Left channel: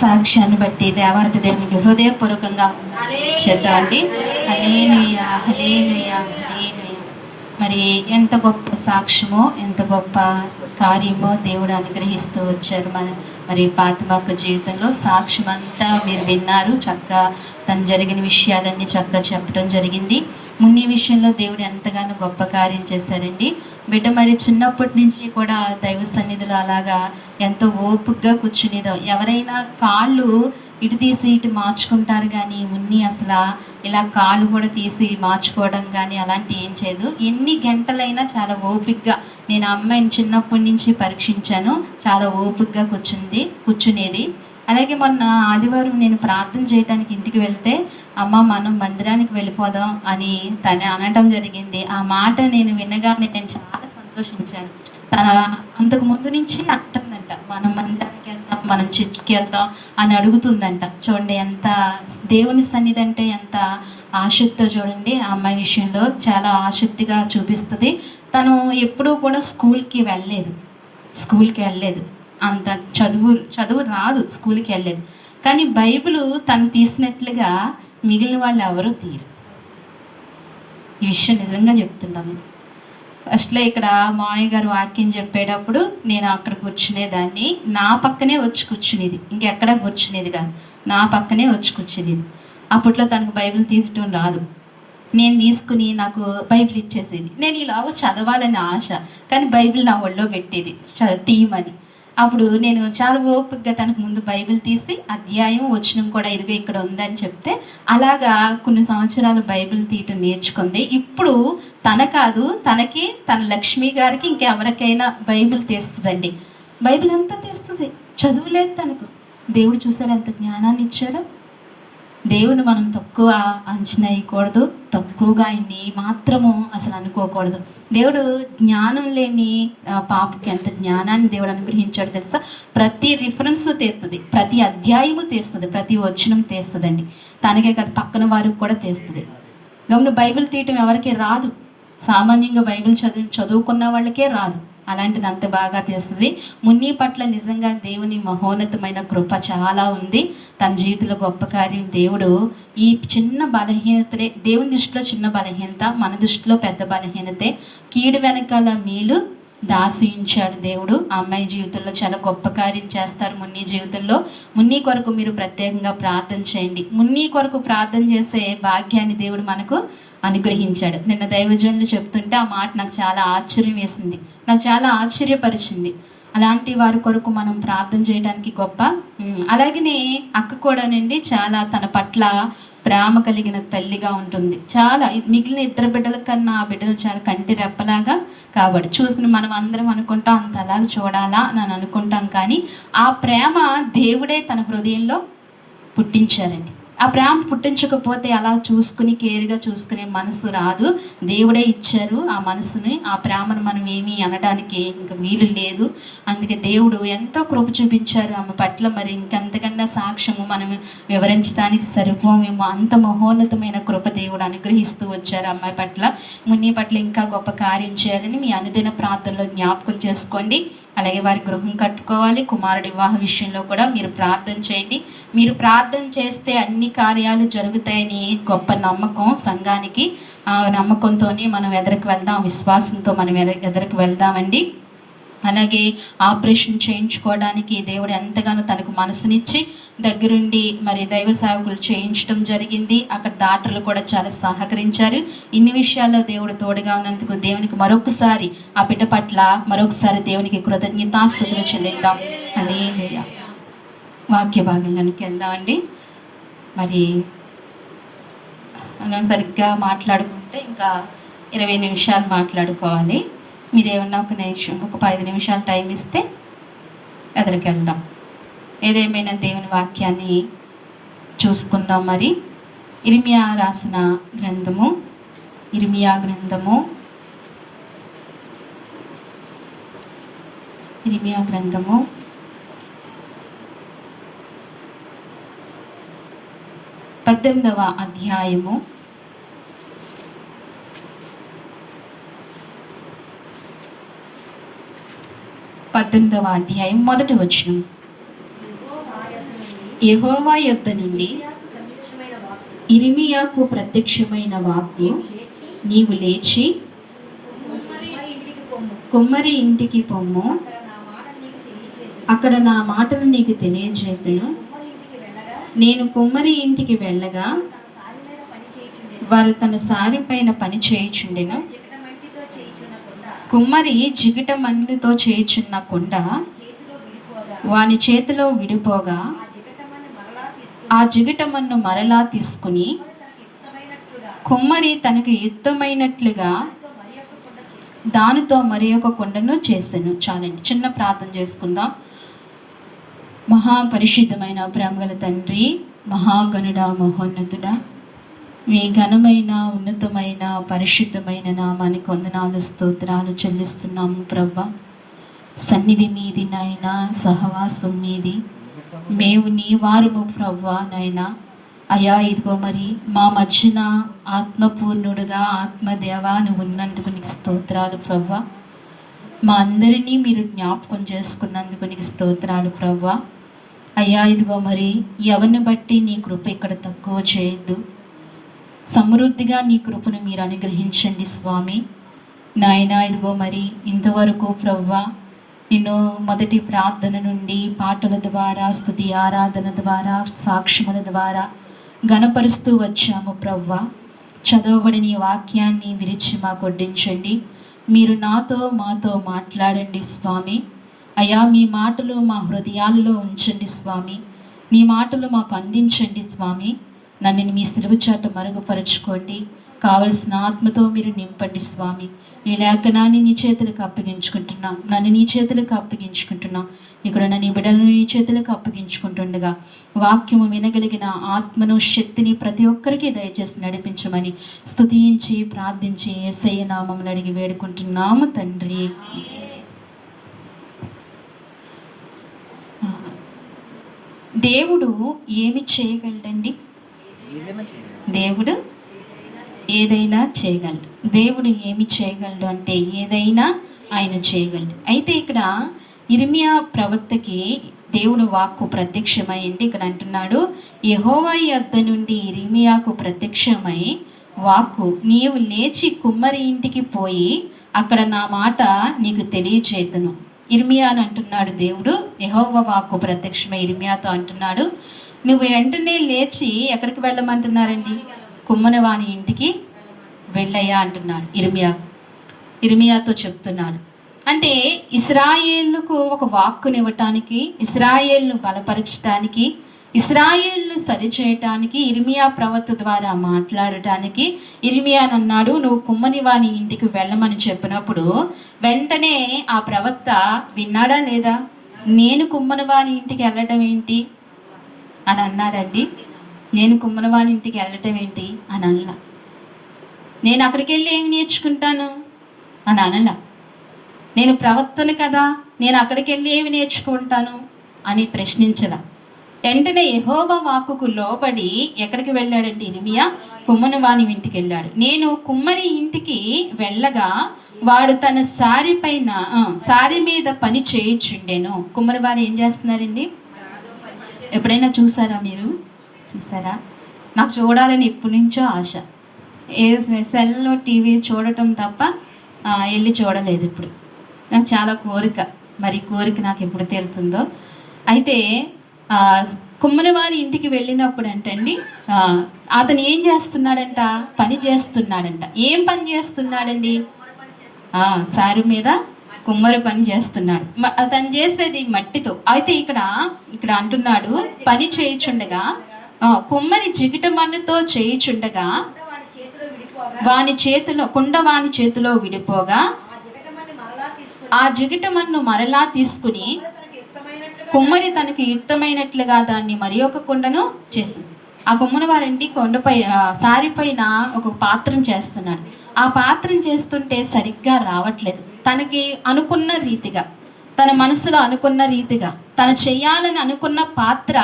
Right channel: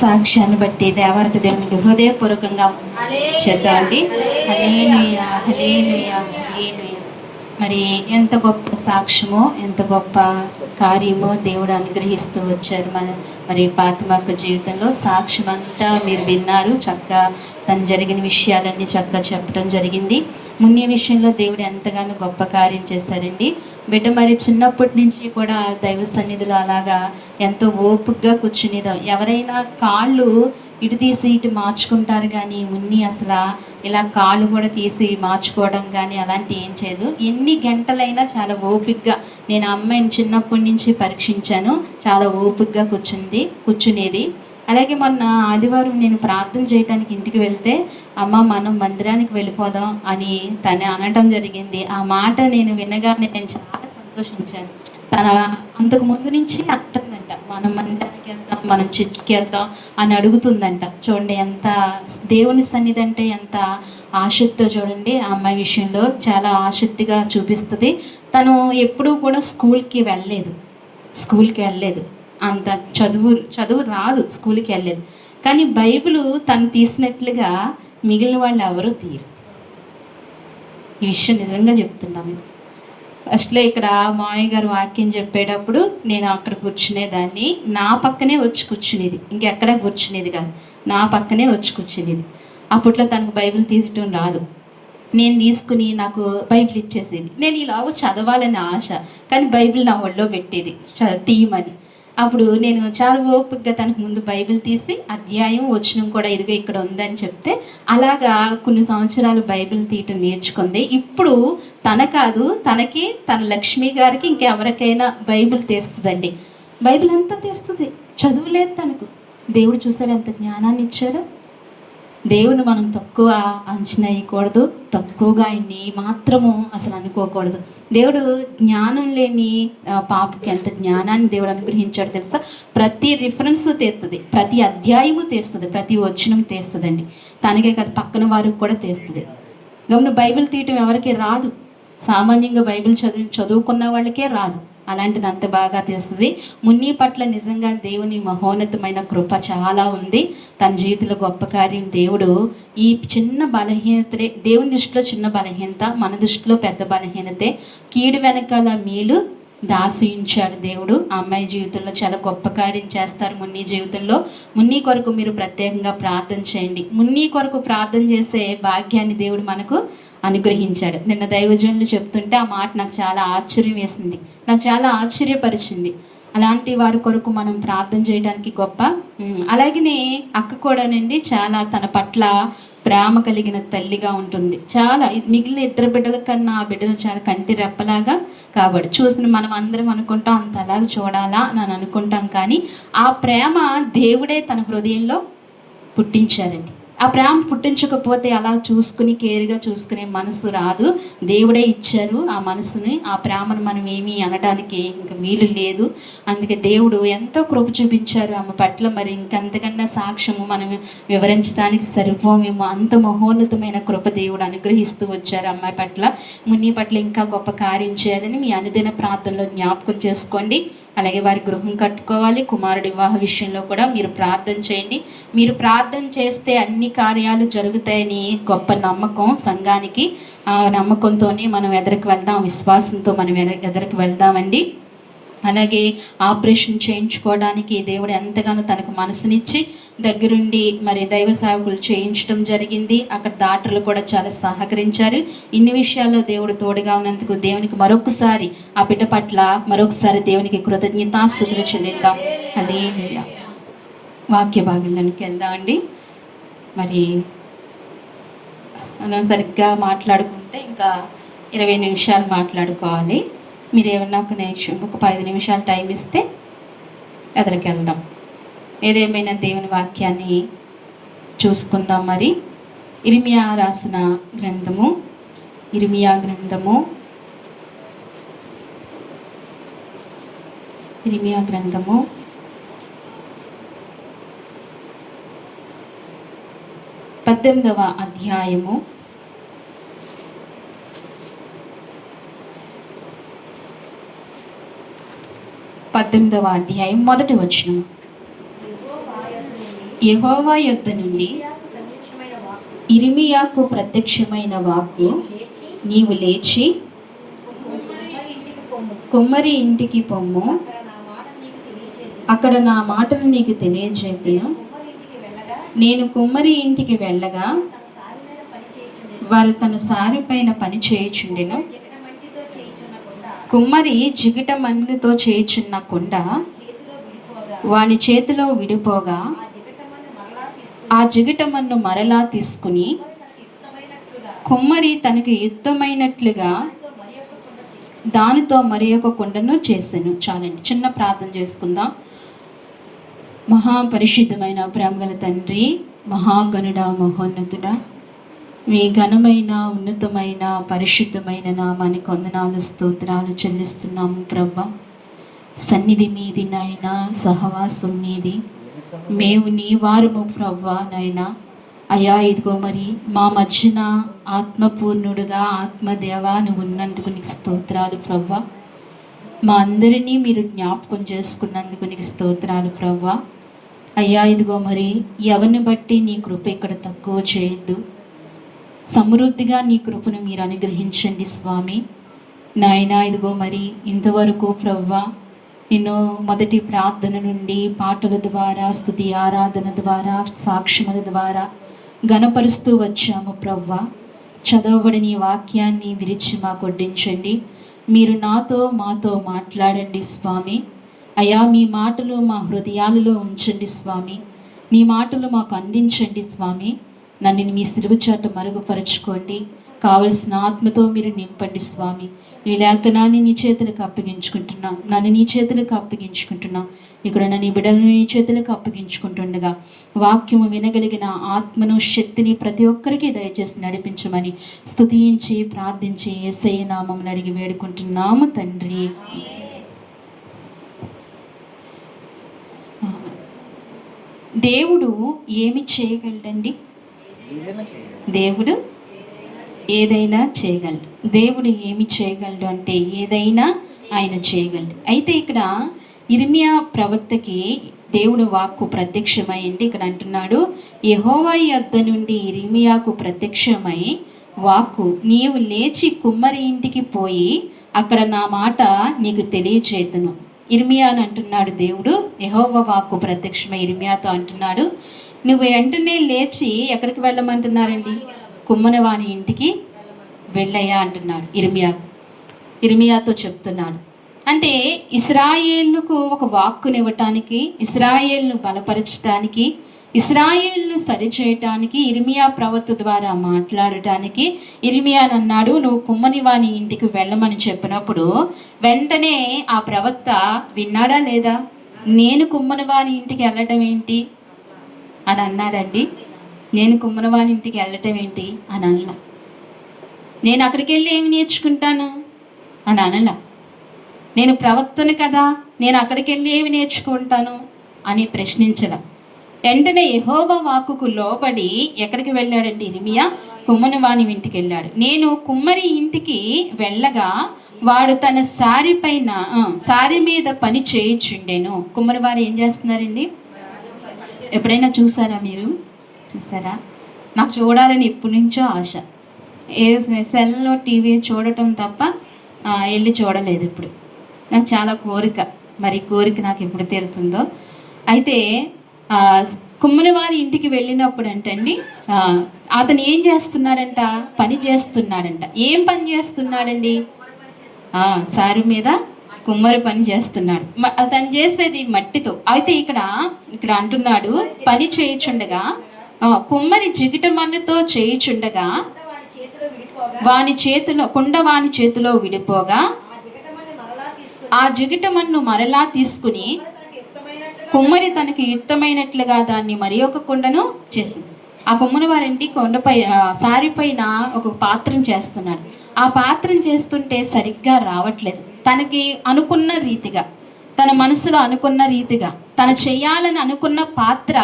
సాక్ష్యాన్ని బట్టి దేవాతి దేవునికి హృదయపూర్వకంగా చేద్దామండి. హల్లెలూయా, హల్లెలూయా, హల్లెలూయా. మరి ఎంత గొప్ప సాక్ష్యమో, ఎంత గొప్ప కార్యమో దేవుడు అనుగ్రహిస్తూ వచ్చారు మరి ఫాతిమక్క జీవితంలో. సాక్ష్యం అంతా మీరు విన్నారు. చక్కగా తను జరిగిన విషయాలన్నీ చక్కగా చెప్పడం జరిగింది. మున్ని విషయంలో దేవుడు ఎంతగానో గొప్ప కార్యం చేశారండి. బిడ్డ మరి చిన్నప్పటి నుంచి కూడా దైవ సన్నిధిలో అలాగా ఎంతో ఓపికగా కూర్చునేదో. ఎవరైనా కాళ్ళు ఇటు తీసి ఇటు మార్చుకుంటారు, కానీ మున్ని అసలు ఇలా కాళ్ళు కూడా తీసి మార్చుకోవడం కానీ అలాంటి ఏం చేయదు. ఎన్ని గంటలైనా చాలా ఓపికగా, నేను ఆ అమ్మాయిని చిన్నప్పటి నుంచి పరీక్షించాను, చాలా ఓపికగా కూర్చునేది. అలాగే మొన్న ఆదివారం నేను ప్రార్థన చేయడానికి ఇంటికి వెళ్తే, అమ్మ మనం మందిరానికి వెళ్ళిపోదాం అని తను అనడం జరిగింది. ఆ మాట నేను వినగానే నేను చాలా సంతోషించాను. తన అంతకు ముందు నుంచి అంటుందంట, మనం మందిరానికి వెళ్దాం, మనం చర్చికి వెళ్దాం అని అడుగుతుందంట. చూడండి ఎంత దేవుని సన్నిధి అంటే ఎంత ఆసక్తితో. చూడండి ఆ అమ్మాయి విషయంలో చాలా ఆసక్తిగా చూపిస్తుంది. తను ఎప్పుడూ కూడా స్కూల్కి వెళ్ళలేదు, అంత చదువు రాదు, స్కూల్కి వెళ్ళలేదు. కానీ బైబిల్ తను తీసినట్లుగా మిగిలిన వాళ్ళు ఎవరూ తీరు. ఈ విషయం నిజంగా చెప్తున్నాను. ఫస్ట్లో ఇక్కడ మామయ్య గారు వాక్యం చెప్పేటప్పుడు నేను అక్కడ కూర్చునేదాన్ని, నా పక్కనే వచ్చి కూర్చునేది, ఇంకెక్కడా కూర్చునేది కాదు, నా పక్కనే వచ్చి కూర్చునేది. అప్పట్లో తనకు బైబిల్ తీయటం రాదు. నేను తీసుకుని నాకు బైబిల్ ఇచ్చేసేది. నేను ఇలాగ చదవాలని ఆశ, కానీ బైబిల్ నా ఒళ్ళో పెట్టేది తీయమని. అప్పుడు నేను చాలా ఓపికగా తనకు ముందు బైబిల్ తీసి అధ్యాయం వచనం కూడా ఇదిగో ఇక్కడ ఉందని చెప్తే, అలాగా కొన్ని సంవత్సరాలు బైబిల్ తీయటం నేర్చుకుంది. ఇప్పుడు తనకి తన లక్ష్మి గారికి ఇంకెవరికైనా బైబిల్ తీస్తుందండి. బైబిల్ అంతా తీస్తుంది, చదువులేదు తనకు. దేవుడు చూసారు ఎంత జ్ఞానాన్ని ఇచ్చారో. దేవుని మనం తక్కువ అంచనా వేయకూడదు, తక్కువగా ఆయన్ని మాత్రము అసలు అనుకోకూడదు. దేవుడు జ్ఞానం లేని పాపకి ఎంత జ్ఞానాన్ని దేవుడు అనుగ్రహించాడు తెలుసా. ప్రతి రిఫరెన్స్ తీస్తుంది, ప్రతి అధ్యాయము తీస్తుంది, ప్రతి వచనం తీస్తుందండి. తనకే కాదు పక్కన వారికి కూడా తీస్తుంది. గమని బైబిల్ తీయటం ఎవరికి రాదు, సామాన్యంగా బైబిల్ చదువుకున్న వాళ్ళకే రాదు. అలాంటిది అంత బాగా తీస్తుంది. మున్ని పట్ల నిజంగా దేవుని మహోన్నతమైన కృప చాలా ఉంది. తన జీవితంలో గొప్ప కార్యం దేవుడు ఈ చిన్న బలహీనతలే, దేవుని దృష్టిలో చిన్న బలహీనత, మన దృష్టిలో పెద్ద బలహీనతే, కీడు వెనకాల మేలు దాసించాడు దేవుడు. ఆ అమ్మాయి జీవితంలో చాలా గొప్ప కార్యం చేస్తారు. మున్ని జీవితంలో మున్ని కొరకు మీరు ప్రత్యేకంగా ప్రార్థన చేయండి. మున్ని కొరకు ప్రార్థన చేసే భాగ్యాన్ని దేవుడు మనకు అనుగ్రహించాడు. నిన్న దైవజనులు చెప్తుంటే ఆ మాట నాకు చాలా ఆశ్చర్యం వేసింది, నాకు చాలా ఆశ్చర్యపరిచింది. అలాంటి వారి కొరకు మనం ప్రార్థన చేయడానికి గొప్ప. అలాగనే అక్క కూడానండి చాలా తన పట్ల ప్రేమ కలిగిన తల్లిగా ఉంటుంది. చాలా మిగిలిన ఇద్దరు బిడ్డల కన్నా ఆ బిడ్డను చాలా కంటి రెప్పలాగా కాబట్టి చూసిన మనం అందరం అనుకుంటాం అంత అలాగా చూడాలా అని అనుకుంటాం, కానీ ఆ ప్రేమ దేవుడే తన హృదయంలో పుట్టించారండి. ఆ ప్రేమ పుట్టించకపోతే అలా చూసుకుని కేర్గా చూసుకునే మనసు రాదు. దేవుడే ఇచ్చారు ఆ మనసుని, ఆ ప్రేమను మనం ఏమీ అనడానికి ఇంకా వీలు లేదు. అందుకే దేవుడు ఎంతో కృప చూపించారు ఆమె పట్ల. మరి ఇంకంతకన్నా సాక్ష్యము మనం వివరించడానికి సరిపోమేమో, అంత మహోన్నతమైన కృప దేవుడు అనుగ్రహిస్తూ వచ్చారు అమ్మాయి పట్ల. మున్ని పట్ల ఇంకా గొప్ప కార్యం చేయాలని మీ అనుదిన ప్రార్థనలో జ్ఞాపకం చేసుకోండి. అలాగే వారి గృహం కట్టుకోవాలి. కుమారుడి వివాహ విషయంలో కూడా మీరు ప్రార్థన చేయండి. మీరు ప్రార్థన చేస్తే అన్ని కార్యాలు జరుగుతాయని గొప్ప నమ్మకం సంఘానికి. ఆ నమ్మకంతోనే మనం ఎదరికి వెళ్దాం, విశ్వాసంతో మనం ఎదరికి వెళ్దామండి. అలాగే ఆపరేషన్ చేయించుకోవడానికి దేవుడు ఎంతగానో తనకు మనసునిచ్చి దగ్గరుండి మరి దైవ సేవకులు చేయించడం జరిగింది. అక్కడ డాక్టర్లు కూడా చాలా సహకరించారు. ఇన్ని విషయాల్లో దేవుడు తోడుగా ఉన్నందుకు దేవునికి మరొకసారి, ఆ బిడ్డ పట్ల మరొకసారి దేవునికి కృతజ్ఞతాస్తుతులు చెల్లిద్దాం. హల్లెలూయా. వాక్య భాగంలోనికి వెళ్దామండి. మరి మనం సరిగ్గా మాట్లాడుకుంటే ఇంకా 20 నిమిషాలు మాట్లాడుకోవాలి. మీరు ఏమన్నా ఒక 5 నిమిషాలు టైం ఇస్తే ఎదరికి వెళ్దాం. ఏదేమైనా దేవుని వాక్యాన్ని చూసుకుందాం. మరి ఇర్మియా రాసిన గ్రంథము, ఇర్మియా గ్రంథము 18వ అధ్యాయము 18వ అధ్యాయం మొదటి వచనం. యెహోవా యొద్ద నుండి ఇర్మియాకు ప్రత్యక్షమైన వాక్కు, నీవు లేచి కుమ్మరి ఇంటికి పొమ్ము, అక్కడ నా మాటను నీకు తెలియజేతును. నేను కుమ్మరి ఇంటికి వెళ్ళగా వారు తన సారి పైన పని చేయుచుండెను. కుమ్మరి జిగిట మన్నుతో చేయుచున్న కుండ వాని చేతిలో విడిపోగా ఆ జిగిటమన్ను మరలా తీసుకుని కుమ్మరి తనకు యుక్తమైనట్లుగా దానితో మరి ఒక కుండను చేసెను. చాలండి, చిన్న ప్రార్థన చేసుకుందాం. మహాపరిశుద్ధమైన ప్రేమగల తండ్రి, మహాగణుడ, మహోన్నతుడా, మీ ఘనమైన ఉన్నతమైన పరిశుద్ధమైన నామానికి వందనాలు స్తోత్రాలు చెల్లిస్తున్నాము ప్రవ్వ. సన్నిధి మీది నాయన, సహవాసం మీది, మేము నీ వారము ప్రవ్వ నాయన. అయా ఇదిగో మరి మా మధ్యన ఆత్మపూర్ణుడుగా ఆత్మదేవా నువ్వు ఉన్నందుకు నీకు స్తోత్రాలు ప్రవ్వ. మా అందరినీ మీరు జ్ఞాపకం చేసుకున్నందుకు నీకు స్తోత్రాలు ప్రవ్వ. అయ్యా ఇదిగో మరి ఎవరిని బట్టి నీ కృప ఇక్కడ తక్కువ చేయొద్దు, సమృద్ధిగా నీ కృపను మీరు అనుగ్రహించండి స్వామి. నాయన ఇదిగో మరి ఇంతవరకు ప్రవ్వ నిన్ను మొదటి ప్రార్థన నుండి పాటల ద్వారా, స్తుతి ఆరాధన ద్వారా, సాక్ష్యముల ద్వారా ఘనపరుస్తూ వచ్చాము ప్రవ్వ. చదవబడిన ఈ వాక్యాన్ని విరిచి మాకు వడ్డించండి. మీరు నాతో మాతో మాట్లాడండి స్వామి. అయ్యా మీ మాటలు మా హృదయాలలో ఉంచండి స్వామి. నీ మాటలు మాకు అందించండి స్వామి. నన్ను మీ సిలువ చాట మరుగుపరుచుకోండి. కావలసిన ఆత్మతో మీరు నింపండి స్వామి. ఈ లేఖనాన్ని నీ చేతులకు అప్పగించుకుంటున్నాం, నన్ను నీ చేతులకు అప్పగించుకుంటున్నాం. ఇక్కడ నీ బిడ్డలను నీ చేతులకు అప్పగించుకుంటుండగా వాక్యము వినగలిగిన ఆత్మను, శక్తిని ప్రతి ఒక్కరికి దయచేసి నడిపించమని స్తుతించి ప్రార్థించి యేసయ్య నామమున అడిగి వేడుకుంటున్నాము తండ్రి. దేవుడు ఏమి చేయగలడండి? దేవుడు ఏదైనా చేయగలడు. దేవుడు ఏమి చేయగలడు అంటే ఏదైనా ఆయన చేయగలడు. అయితే ఇక్కడ ఇర్మియా ప్రవక్తకి దేవుడు వాక్కు ప్రత్యక్షమై అంటే ఇక్కడ అంటున్నాడు, యెహోవా యొద్ద నుండి ఇర్మియాకు ప్రత్యక్షమై వాక్కు, నీవు లేచి కుమ్మరి ఇంటికి పోయి అక్కడ నా మాట నీకు తెలియచేతును. ఇర్మియా అని అంటున్నాడు దేవుడు. యెహోవా వాక్కు ప్రత్యక్షమై ఇర్మియాతో అంటున్నాడు, నువ్వు వెంటనే లేచి ఎక్కడికి వెళ్ళమంటున్నారండి? కుమ్మనవాని ఇంటికి వెళ్ళయ్యా అంటున్నాడు ఇర్మియాతో చెప్తున్నాడు. అంటే ఇశ్రాయేలుకు ఒక వాక్కునివ్వటానికి, ఇశ్రాయేలును బలపరచటానికి, ఇశ్రాయేలును సరిచేయటానికి, ఇర్మియా ప్రవక్త ద్వారా మాట్లాడటానికి ఇర్మియాని అన్నాడు, నువ్వు కుమ్మని వాని ఇంటికి వెళ్ళమని చెప్పినప్పుడు వెంటనే ఆ ప్రవక్త విన్నాడా లేదా? నేను కుమ్మని వాని ఇంటికి వెళ్ళటం ఏంటి అని అన్నాడండి. నేను కుమ్మనవాని ఇంటికి వెళ్ళటం ఏంటి అని అనలా. నేను అక్కడికి వెళ్ళి ఏమి నేర్చుకుంటాను అని అనలా. నేను ప్రవక్తను కదా, నేను అక్కడికి వెళ్ళి ఏమి నేర్చుకుంటాను అని ప్రశ్నించలా. వెంటనే యెహోవా వాక్కుకు లోబడి ఎక్కడికి వెళ్ళాడంటే ఇర్మియా కుమ్మనవాని ఇంటికి వెళ్ళాడు. నేను కుమ్మరి ఇంటికి వెళ్ళగా వాడు తన సారి మీద పని చేయుచుండెను. కుమ్మరి వారు ఏం చేస్తున్నారండి? ఎప్పుడైనా చూసారా? మీరు చూసారా? నాకు చూడాలని ఎప్పటి నుంచో ఆశ. సెల్లో టీవీ చూడటం తప్ప వెళ్ళి చూడలేదు ఇప్పుడు. నాకు చాలా కోరిక, మరి కోరిక నాకు ఎప్పుడు తీరుతుందో. అయితే కుమ్మరివారి ఇంటికి వెళ్ళినప్పుడు అంటండి అతను ఏం చేస్తున్నాడంట? పని చేస్తున్నాడంట. ఏం పని చేస్తున్నాడండి? సారి మీద కుమ్మరి పని చేస్తున్నాడు. అతను చేసేది మట్టితో. అయితే ఇక్కడ అంటున్నాడు, పని చేయుచుండగా కుమ్మరి జిగిటమన్నుతో చేయుచుండగా వాని చేతిలో విడిపోగా ఆ జిగిటమన్ను మరలా తీసుకుని కుమ్మరి తనకి యుక్తమైనట్లుగా దాన్ని మరి ఒక కుండను చేసింది. ఆ కుమ్మరి వారింటి కొండపై సారి పైన ఒక పాత్రం చేస్తున్నాడు. ఆ పాత్రం చేస్తుంటే సరిగ్గా రావట్లేదు. తనకి అనుకున్న రీతిగా, తన మనసులో అనుకున్న రీతిగా, తను చేయాలని అనుకున్న పాత్ర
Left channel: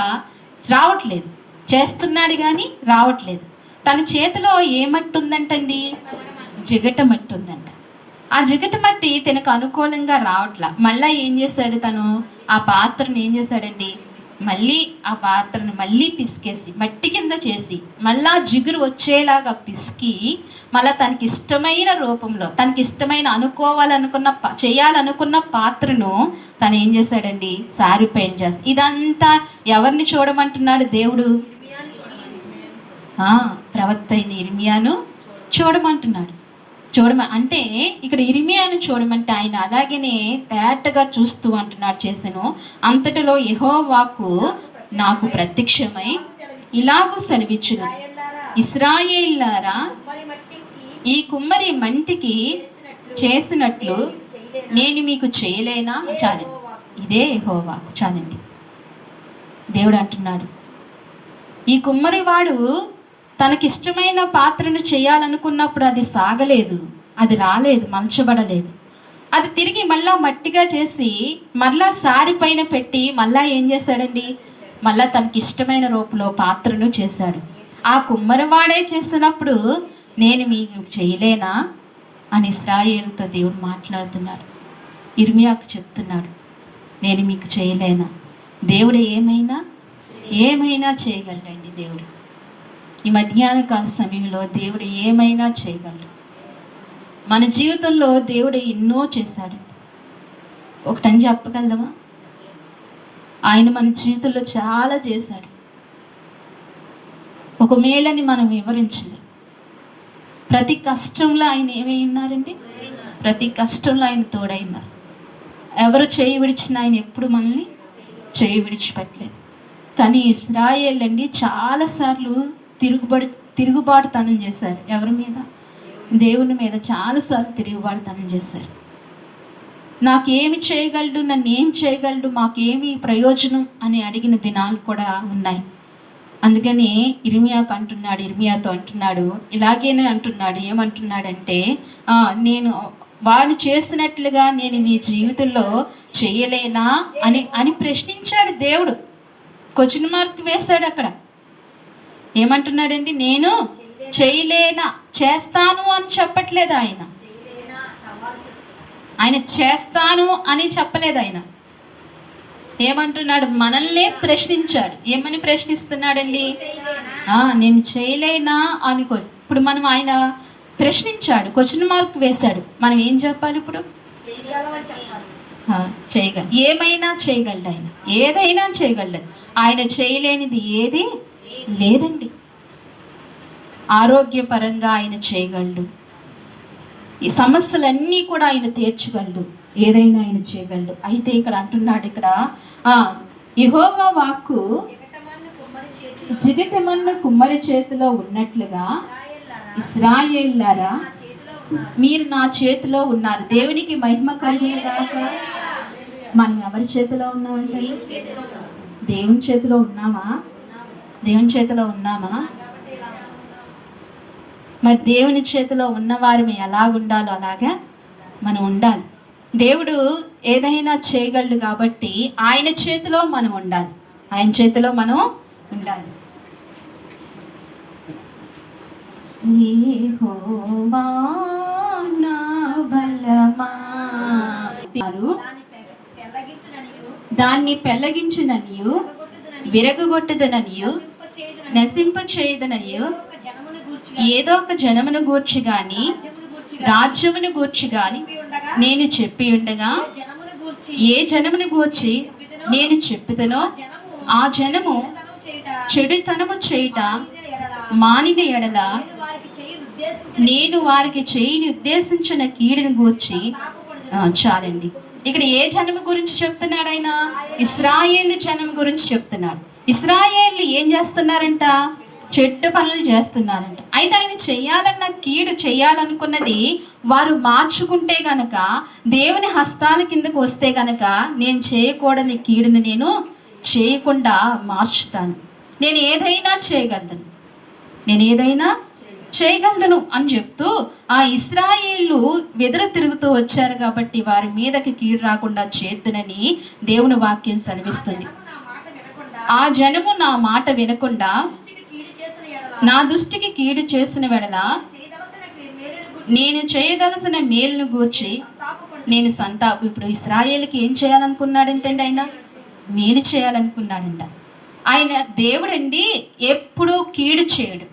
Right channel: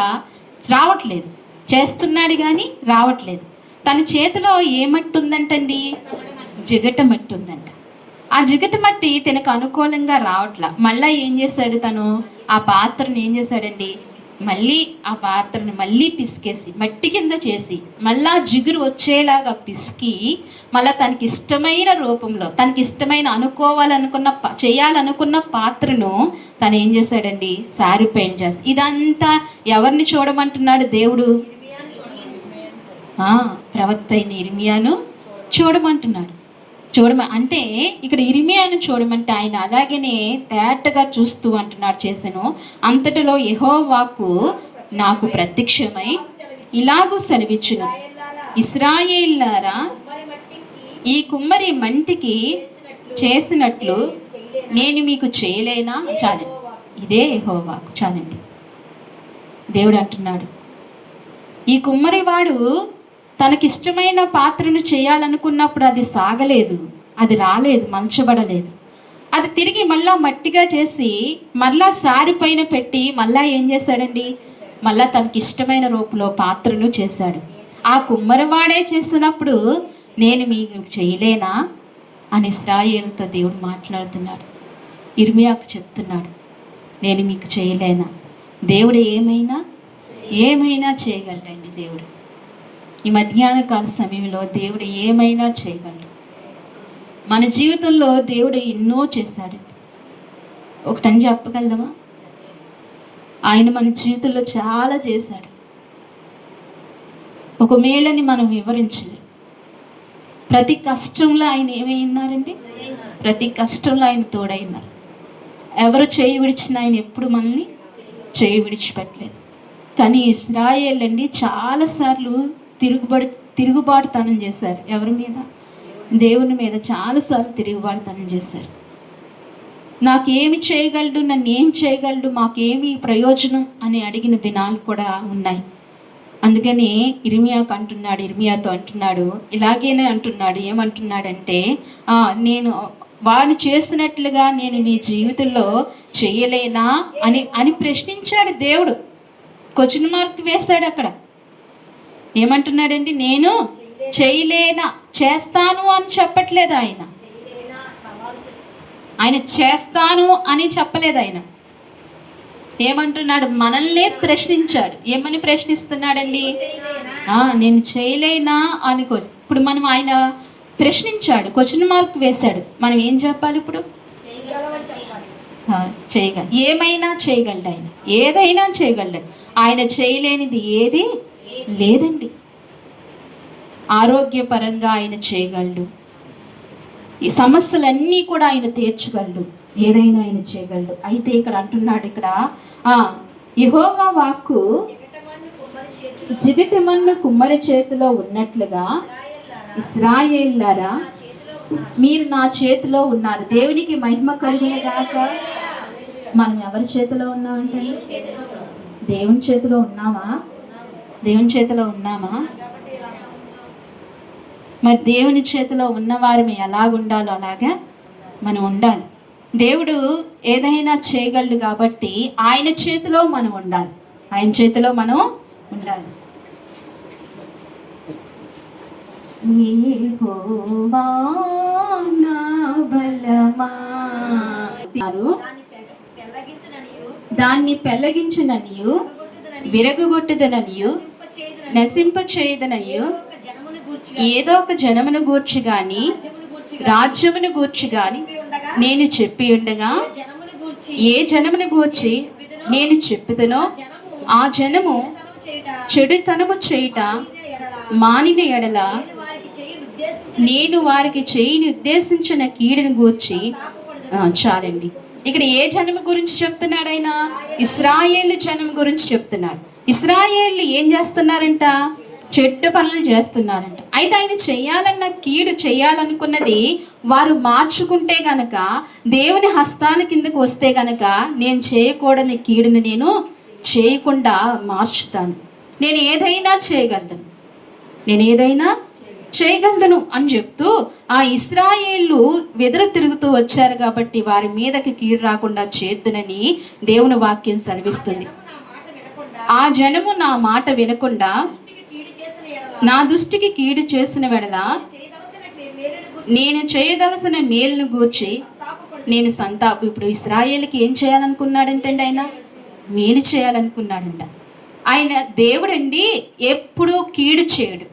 రావట్లేదు. చేస్తున్నాడు కానీ రావట్లేదు. తన చేతిలో ఏ మట్టి ఉందంటండి? జిగట మట్టి ఉందంట. ఆ జిగట మట్టి తనకు అనుకూలంగా రావట్లా. మళ్ళీ ఏం చేశాడు? తను ఆ పాత్రను ఏం చేశాడండి? మళ్ళీ ఆ పాత్రను మళ్ళీ పిసికేసి మట్టి కింద చేసి మళ్ళా జిగురు వచ్చేలాగా పిసికి మళ్ళీ తనకి ఇష్టమైన రూపంలో తనకి ఇష్టమైన చేయాలనుకున్న పాత్రను తను ఏం చేశాడండి, సారిపోయిన చేస్తాడు. ఇదంతా ఎవరిని చూడమంటున్నాడు దేవుడు? ప్రవక్త అయిన ఇర్మియాను చూడమంటున్నాడు. అంటే ఇక్కడ ఇర్మియాను చూడమంటే ఆయన అలాగనే తేటగా చూస్తూ అంటున్నాడు చేశాను. అంతటిలో యెహోవా వాక్కు నాకు ప్రత్యక్షమై ఇలాగూ సెలవిచ్చును, ఇశ్రాయేలులారా, ఈ కుమ్మరి మంటికి చేసినట్లు నేను మీకు చేయలేనా? చాలండి, ఇదే యెహోవా వాక్కు. చాలండి. దేవుడు అంటున్నాడు, ఈ కుమ్మరివాడు తనకిష్టమైన పాత్రను చేయాలనుకున్నప్పుడు అది సాగలేదు, అది రాలేదు, మలచబడలేదు. అది తిరిగి మళ్ళా మట్టిగా చేసి మళ్ళా సారి పైన పెట్టి మళ్ళా ఏం చేశాడండి, మళ్ళా తనకిష్టమైన రూపంలో పాత్రను చేశాడు. ఆ కుమ్మరివాడే చేసినప్పుడు నేను మీకు చేయలేనా అని ఇశ్రాయేలుతో దేవుడు మాట్లాడుతున్నాడు. ఇర్మియాకు చెప్తున్నాడు, నేను మీకు చేయలేనా? దేవుడు ఏమైనా చేయగలడండి. దేవుడు ఈ మధ్యాహ్న కాల సమయంలో దేవుడు ఏమైనా చేయగలడు. మన జీవితంలో దేవుడు ఎన్నో చేశాడండి. ఒకటని చెప్పగలమా? ఆయన మన జీవితంలో చాలా చేశాడు. ఒక మేలని మనం వివరించలేం. ప్రతి కష్టంలో ఆయన ఏమై ఉన్నారండి? ప్రతి కష్టంలో ఆయన తోడై ఉన్నారు. ఎవరు చేయి విడిచినా ఆయన ఎప్పుడు మనల్ని చేయి విడిచిపెట్టలేదు. కానీ ఇశ్రాయేలు అండి చాలాసార్లు తిరుగుబాటుతనం చేశారు. ఎవరి మీద? దేవుని మీద చాలాసార్లు తిరుగుబాటుతనం చేశారు. నాకేమి చేయగలడు, నన్ను ఏం చేయగలడు, మాకేమి ప్రయోజనం అని అడిగిన దినాలు కూడా ఉన్నాయి. అందుకని ఇర్మియాతో అంటున్నాడు, ఇలాగేనే అంటున్నాడు. ఏమంటున్నాడంటే, నేను వాడు చేసినట్లుగా నేను మీ జీవితంలో చేయలేనా అని ప్రశ్నించాడు దేవుడు. క్వశ్చన్ మార్క్ వేశాడు అక్కడ. ఏమంటున్నాడండి? నేను చేయలేనా, చేస్తాను అని చెప్పట్లేదు ఆయన. చేస్తాను అని చెప్పలేదు ఆయన. ఏమంటున్నాడు? మనల్నే ప్రశ్నించాడు. ఏమని ప్రశ్నిస్తున్నాడండి? నేను చేయలేనా అని. ఇప్పుడు మనం ఆయన ప్రశ్నించాడు, క్వశ్చన్ మార్క్ వేశాడు. మనం ఏం చెప్పాలి ఇప్పుడు? చేయగల. ఏమైనా చేయగలడు ఆయన, ఏదైనా చేయగలడు. ఆయన చేయలేనిది ఏది లేదండి. ఆరోగ్యపరంగా ఆయన చేయగలడు. ఈ సమస్యలన్నీ కూడా ఆయన తీర్చగలడు. ఏదైనా ఆయన చేయగలడు. అయితే ఇక్కడ అంటున్నాడు, ఇక్కడ యెహోవా వాక్కు జిగిటమన్ను కుమ్మరి చేతిలో ఉన్నట్లుగా ఇశ్రాయేలులారా, మీరు నా చేతిలో ఉన్నారు. దేవునికి మహిమ కలుగునుగాక. మనం ఎవరి చేతిలో ఉన్నామంటే? దేవుని చేతిలో ఉన్నామా? దేవుని చేతిలో ఉన్నామా? మరి దేవుని చేతిలో ఉన్నవారు ఎలాగుండాలో అలాగా మనం ఉండాలి. దేవుడు ఏదైనా చేయగలడు కాబట్టి ఆయన చేతిలో మనం ఉండాలి. ఆయన చేతిలో మనం ఉండాలి. యెహోవా నా బలమా, దాన్ని పెళ్ళగించుననియు విరగొట్టుదననియు నశింపచేయుదననియు ఏదో ఒక జనమును గూర్చి గాని రాజ్యమును గూర్చి గాని నేను చెప్పి ఉండగా, ఏ జనమును గూర్చి నేను చెప్పుతునో ఆ జనము చెడుతనము చేయుట మానిన ఎడల నేను వారికి చేయని ఉద్దేశించిన కీడుని గూర్చి. చాలండి. ఇక్కడ ఏ జనము గురించి చెప్తున్నాడు ఆయన? ఇశ్రాయేలు జనం గురించి చెప్తున్నాడు. ఇశ్రాయేలు ఏం చేస్తున్నారంట? చెడ్డ పనులు చేస్తున్నారంట. అయితే ఆయన చేయాలన్న కీడు చేయాలనుకున్నది వారు మార్చుకుంటే గనక, దేవుని హస్తాల కిందకు వస్తే గనక, నేను చేయకూడని కీడుని నేను చేయకుండా మార్చుతాను. నేను ఏదైనా చేయగలను అని చెప్తూ ఆ ఇశ్రాయేలు వెదరు తిరుగుతూ వచ్చారు కాబట్టి వారి మీదకి కీడు రాకుండా చేద్దునని దేవుని వాక్యం సెలవిస్తుంది. ఆ జనము నా మాట వినకుండా నా దృష్టికి కీడు చేసిన వెడల నేను చేయదలసిన మేలును గూర్చి నేను ఇప్పుడు ఇశ్రాయేలుకి ఏం చేయాలనుకున్నాడంటే ఆయన మేలు చేయాలనుకున్నాడంట. ఆయన దేవుడండి ఎప్పుడూ కీడు చేయడు.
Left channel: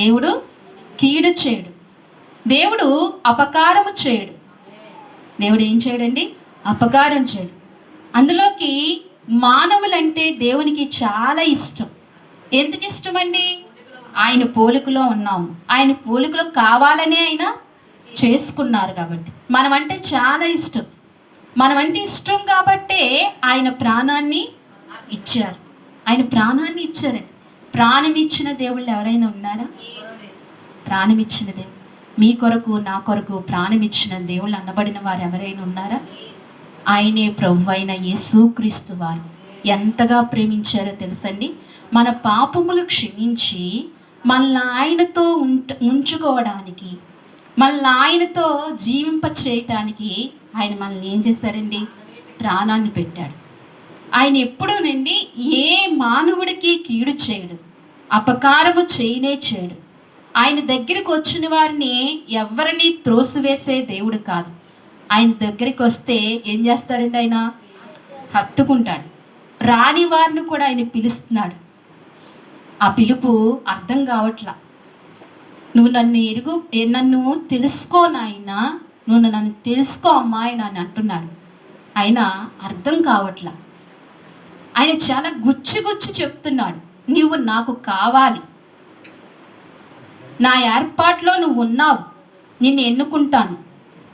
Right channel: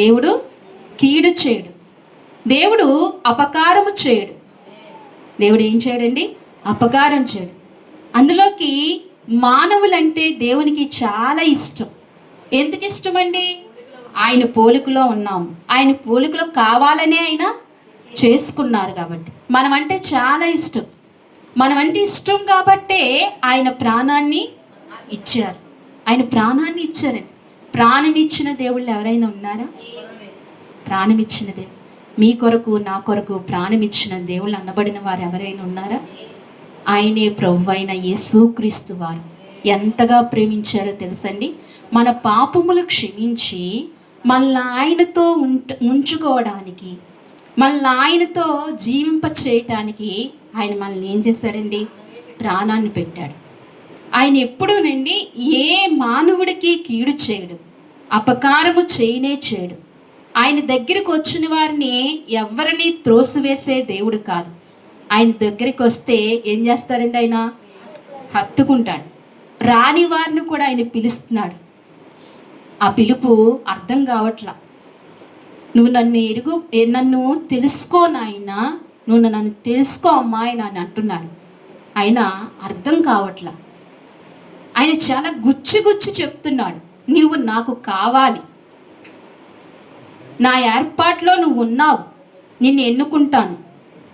దేవుడు కీడు చేయడు. దేవుడు అపకారము చేయడు. దేవుడు ఏం చేయడండి? అపకారం చేయడు. అందులోకి మానవులంటే దేవునికి చాలా ఇష్టం. ఎందుకు ఇష్టం అండి? ఆయన పోలికలో ఉన్నాము. ఆయన పోలికలో కావాలనే ఆయన చేసుకున్నారు కాబట్టి. మనం అంటే చాలా ఇష్టం. మనం అంటే ఇష్టం కాబట్టే ఆయన ప్రాణాన్ని ఇచ్చారు. ఆయన ప్రాణాన్ని ఇచ్చారండి. ప్రాణం ఇచ్చిన దేవుళ్ళు ఎవరైనా ఉన్నారా? ప్రాణం ఇచ్చిన దేవుడు, మీ కొరకు నా కొరకు ప్రాణం ఇచ్చిన దేవుళ్ళు అనబడిన వారు ఎవరైనా ఉన్నారా? ఆయనే ప్రభు అయిన యేసుక్రీస్తు వారు ఎంతగా ప్రేమించారో తెలుసండి. మన పాపములు క్షమించి మనల్ని ఆయనతో ఉంచుకోవడానికి, మనల్ని ఆయనతో జీవింప చేయటానికి ఆయన మనల్ని ఏం చేశాడండి? ప్రాణాన్ని పెట్టాడు. ఆయన ఎప్పుడూనండి ఏ మానవుడికి కీడు చేయడు, అపకారము చేయనే చేయడు. ఆయన దగ్గరికి వచ్చిన వారిని ఎవరిని త్రోసివేసే దేవుడు కాదు. ఆయన దగ్గరికి వస్తే ఏం చేస్తాడండి? ఆయన హత్తుకుంటాడు. రాని వారిని కూడా ఆయన పిలుస్తున్నాడు. ఆ పిలుపు అర్థం కావట్లా. నువ్వు నన్ను తెలుసుకో నాయనా, నువ్వు నన్ను తెలుసుకో అమ్మాయి అని అంటున్నాడు. ఆయన అర్థం కావట్లా. ఆయన చాలా గుచ్చి చెప్తున్నాడు, నువ్వు నాకు కావాలి, నా ఏర్పాట్లో నువ్వు ఉన్నావు, నిన్ను ఎన్నుకుంటాను,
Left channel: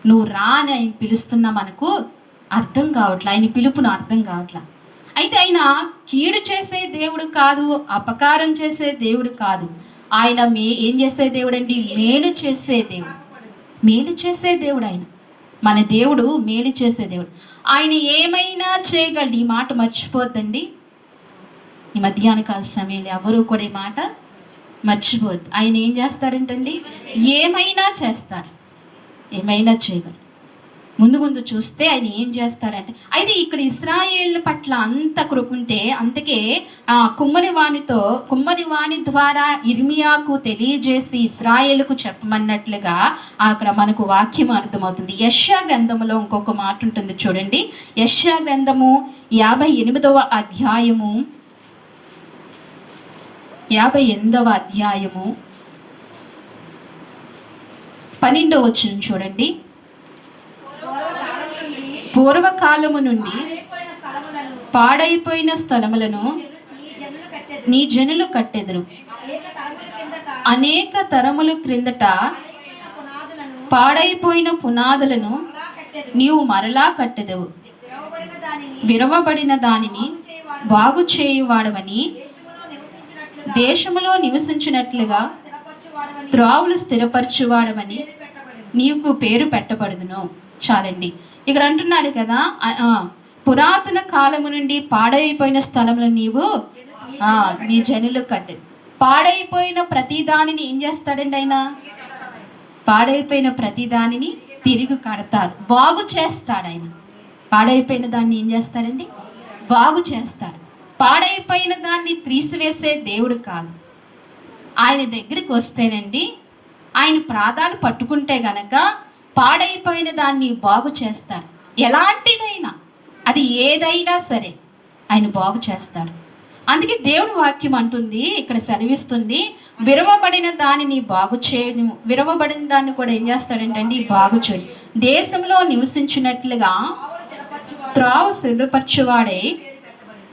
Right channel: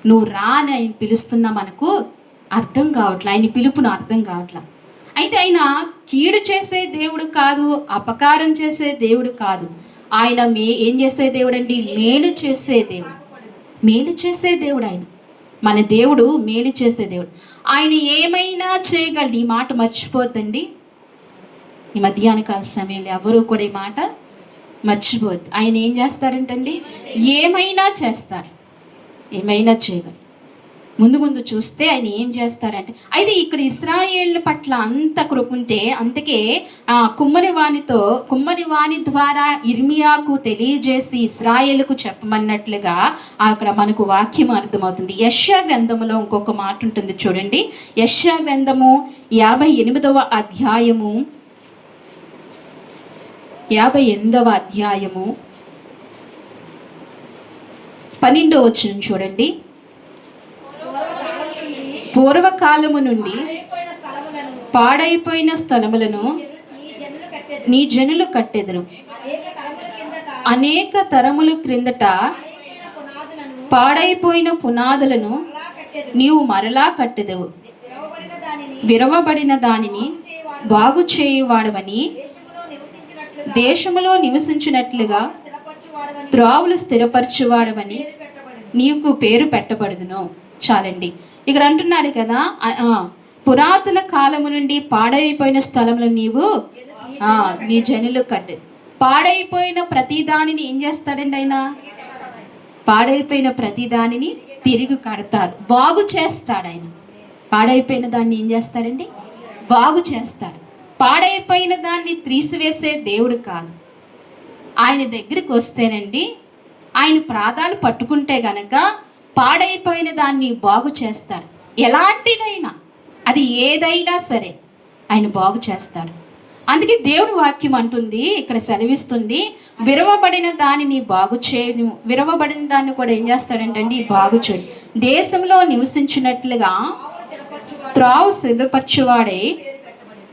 నువ్వు రా అని ఆయన పిలుస్తున్నా. మనకు అర్థం కావట్లా, ఆయన పిలుపును అర్థం కావట్లా. అయితే ఆయన కీడు చేసే దేవుడు కాదు, అపకారం చేసే దేవుడు కాదు. ఆయన ఏం చేసే దేవుడు అండి? మేలు చేసే దేవుడు. మేలు చేసే దేవుడు ఆయన. మన దేవుడు మేలు చేసే దేవుడు. ఆయన ఏమైనా చేయగలడు. ఈ మాట మర్చిపోద్దండి. ఈ మధ్యాహ్న కాల సమయంలో ఎవరు కూడా ఈ మాట మర్చిపోద్దు. ఆయన ఏం చేస్తాడంటండి? ఏమైనా చేస్తాడు, ఏమైనా చేయగలడు. ముందు చూస్తే ఆయన ఏం చేస్తారంటే, అయితే ఇక్కడ ఇశ్రాయేలు పట్ల అంత కృప ఉంటే, అందుకే ఆ కుమ్మరి వాణి ద్వారా ఇర్మియాకు తెలియజేసి ఇశ్రాయేలుకు చెప్పమన్నట్లుగా అక్కడ మనకు వాక్యం అర్థమవుతుంది. యెషయా గ్రంథములో ఇంకొక మాట ఉంటుంది చూడండి. యెషయా గ్రంథము 58వ అధ్యాయము 12వ వచనం చూడండి. పూర్వకాలము నుండి పాడైపోయిన స్థలములను నీ జనులు కట్టెదరు. అనేక తరముల క్రిందట పాడైపోయిన పునాదులను నీవు మరలా కట్టెదవు. విరవబడిన దానిని బాగు చేయువాడవని, దేశములో నివసించినట్లుగా త్రావులు స్థిరపరచువాడవని నీకు పేరు పెట్టబడుదును. చాలండి. ఇక్కడ అంటున్నాడు కదా, పురాతన కాలము నుండి పాడైపోయిన స్థలంలో నీవు నీ జనులు కట్టు. పాడైపోయిన ప్రతి దానిని ఏం చేస్తాడండి ఆయన? పాడైపోయిన ప్రతి దానిని తిరిగి కడతారు, బాగు చేస్తాడు ఆయన. పాడైపోయిన దాన్ని ఏం చేస్తాడండి? బాగు చేస్తాడు. పాడైపోయిన దాన్ని తీసివేసే దేవుడు కాదు. ఆయన దగ్గరికి వస్తేనండి, ఆయన పాదాలు పట్టుకుంటే గనక పాడైపోయిన దాన్ని బాగు చేస్తాడు. ఎలాంటిదైనా, అది ఏదైనా సరే ఆయన బాగు చేస్తాడు. అందుకే దేవుడి వాక్యం అంటుంది, ఇక్కడ సెలవిస్తుంది, విరవబడిన దానిని బాగు చేయను, విరవబడిన దాన్ని కూడా ఏం చేస్తాడంటండి? బాగు చేయడు. దేశంలో నివసించినట్లుగా త్రావు స్థిరపరచువాడే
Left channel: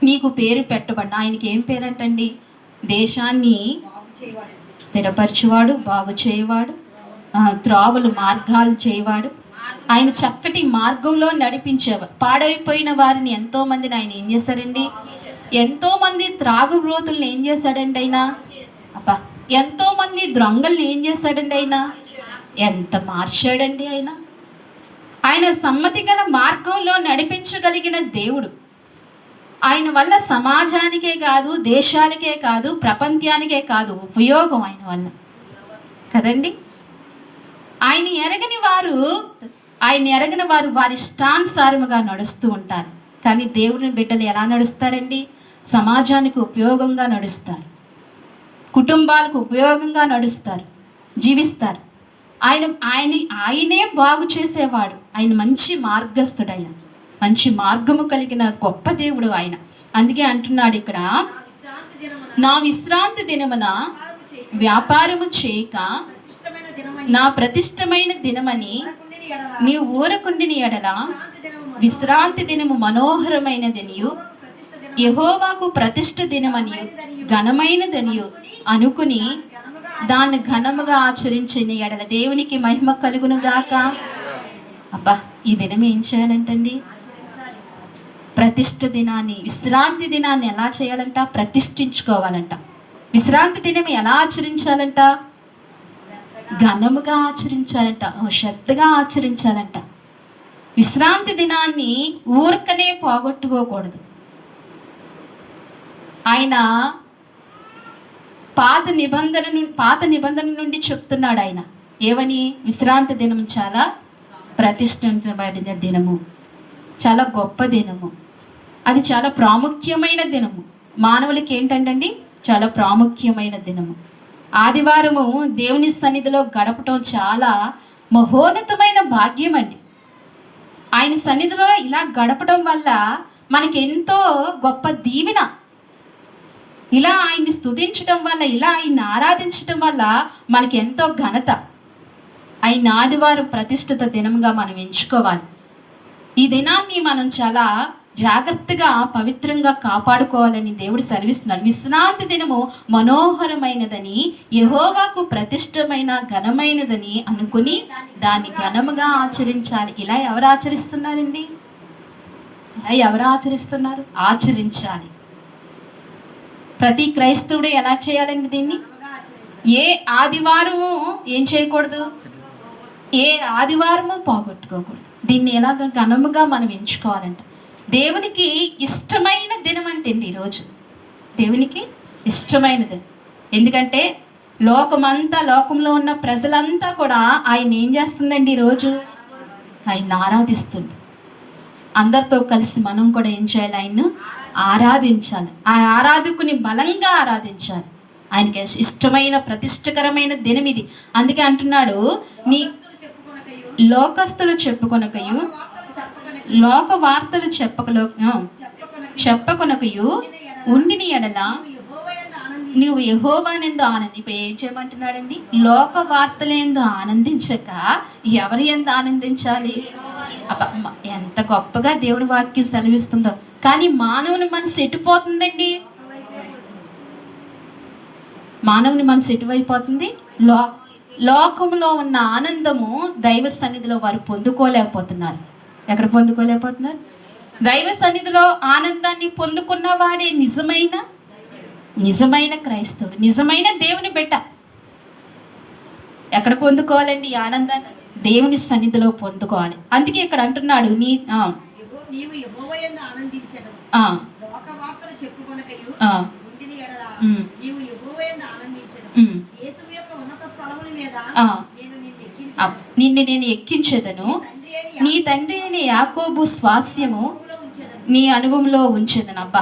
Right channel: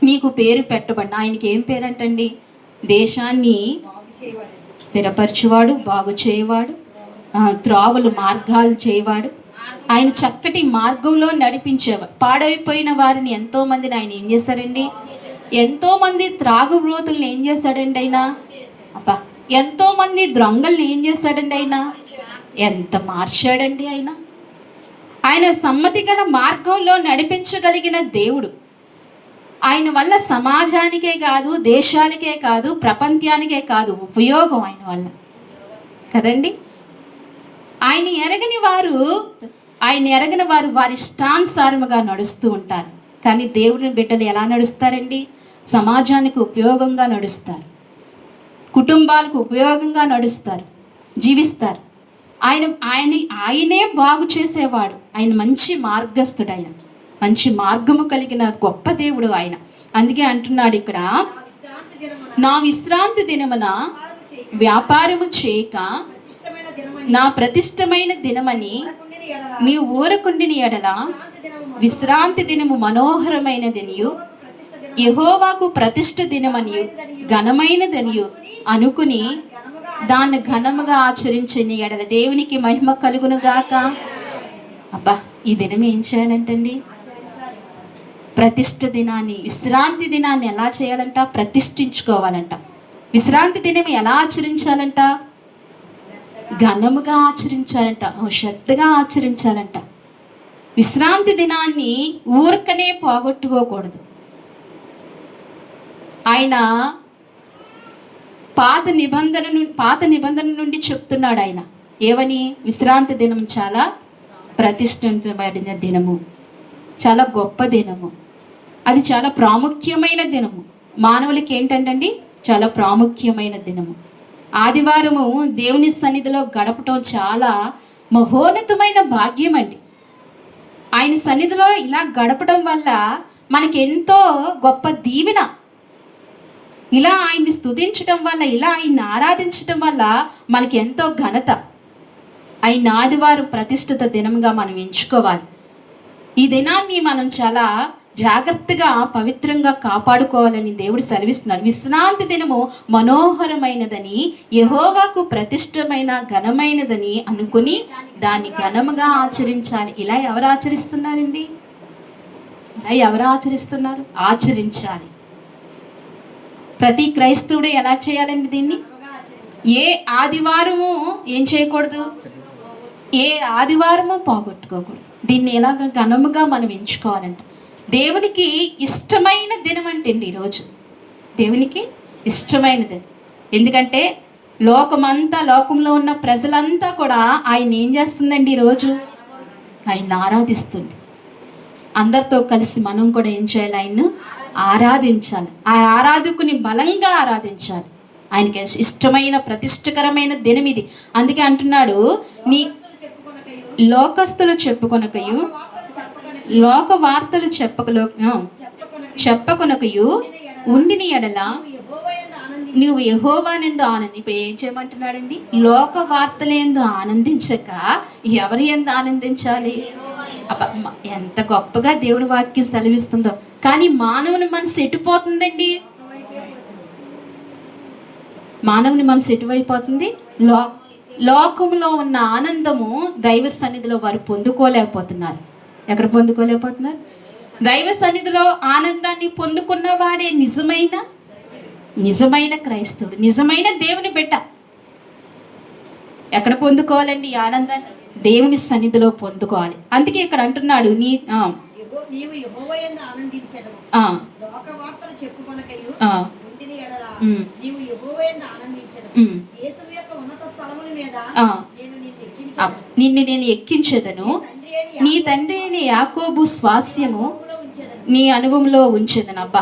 నీకు పేరు పెట్టబడిన. ఆయనకి ఏం పేరంటండి? దేశాన్ని స్థిరపరచువాడు, బాగు చేయవాడు, త్రావులు మార్గాలు చేయవాడు. ఆయన చక్కటి మార్గంలో నడిపించేవాడు. పాడైపోయిన వారిని ఎంతో మందిని ఆయన ఏం చేశారండి? ఎంతో మంది త్రాగుబోతుల్ని ఏం చేశాడండి ఆయన? అబ్బా, ఎంతో మంది దొంగల్ని ఏం చేశాడండి ఆయన? ఎంత మార్చాడండి ఆయన! ఆయన సమ్మతి గల మార్గంలో నడిపించగలిగిన దేవుడు. ఆయన వల్ల సమాజానికే కాదు, దేశాలకే కాదు, ప్రపంచానికే కాదు ఉపయోగం ఆయన వల్ల కదండి. ఆయన ఎరగని వారు వారి ఇష్టానుసారముగా నడుస్తూ ఉంటారు. కానీ దేవుని బిడ్డలు ఎలా నడుస్తారండి? సమాజానికి ఉపయోగంగా నడుస్తారు, కుటుంబాలకు ఉపయోగంగా నడుస్తారు, జీవిస్తారు. ఆయనే బాగు చేసేవాడు. ఆయన మంచి మార్గస్థుడు. ఆయన మంచి మార్గము కలిగిన గొప్ప దేవుడు ఆయన. అందుకే అంటున్నాడు ఇక్కడ, నా విశ్రాంతి దినమున వ్యాపారము చేయక నా ప్రతిష్టమైన దినమని నీవు ఊరకుండిని ఎడల విశ్రాంతి దినము మనోహరమైనదనియు యెహోవాకు ప్రతిష్ఠ దినమనియు ఘనమైనదనియు అనుకుని దాన్ని ఘనముగా ఆచరించిన ఎడల దేవునికి మహిమ కలుగును గాక. అబ్బా, ఈ దినం ఏం చేయాలంటండి? ప్రతిష్ఠ దినాన్ని, విశ్రాంతి దినాన్ని ఎలా చేయాలంట? ప్రతిష్ఠించుకోవాలంట. విశ్రాంతి దినం ఎలా ఆచరించాలంట? ఘనముగా ఆచరించాలంట, శ్రద్ధగా ఆచరించాలంట. విశ్రాంతి దినాన్ని ఊరికనే పోగొట్టుకోకూడదు. ఆయన పాత నిబంధన నుండి చెప్తున్నాడు ఆయన ఏమని? విశ్రాంతి దినం చాలా ప్రతిష్ఠించబడిన దినము, చాలా గొప్ప దినము, అది చాలా ప్రాముఖ్యమైన దినము. మానవులకి ఏంటంటండి? చాలా ప్రాముఖ్యమైన దినము. ఆదివారము దేవుని సన్నిధిలో గడపటం చాలా మహోన్నతమైన భాగ్యం అండి. ఆయన సన్నిధిలో ఇలా గడపడం వల్ల మనకి ఎంతో గొప్ప దీవెన. ఇలా ఆయన్ని స్తుతించడం వల్ల, ఇలా ఆయన్ని ఆరాధించడం వల్ల మనకి ఎంతో ఘనత. ఆయన ఆదివారం ప్రతిష్ఠిత దినంగా మనం ఎంచుకోవాలి. ఈ దినాన్ని మనం చాలా జాగ్రత్తగా పవిత్రంగా కాపాడుకోవాలని దేవుడు సెలవిస్తున్నారు. విశ్రాంతి దినము మనోహరమైనదని, యెహోవాకు ప్రతిష్టమైన ఘనమైనదని అనుకుని దాన్ని ఘనముగా ఆచరించాలి. ఇలా ఎవరు ఆచరిస్తున్నారండి? ఇలా ఎవరు ఆచరిస్తున్నారు? ఆచరించాలి. ప్రతి క్రైస్తవుడు ఎలా చేయాలండి దీన్ని? ఏ ఆదివారము ఏం చేయకూడదు? ఏ ఆదివారము పోగొట్టుకోకూడదు. దీన్ని ఎలాగ ఘనముగా మనం ఎంచుకోవాలంట. దేవునికి ఇష్టమైన దినం అంటే ఈరోజు దేవునికి ఇష్టమైన దినం. ఎందుకంటే లోకంలో ఉన్న ప్రజలంతా కూడా ఆయన ఏం చేస్తుందండి? ఈరోజు ఆయన ఆరాధిస్తుంది. అందరితో కలిసి మనం కూడా ఏం చేయాలి? ఆయన్ను ఆరాధించాలి. ఆ ఆరాధకుని బలంగా ఆరాధించాలి. ఆయనకి ఇష్టమైన ప్రతిష్టకరమైన దినం ఇది. అందుకే అంటున్నాడు, నీ లోకస్తులు చెప్పుకొనకయు, లోక వార్తలు చెప్పకొనకయు ఉండిని ఎడల నువ్వు యెహోవానందు ఆనంది. ఇప్పుడు ఏం చేయమంటున్నాడండి? లోక వార్తలందు ఆనందించక ఎవరు ఎందు ఆనందించాలి? ఎంత గొప్పగా దేవుని వాక్యం సెలవిస్తుందో. కానీ మానవుని మనసు ఎటుపోతుందండి? మానవుని మనసు ఎటువైపోతుంది? లోకంలో ఉన్న ఆనందము దైవ సన్నిధిలో వారు పొందుకోలేకపోతున్నారు. ఎక్కడ పొందుకోలేకపోతున్నారు? దైవ సన్నిధిలో ఆనందాన్ని పొందుకున్న వాడే నిజమైన క్రైస్తవుడు, నిజమైన దేవుని బిడ్డ. ఎక్కడ పొందుకోవాలండి ఈ ఆనందాన్ని? దేవుని సన్నిధిలో పొందుకోవాలి. అందుకే ఇక్కడ అంటున్నాడు, నిన్ను నేను ఎక్కించెదను, నీ తండ్రి అయిన యాకోబు స్వాస్యము నీ అనుభవంలో ఉంచేదను. అబ్బా,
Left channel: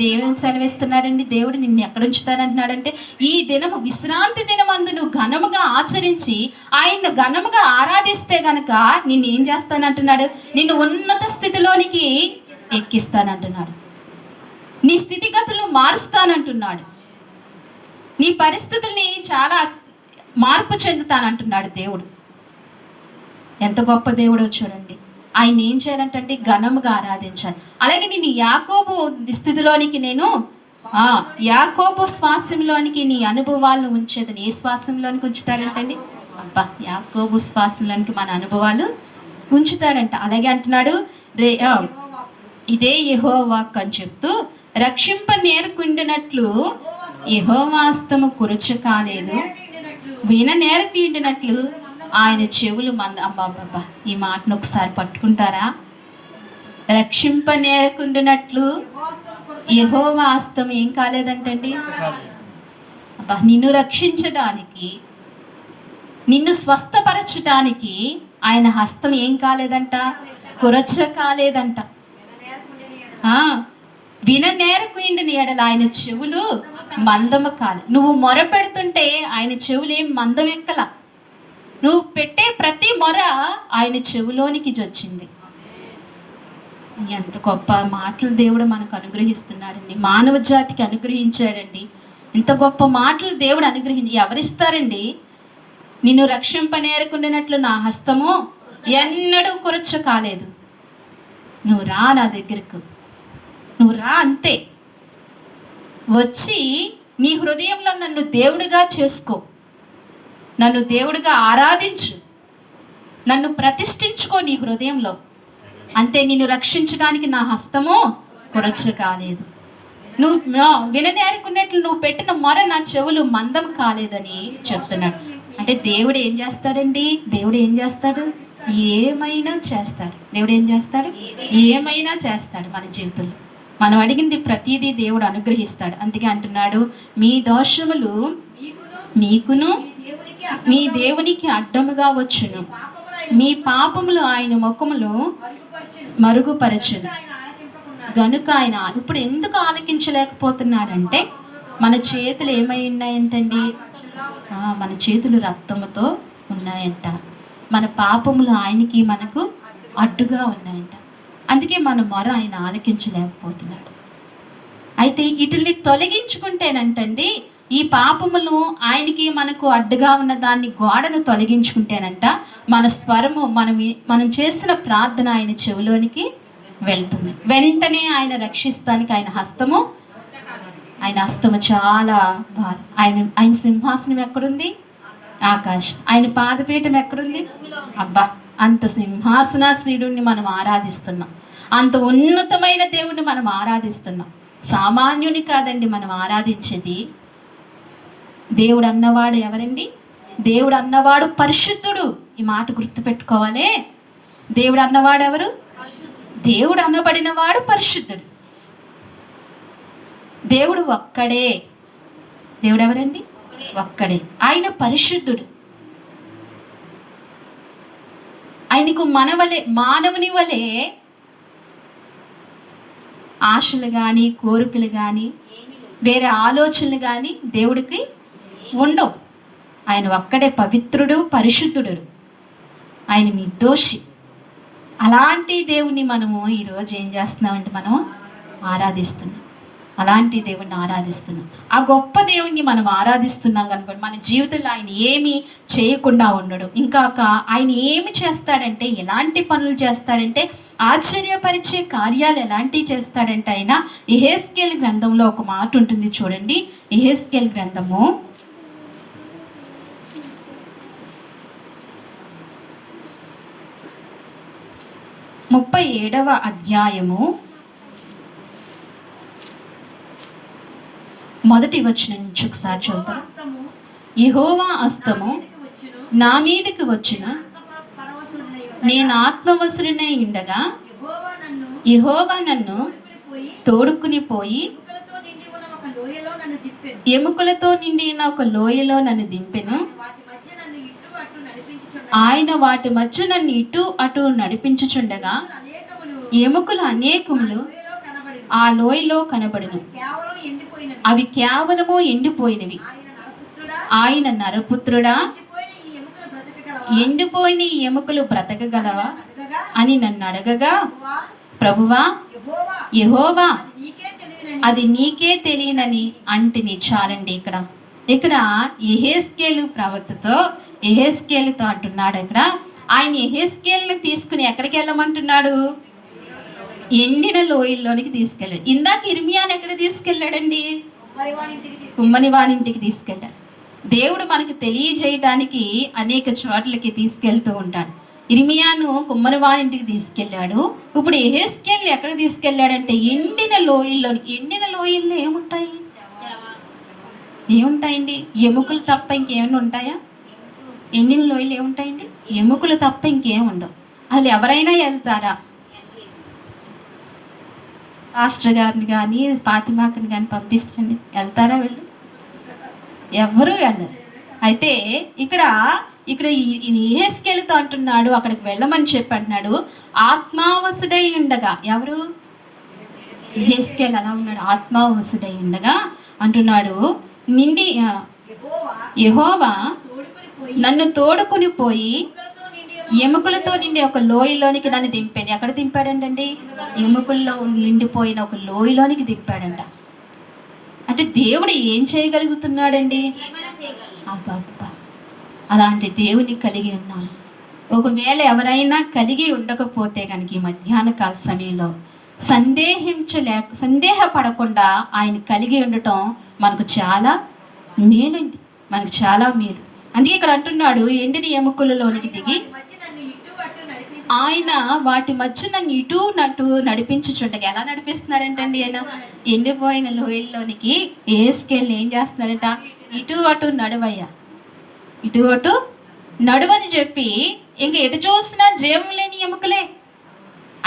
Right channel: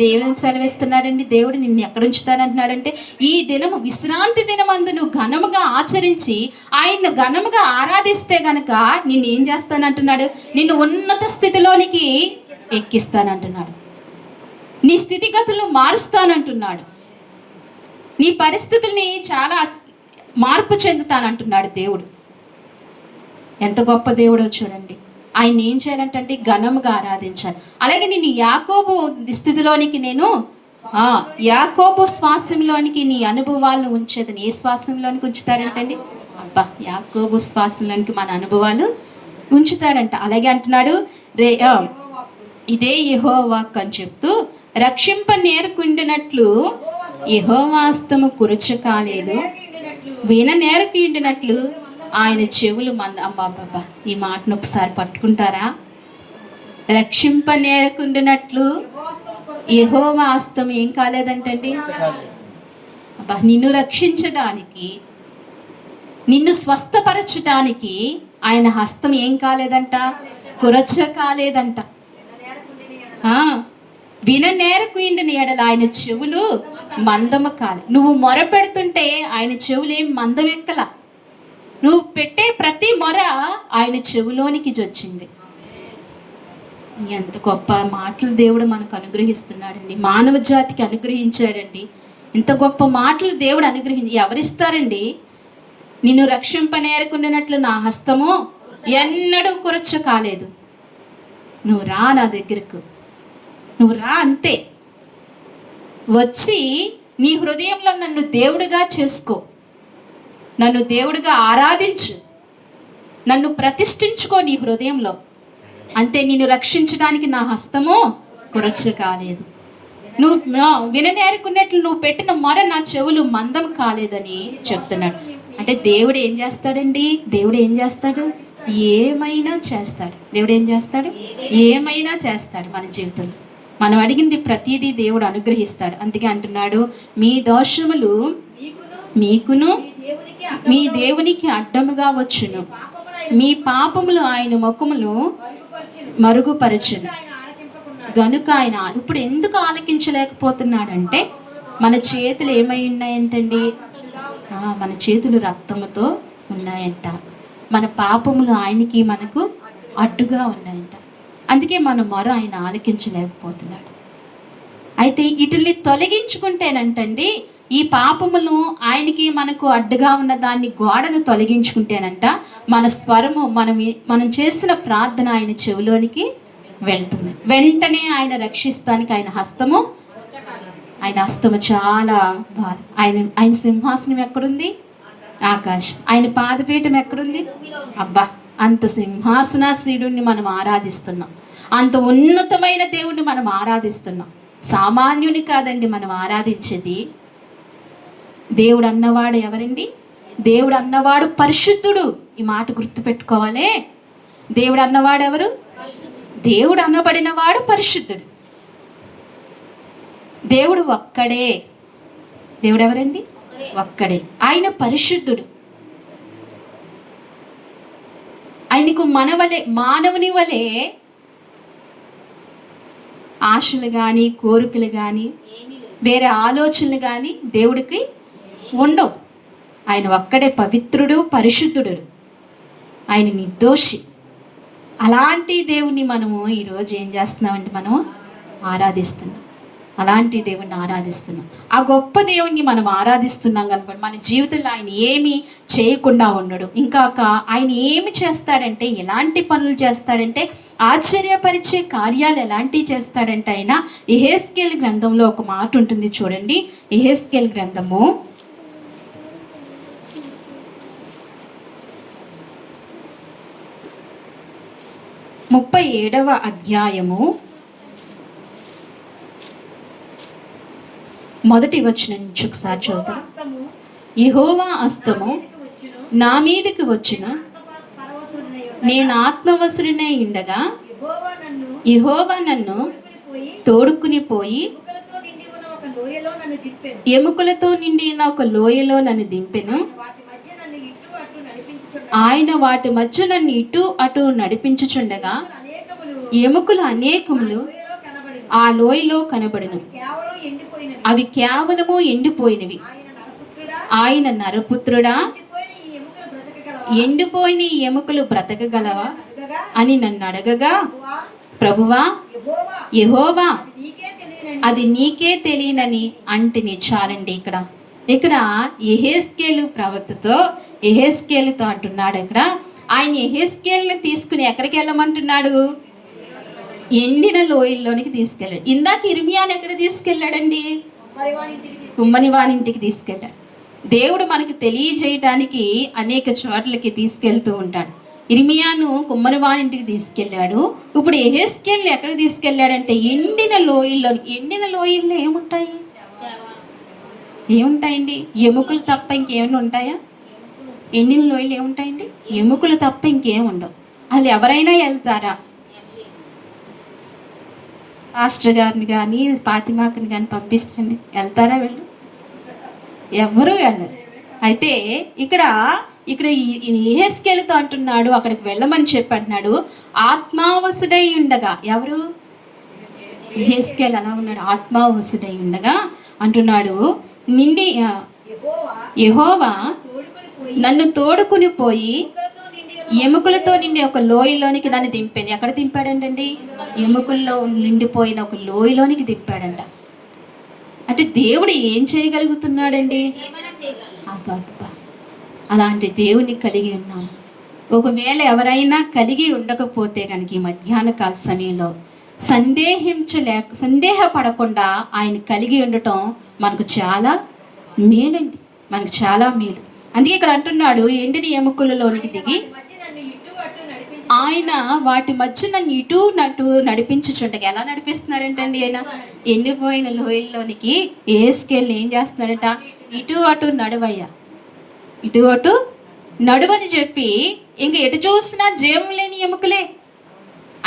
దేవుని సెలవిస్తున్నాడండి. దేవుడు నిన్ను ఎక్కడ ఉంచుతానంటున్నాడంటే, ఈ దినము విశ్రాంతి దినమందు నువ్వు ఘనముగా ఆచరించి ఆయన్ని ఘనముగా ఆరాధిస్తే గనక నిన్ను ఏం చేస్తానంటున్నాడు? నిన్ను ఉన్నత స్థితిలోనికి ఎక్కిస్తానంటున్నాడు. నీ స్థితిగతులు మారుస్తానంటున్నాడు. నీ పరిస్థితుల్ని చాలా మార్పు చెందుతానంటున్నాడు దేవుడు. ఎంత గొప్ప దేవుడో చూడండి. ఆయన ఏం చేయాలంటే ఘనముగా ఆరాధించాలి. అలాగే నేను యాకోబు స్థితిలోనికి, నేను యాకోబు శ్వాసంలోనికి నీ అనుభవాలను ఉంచేదని. ఏ శ్వాసంలోనికి ఉంచుతాడంటండి? అబ్బా, యాకోబు శ్వాసంలోనికి మన అనుభవాలు ఉంచుతాడంట. అలాగే అంటున్నాడు, ఇదే యెహోవాకు అని చెప్తూ, రక్షింప నేర్కుండినట్లు యెహోవాస్తము కురచ కాలేదు, విన నేరకుండినట్లు ఆయన చెవులు అమ్మాబ్బా. ఈ మాటను ఒకసారి పట్టుకుంటారా? రక్షింప నేరకుండినట్లు యెహోవా హస్తం ఏం కాలేదంటండి? అబ్బా, నిన్ను రక్షించడానికి, నిన్ను స్వస్థపరచడానికి ఆయన హస్తం ఏం కాలేదంట? కురచ కాలేదంట. విన నేరకుండిన ఎడల ఆయన చెవులు మందము కాలే. నువ్వు మొర పెడుతుంటే ఆయన చెవులు ఏం మందమెక్కల. నువ్వు పెట్టే ప్రతి మొర ఆయన చెవులోనికి వచ్చింది. ఎంత గొప్ప మాటలు దేవుడు మనకు అనుగ్రహిస్తున్నాడండి, మానవ జాతికి అనుగ్రహించాడండి. ఇంత గొప్ప మాటలు దేవుడు ఎవరిస్తారండి? నిన్ను రక్షింపనేరుకున్నట్లు నా హస్తము ఎన్నడూ కురచ కాలేదు. నువ్వు రా నా దగ్గరకు, నువ్వు రా, అంతే. వచ్చి నీ హృదయంలో నన్ను దేవుడిగా చేసుకో, నన్ను దేవుడిగా ఆరాధించు, నన్ను ప్రతిష్ఠించుకో నీ హృదయంలో, అంతే. నిన్ను రక్షించడానికి నా హస్తము కొరచ కాలేదు. నువ్వు విననేరుకున్నట్లు నువ్వు పెట్టిన మొర నా చెవులు మందం కాలేదని చెప్తున్నాడు. అంటే దేవుడు ఏం చేస్తాడండి? దేవుడు ఏం చేస్తాడు? ఏమైనా చేస్తాడు. దేవుడు ఏం చేస్తాడు? ఏమైనా చేస్తాడు మన జీవితంలో. మనం అడిగింది ప్రతిదీ దేవుడు అనుగ్రహిస్తాడు. అందుకే అంటున్నాడు, మీ దోషములు మీకును మీ దేవునికి అడ్డముగా వచ్చును, మీ పాపములు ఆయన ముఖములు మరుగుపరచును గనుక ఆయన. ఇప్పుడు ఎందుకు ఆలకించలేకపోతున్నాడంటే మన చేతులు ఏమై ఉన్నాయంటండి? మన చేతులు రక్తముతో ఉన్నాయంట. మన పాపములు ఆయనకి మనకు అడ్డుగా ఉన్నాయంట. అందుకే మన మొర ఆయన ఆలకించలేకపోతున్నాడు. అయితే వీటిని తొలగించుకుంటేనంటండి, ఈ పాపములు ఆయనకి మనకు అడ్డుగా ఉన్న దాన్ని గోడను తొలగించుకుంటేనంట మన స్వరము, మనం చేసిన ప్రార్థన ఆయన చెవిలోనికి వెళ్తుంది. వెంటనే ఆయన రక్షిస్తానికి ఆయన హస్తము చాలా బాగా. ఆయన సింహాసనం ఎక్కడుంది? ఆకాశం. ఆయన పాదపీఠం ఎక్కడుంది? అబ్బా, అంత సింహాసనాసీనుడిని మనం ఆరాధిస్తున్నాం, అంత ఉన్నతమైన దేవుణ్ణి మనం ఆరాధిస్తున్నాం. సామాన్యుని కాదండి మనం ఆరాధించేది. దేవుడు అన్నవాడు ఎవరండి? దేవుడు అన్నవాడు పరిశుద్ధుడు. ఈ మాట గుర్తుపెట్టుకోవాలి. దేవుడు అన్నవాడు ఎవరు? దేవుడు అనబడిన వాడు పరిశుద్ధుడు. దేవుడు ఒక్కడే. దేవుడు ఎవరండి? ఒక్కడే. ఆయన పరిశుద్ధుడు. ఆయనకు మానవుని వలె ఆశలు కానీ, కోరికలు కానీ, వేరే ఆలోచనలు కానీ దేవుడికి ఉండవు. ఆయన ఒక్కడే పవిత్రుడు, పరిశుద్ధుడు, ఆయన నిర్దోషి. అలాంటి దేవుణ్ణి మనము ఈరోజు ఏం చేస్తున్నామంటే మనము ఆరాధిస్తున్నాం. అలాంటి దేవుణ్ణి ఆరాధిస్తున్నాం. ఆ గొప్ప దేవుణ్ణి మనం ఆరాధిస్తున్నాం కనుక మన జీవితంలో ఆయన ఏమి చేయకుండా ఉండడు. ఇంకా ఆయన ఏమి చేస్తాడంటే, ఎలాంటి పనులు చేస్తాడంటే, ఆశ్చర్యపరిచే కార్యాలు ఎలాంటివి చేస్తాడంటే, ఆయన యెహెజ్కేలు గ్రంథంలో ఒక మాట ఉంటుంది చూడండి. యెహెజ్కేలు గ్రంథము 37వ అధ్యాయము 1వ వచనం నుంచి ఒకసారి చూద్దాం. యెహోవా హస్తము నా మీదకి వచ్చును, నేను ఆత్మవశుడినై ఉండగా యెహోవా నన్ను తోడుకుని పోయి ఎముకలతో నిండిన ఒక లోయలో నన్ను దింపెను. ఆయన వాటి మధ్య నన్ను ఇటు అటు నడిపించుచుండగా ఎముకలు అనేకములు ఆ లోయలో కనబడును, అవి కేవలము ఎండిపోయినవి. ఆయన నరపుత్రుడా, ఎండిపోయిన ఈ ఎముకలు బ్రతకగలవా అని నన్ను అడగగా, ప్రభువా యెహోవా అది నీకే తెలియనని అంటిని. చాలండి. ఇక్కడ యెహెజ్కేలు ప్రవక్తతో యెహెజ్కేలుతో అంటున్నాడు. ఇక్కడ ఆయన యెహెజ్కేలుని తీసుకుని ఎక్కడికి వెళ్ళమంటున్నాడు? ఎండిన లోయల్లోనికి తీసుకెళ్ళాడు. ఇందాక ఇర్మియాని ఎక్కడ తీసుకెళ్ళాడండి? కుమ్మని వానింటికి తీసుకెళ్ళాడు. దేవుడు మనకు తెలియజేయటానికి అనేక చోట్లకి తీసుకెళ్తూ ఉంటాడు. ఇర్మియాను కుమ్మని వానింటికి తీసుకెళ్ళాడు. ఇప్పుడు యెహెజ్కేలుని ఎక్కడికి తీసుకెళ్ళాడంటే ఎండిన లోయల్లో ఏముంటాయండి? ఎముకలు తప్ప ఇంకేమైనా ఉంటాయా? ఎండిన లోయలు ఏముంటాయండి? ఎముకలు తప్ప ఇంకేం ఉండవు. అసలు ఎవరైనా వెళ్తారా? పాస్టర్ గారిని కానీ ఫాతిమాకని కానీ పంపిస్తుంది, వెళ్తారా? వెళ్ళు, ఎవరు వెళ్ళరు. అయితే ఇక్కడ యెహెజ్కేలుతో అంటున్నాడు, అక్కడికి వెళ్ళమని చెప్పంటున్నాడు. ఆత్మావసుడై ఉండగా, ఎవరు? యెహెజ్కేలు అలా ఉన్నాడు, ఆత్మావసుడై ఉండగా అంటున్నాడు, యెహోవా నన్ను తోడుకుని పోయి ఎముకలతో నిండి ఒక లోయలోనికి నన్ను దింపాను. ఎక్కడ దింపాడంటండి? ఎముకల్లో నిండిపోయిన ఒక లోయలోనికి దింపాడంట. అంటే దేవుడు ఏం చేయగలుగుతున్నాడండి? అబ్బబ్బా, అలాంటి దేవుని కలిగి ఉన్నాం. ఒకవేళ ఎవరైనా కలిగి ఉండకపోతే కనుక ఈ మధ్యాహ్న కాల సమయంలో సందేహపడకుండా ఆయన కలిగి ఉండటం మనకు చాలా మేలండి, మనకు చాలా మేలు. అందుకే ఇక్కడ అంటున్నాడు, ఎండిన ఎముకలలోనికి దిగి ఆయన వాటి మధ్య నన్ను ఇటు నటు నడిపించుచుండగా. ఎలా నడిపిస్తున్నాడంటండి? ఆయన ఎండిపోయిన లోయల్లోనికి ఏసుకెళ్ళి ఏం చేస్తున్నాడట? ఇటు అటు నడువయ్యా, ఇటు అటు నడువని చెప్పి, ఇంక ఎటు చూసినా జీవం లేని ఎముకలే,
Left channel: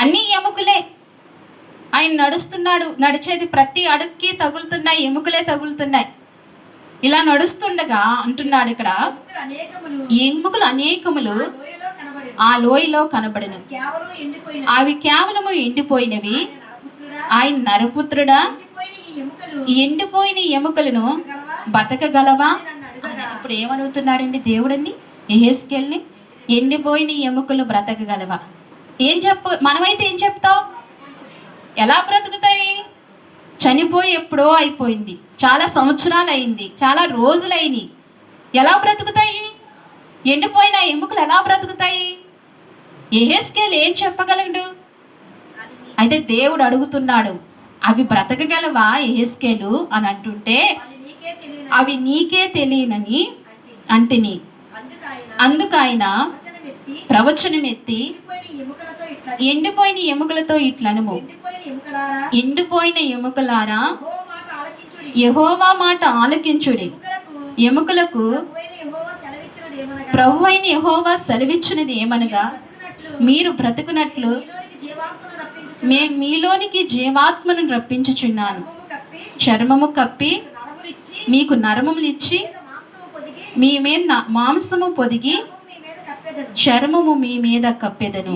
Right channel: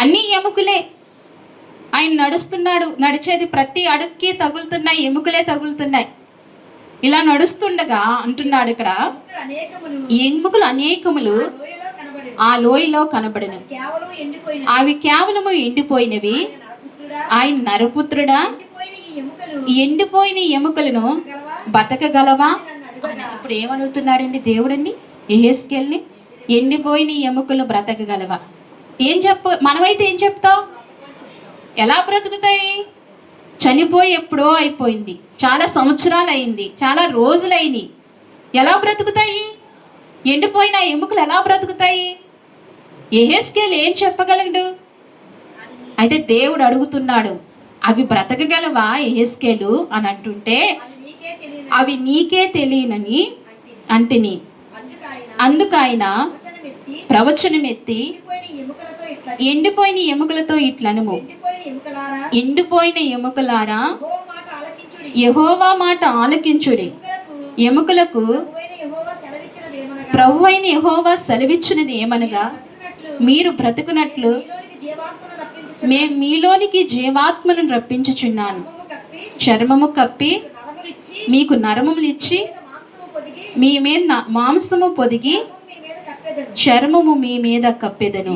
అన్ని ఎముకలే. ఆయన నడుస్తున్నాడు, నడిచేది ప్రతి అడుగుకి తగులుతున్నాయి, ఎముకలే తగులుతున్నాయి. ఇలా నడుస్తుండగా అంటున్నాడు ఇక్కడ, ఎముకలు అనేకములు ఆ లోయలో కనబడిన, అవి కేవలము ఎండిపోయినవి. ఆయన నరపుత్రుడా, ఎండిపోయిన ఎముకలను బతకగలవా? ఇప్పుడు ఏమనుగుతున్నాడండి దేవుడండి యెహెజ్కేలుని? ఎండిపోయిన ఎముకలు బ్రతకగలవా? మనమైతే ఏం చెప్తాం? ఎలా బ్రతుకుతాయి? చనిపోయి ఎప్పుడో అయిపోయింది, చాలా సంవత్సరాలు అయింది, చాలా రోజులైంది. ఎలా బ్రతుకుతాయి? ఎండిపోయిన ఎముకలు ఎలా బ్రతుకుతాయి? యెహెజ్కేలు ఏం చెప్పగలడు? అయితే దేవుడు అడుగుతున్నాడు, అవి బ్రతకగలవా యెహెజ్కేలు అని అంటుంటే, అవి నీకే తెలియనని అంటిని. అందుకు ఆయన ప్రవచనం ఎత్తి, ఎండిపోయిన ఎముకలతో ఇట్లనుము, ఎండిపోయిన ఎముకలారా యెహోవా మాట ఆలకించుడి. ఎముకలకు ప్రభువైన యెహోవా సెలవిచ్చినది ఏమనగా, మీరు బ్రతుకున్నట్లు మేము మీలోనికి జీవాత్మను రప్పించుచున్నాను. చర్మము కప్పి మీకు నరములు ఇచ్చి మీ మీద మాంసము పొదిగి చర్మము మీ మీద కప్పెదను.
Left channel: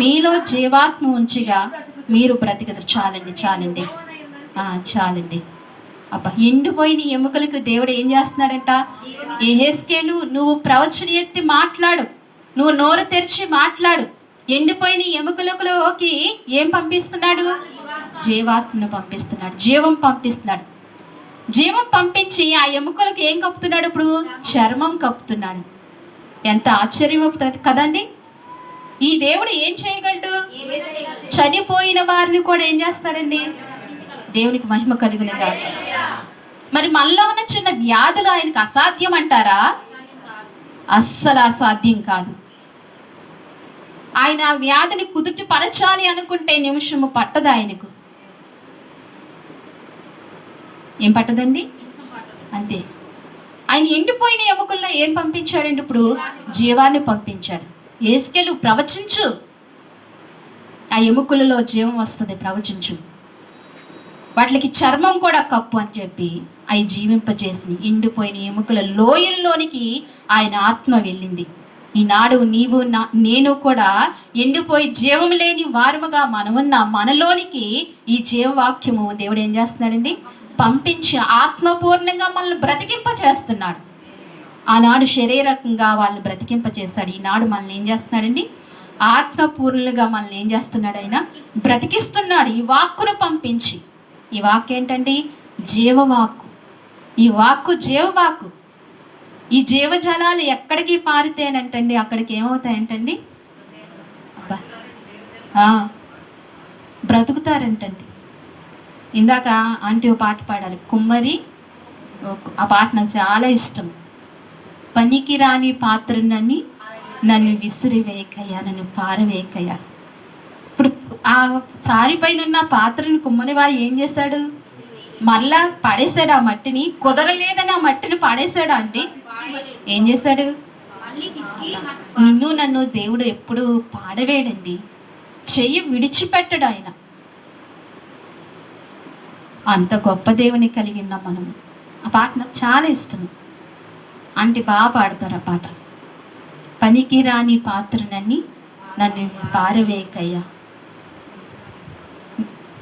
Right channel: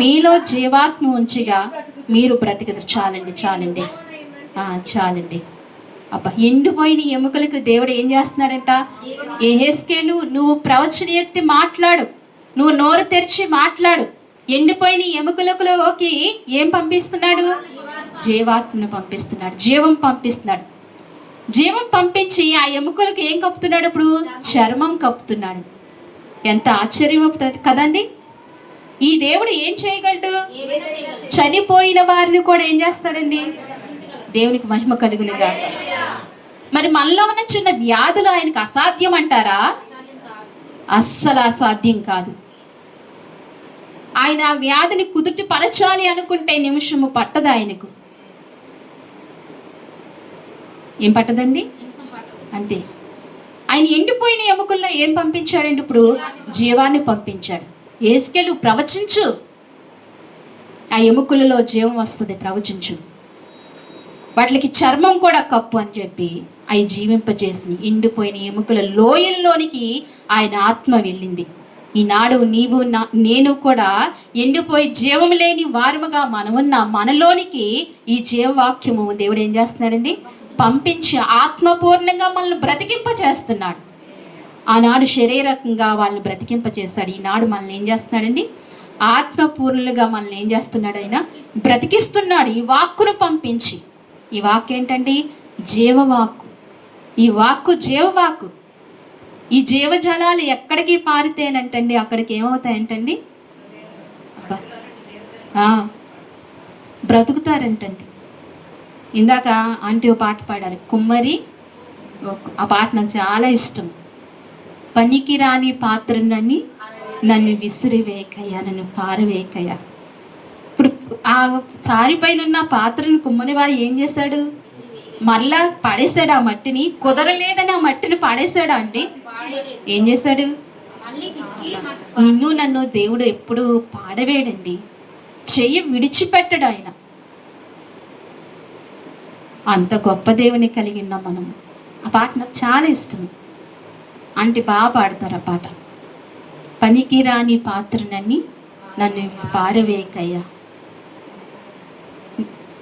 మీలో జీవాత్మ ఉంచిగా మీరు బ్రతికదు. చాలండి. అబ్బా, ఎండిపోయిన ఎముకలకు దేవుడు ఏం చేస్తున్నాడంట? యెహెజ్కేలు, నువ్వు ప్రవచనం ఎత్తి మాట్లాడు, నువ్వు నోరు తెరిచి మాట్లాడు. ఎండిపోయిన ఎముకలలోకి ఏం పంపిస్తున్నాడు? జీవాత్మను పంపిస్తున్నాడు, జీవం పంపిస్తున్నాడు. జీవం పంపించి ఆ ఎముకలకు ఏం కప్పుతున్నాడు? ఇప్పుడు చర్మం కప్పుతున్నాడు. ఎంత ఆశ్చర్యం కదండి! ఈ దేవుడు ఏం చేయగలడు? చనిపోయిన వారిని కూడా ఏం చేస్తాడండి? దేవునికి మహిమ కలుగునుగా. మరి మనలో ఉన్న చిన్న వ్యాధులు ఆయనకు అసాధ్యం అంటారా? అస్సలు అసాధ్యం కాదు. ఆయన ఆ వ్యాధిని కుదుటి పరచాలి అనుకుంటే నిమిషము పట్టదు ఆయనకు. ఏం పట్టదండి? అంతే. ఆయన ఎండిపోయిన ఎముకల్లో ఏం పంపించాడండి? ఇప్పుడు జీవాన్ని పంపించాడు. యెహెజ్కేలు, ప్రవచించు, ఆ ఎముకలలో జీవం వస్తుంది, ప్రవచించు. వాటికి చర్మం కూడా కప్పు అని చెప్పి అవి జీవింపజేసి ఎండిపోయిన ఎముకల లోయల్లోనికి ఆయన ఆత్మ వెళ్ళింది. ఈనాడు నీవు నేను కూడా ఎండిపోయి జీవం లేని వారముగా మనమున్న మనలోనికి ఈ జీవవాక్యము దేవుడు ఏం చేస్తున్నాడండి? పంపించి ఆత్మపూర్ణంగా మనల్ని బ్రతికింపచేస్తున్నాడు. ఆనాడు శరీరకంగా వాళ్ళని బ్రతికింపచేస్తాడు. ఈనాడు మనల్ని ఏం చేస్తున్నాడండి? ఆత్మపూర్ణులుగా మనల్ని ఏం చేస్తున్నాడు? ఆయన బ్రతికిస్తున్నాడు ఈ వాక్కును పంపించి. ఈ వాక్కు ఏంటండి? జీవవాక్కు. ఈ వాక్కు జీవవాక్కు. ఈ జీవజలాలు ఎక్కడికి పారితేనంటండి అక్కడికి ఏమవుతాయంటండి? బ్రతుకుతారంటండి. ఇందాక ఆంటీ ఓ పాట పాడారు, కుమ్మరి. ఆ పాట నాకు చాలా ఇష్టం. పనికి రాని పాత్రనని నన్ను విసిరివేయకయ్యా, నన్ను పారవేయకయ్యా. ఇప్పుడు ఆ సారి పైన ఉన్న పాత్రని కుమ్మరి వారు ఏం చేశాడు? మరలా పడేశాడు ఆ మట్టిని. కుదరలేదని ఆ మట్టిని పడేశాడు అండి. ఏం చేశాడు? నిన్ను నన్ను దేవుడు ఎప్పుడు పాడవేయడండి, చెయ్యి విడిచిపెట్టడు ఆయన. అంత గొప్ప దేవుని కలిగి ఉన్నాం మనం. ఆ పాట నాకు చాలా ఇష్టం. అంటే బాగా పాడతారు ఆ పాట. పనికి రాని పాత్రనని నన్ను పారవేయకయ్యా,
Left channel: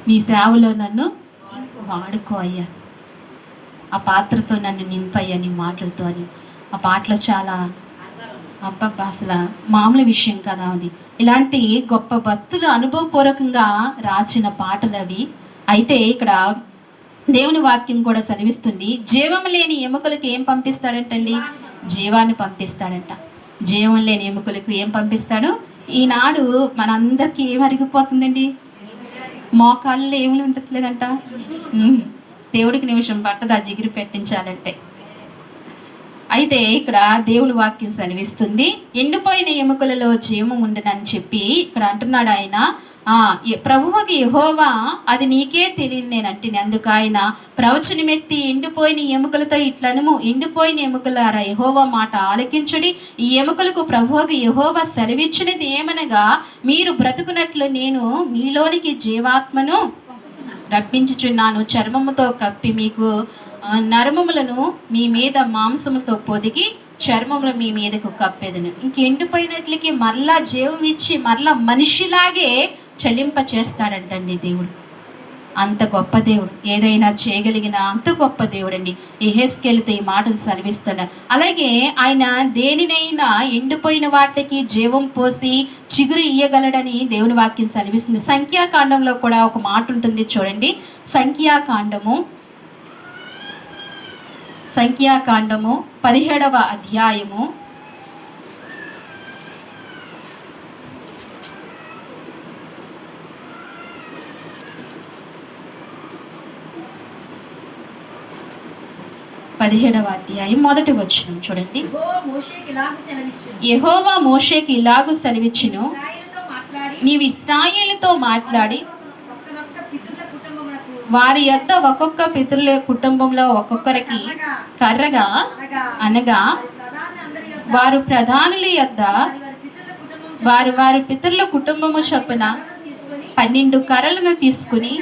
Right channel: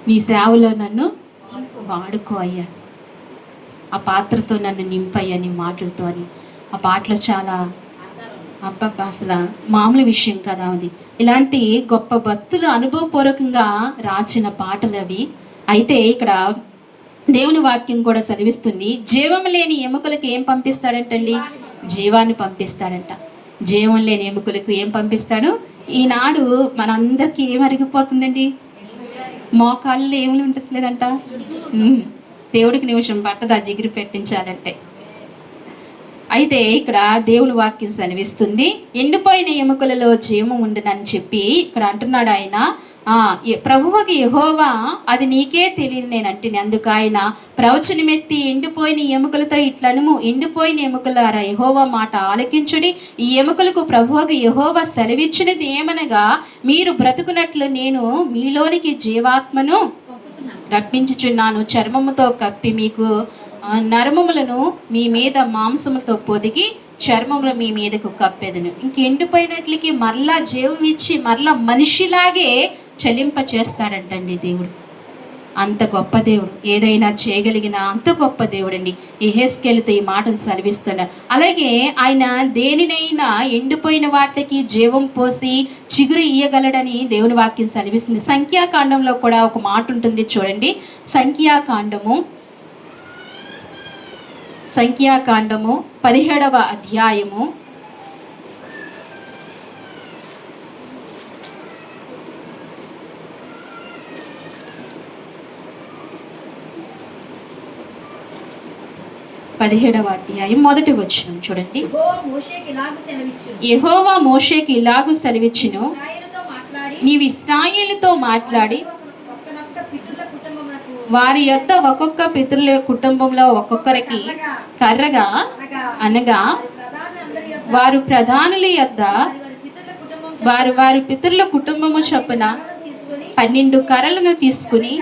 నీ సేవలో నన్ను వాడుకో అయ్యా, ఆ పాత్రతో నన్ను నింపయ్యా నీ మాటలతో అని. ఆ పాటలో చాలా అబ్బబ్బా, అసలు మామూలు విషయం కదా అది. ఇలాంటి గొప్ప భక్తులు అనుభవపూర్వకంగా రాసిన పాటలు అవి. అయితే ఇక్కడ దేవుని వాక్యం కూడా సెలవిస్తుంది, జీవం లేని ఎముకలకు ఏం పంపిస్తాడంటండి? జీవాన్ని పంపిస్తాడంట. జీవం లేని ఎముకలకు ఏం పంపిస్తాడు? ఈనాడు మనందరికీ ఏం అరిగిపోతుందండి? మోకాళ్ళు ఏమి ఉండట్లేదంట. దేవుడికి నిమిషం పట్టదు ఆ జిగిరి పెట్టించాలంటే. అయితే ఇక్కడ దేవుని వాక్యం సెలవిస్తుంది, ఎండిపోయిన ఎముకలలో జీవము ఉండునని చెప్పి ఇక్కడ అంటున్నాడు ఆయన. ప్రభువుకి యెహోవా అది నీకే తెలియదు నేనంటే, అందుకు ఆయన ప్రవచనమెత్తి ఎండిపోయిన ఎముకలతో ఇట్లనుము, ఎండిపోయిన ఎముకలారా యెహోవా మాట ఆలకించుడి. ఈ ఎముకలకు ప్రభువుకి యెహోవా సెలవిచ్చినది ఏమనగా, మీరు బ్రతుకున్నట్లు నేను మీలోనికి జీవాత్మను రప్పించుచున్నాను, చర్మముతో కప్పి మీకు నరమములను మీ మీద మాంసములతో పొదిగి చర్మములు మీ మీదకు కప్పేదను. ఇంక ఎండిపోయినట్లకి మరలా జీవం ఇచ్చి మరలా మనిషిలాగే చలింప చేస్తాడంటండి దేవుడు. అంత గొప్ప దేవుడు, ఏదైనా చేయగలిగిన అంత గొప్ప దేవుడు అండి. యెహెజ్కేలుతో ఈ మాటలు సెలవిస్తున్నాడు. అలాగే ఆయన దేనినైనా ఎండిపోయిన వాటికి జీవం పోసి చిగురు ఇయ్యగలడని దేవుని వాక్యం సెలవిస్తుంది. సంఖ్యాకాండంలో కూడా ఒక మాట ఉంటుంది చూడండి. సంఖ్యాకాండము 17వ అధ్యాయము 17వ అధ్యాయం 1వ వచనం చూడండి. యెహోవా మోషేకి ఇలాగు సెలవిచ్చును, నీవు ఇశ్రాయేలుతో మాట్లాడి వారి యొద్ద ఒక్కొక్క పితరుల కుటుంబంలో ఒక్కొక్కరికి కర్రగా అనగా వారు ప్రధానుల యొద్ద వారి పితరుల కుటుంబము చొప్పున 12 కర్రలను తీసుకుని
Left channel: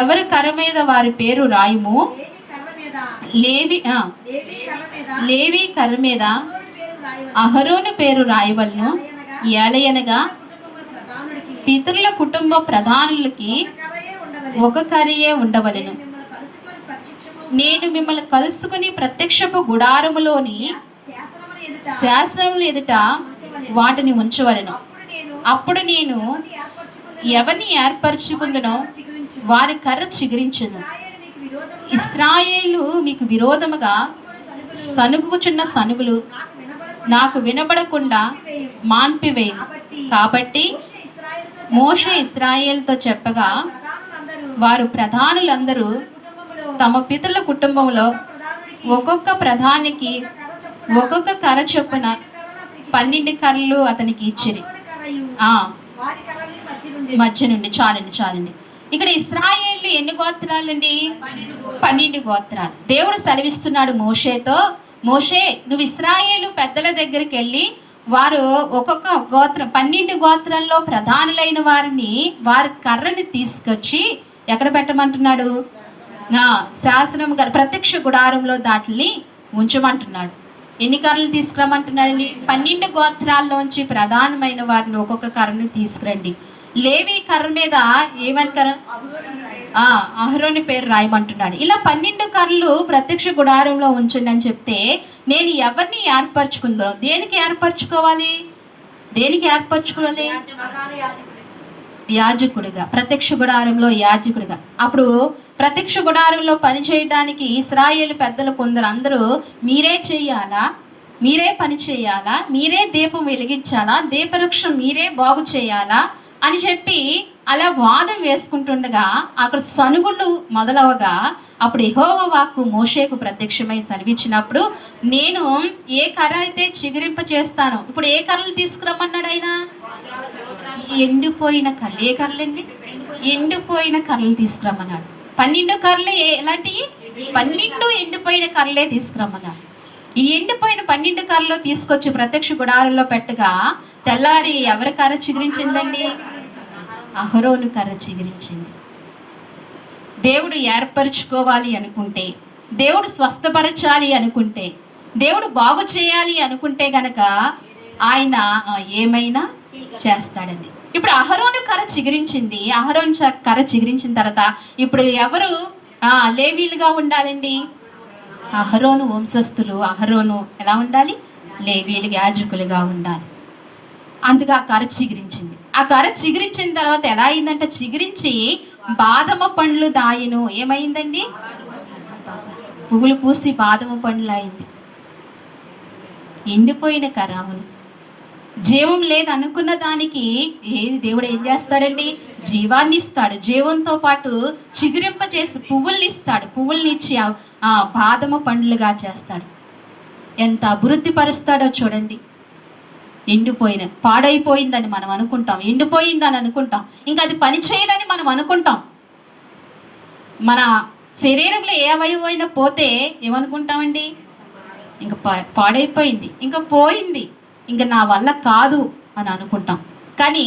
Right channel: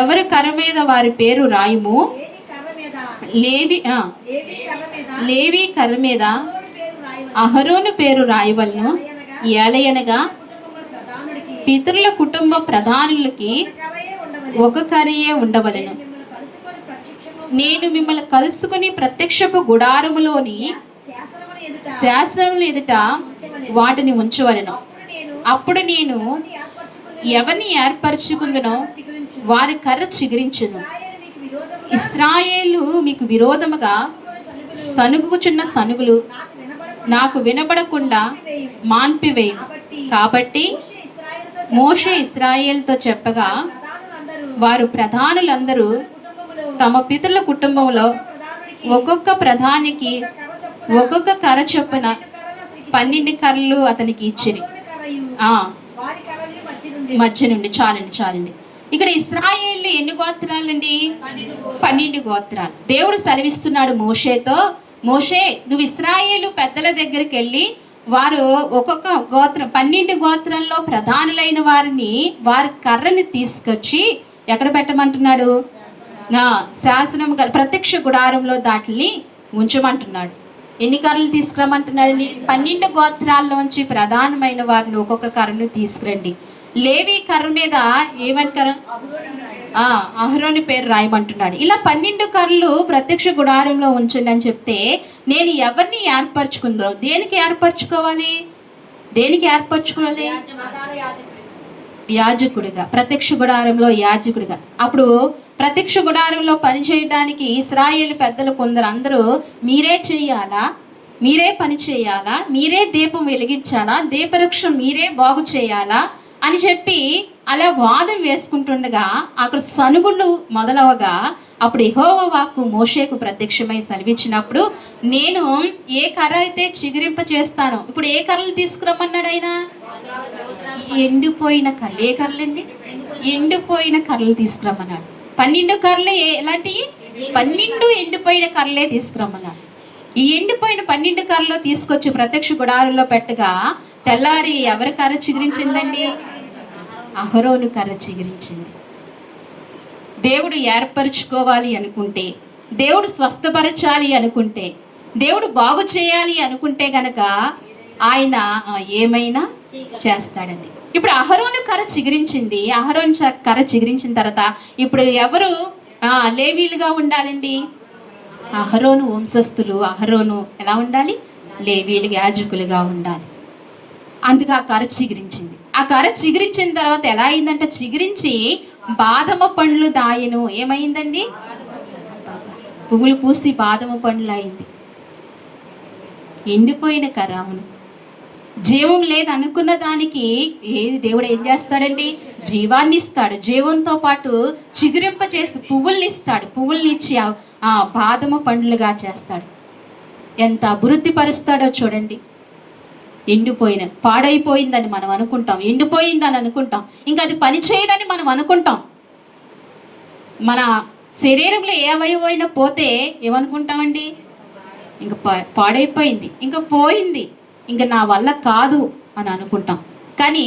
ఎవరి కర్ర మీద వారి పేరు రాయుము. లేవి కర్ర మీద అహరోను పేరు రాయవలను. ఏలయనగా పితరుల కుటుంబ ప్రధానులకి ఒక కర్రయే ఉండవలను. నేను మిమ్మల్ని కలుసుకుని ప్రత్యక్షపు గుడారములోని శాసనముల ఎదుట వాటిని ఉంచవలను. అప్పుడు నేను ఎవరిని ఏర్పరచుకుందునో వారి కర్ర చిగురించును. ఇశ్రాయేలు మీకు విరోధముగా సనుగుచున్న సనుగులు నాకు వినబడకుండా మాన్పివేయు. కాబట్టి మోషే ఇశ్రాయేలుతో చెప్పగా వారు ప్రధానులందరూ తమ పితరుల కుటుంబంలో ఒక్కొక్క ప్రధానికి ఒక్కొక్క కర్ర చొప్పున 12 కర్రలు అతనికి ఇచ్చిరి. మధ్య నుండి చాలండి. ఇక్కడ ఇశ్రాయేలు ఎన్ని గోత్రాలండి? 12 గోత్రాలు. దేవుడు సెలవిస్తున్నాడు మోషేతో, మోషే నువ్వు ఇశ్రాయేలు పెద్దల దగ్గరికి వెళ్ళి వారు ఒక్కొక్క గోత్రం 12 గోత్రాల్లో ప్రధానులైన వారిని వారి కర్రని తీసుకొచ్చి ఎక్కడ పెట్టమంటున్నాడు? శాసనం గల ప్రత్యక్ష గుడారంలో దాటిని ఉంచమంటున్నాడు. ఎన్ని కర్రలు తీసుకురమ్మంటున్నాడండి? 12 గోత్రాల్లోంచి ప్రధానమైన వారిని ఒక్కొక్క కర్రను తీసుకురండి. లేవి కర్ర మీద ఏమని కర్ర? అహరోను పేరు రాయమంటున్నాడు. ఇలా 12 కర్రలు ప్రత్యక్ష గుడారంలో ఉంచండి అని చెప్తే, నేను ఎవరిని ఏర్పరచుకుందో, దేనికి ఏర్పరచుకోవాలి? యాజకుడిగా, ప్రత్యక్ష గుడారంలో యాజకుడిగా. అప్పుడు ప్రత్యక్ష గుడారంలో పని చేయడానికి ఇశ్రాయేలు పెద్దలు కొందరు అందరూ మీరే చేయాలా, మీరే పని చేయాలా, మీరే దీపం వెలిగించాలా, దీపవృక్షం మీరే బాగు చేయాలా అని చెప్పి అలా వాదం వేసుకుంటుండగా అక్కడ సనుగుళ్ళు మొదలవగా అప్పుడు యెహోవా వాక్కు మోషేకు ప్రత్యక్షమై సెలవిచ్చినప్పుడు, నేను ఏ కర్ర అయితే చిగురింప చేస్తానో, ఇప్పుడు ఏ కర్రలు తీసుకురమ్మన్నాడు ఆయన? ఎండిపోయిన కర్రలు. ఏ కర్రలండి? ఎండిపోయిన కర్రలు తీసుకురమ్మన్నాడు. 12 కర్రలు ఎలాంటివి? 12 ఎండిపోయిన కర్రలే తీసుకురమ్మన్నాడు. ఈ ఎండిపోయిన 12 కర్రలు తీసుకొచ్చి ప్రత్యక్ష గుడారంలో పెట్టగా తెల్లారి ఎవరి కర్ర చిగురించిందండి? అహరోను కర్ర చిగురించింది. దేవుడు ఏర్పరచుకోవాలి అనుకుంటే, దేవుడు స్వస్థపరచాలి అనుకుంటే, దేవుడు బాగు చేయాలి అనుకుంటే గనక ఆయన ఏమైనా చేస్తాడండి. ఇప్పుడు అహరోను కర్ర చిగురించింది. అహరోను కర్ర చిగురించిన తర్వాత ఇప్పుడు ఎవరు లేవీలుగా ఉండాలండి? అహరోను వంశస్థులు. అహరోను ఎలా ఉండాలి? లేవీయులు యాజకులుగా ఉండాలి. అందుకు ఆ కర్ర చిగురించింది. ఆ కర్ర చిగురించిన తర్వాత ఎలా అయిందంటే, చిగురించి బాదమ పండ్లు దాయను. ఏమైందండి? పువ్వులు పూసి బాదమ పండ్లు అయింది. ఎండిపోయిన కర్ర. అవును, జీవం లేదు అనుకున్న దానికి దేవుడు ఏం చేస్తాడండి? జీవాన్ని ఇస్తాడు. జీవంతో పాటు చిగురింప చేసి పువ్వుల్ని ఇస్తాడు. పువ్వుల్ని ఇచ్చి ఆ బాదమ పండ్లుగా చేస్తాడు. ఎంత అభివృద్ధి పరుస్తాడో చూడండి. ఎండిపోయిన, పాడైపోయిందని మనం అనుకుంటాం, ఎండిపోయిందని అనుకుంటాం, ఇంకా అది పని చేయదని మనం అనుకుంటాం. మన శరీరంలో ఏ అవయవైనా పోతే ఏమనుకుంటామండి? ఇంకా పాడైపోయింది, ఇంకా పోయింది, ఇంకా నా వల్ల కాదు అని అనుకుంటాం. కానీ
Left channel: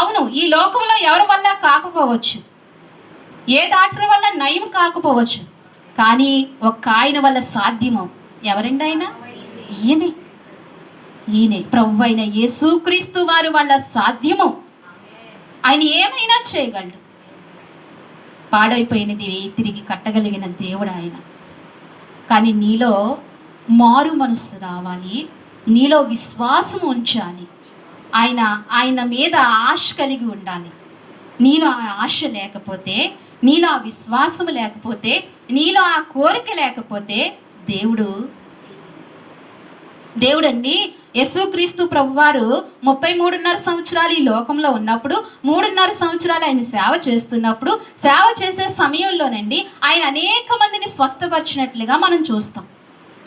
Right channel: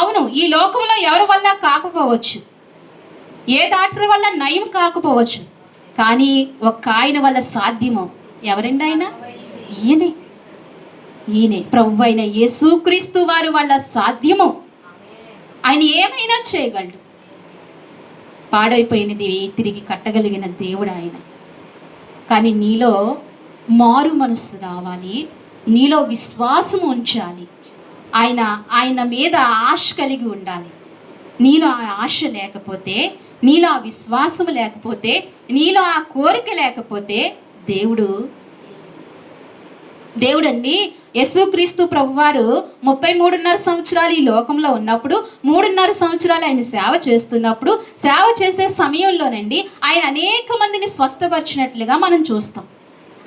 అవును, ఈ లోకంలో ఎవరి వల్ల కాకపోవచ్చు, ఏ డాక్టర్ వల్ల నయం కాకపోవచ్చు, కానీ ఒక్క ఆయన వల్ల సాధ్యము. ఎవరండి ఆయన? ఈయనే ప్రభు అయిన యేసుక్రీస్తు వారి వల్ల సాధ్యము. ఆయన ఏమైనా చేయగలడు. పాడైపోయినది తిరిగి కట్టగలిగిన దేవుడు ఆయన. కానీ నీలో మారు మనసు రావాలి, నీలో విశ్వాసం ఉంచాలి, ఆయన మీద ఆశ కలిగి ఉండాలి. నీలో ఆ ఆశ లేకపోతే, నీలో ఆ విశ్వాసం లేకపోతే, నీలో ఆ కోరిక లేకపోతే దేవుడండి యేసుక్రీస్తు ప్రభువారు 33.5 సంవత్సరాలు ఈ లోకంలో ఉన్నప్పుడు, 3.5 సంవత్సరాలు ఆయన సేవ చేస్తున్నప్పుడు, సేవ చేసే సమయంలోనండి ఆయన అనేక మందిని స్వస్థపరిచినట్లుగా మనం చూస్తాం.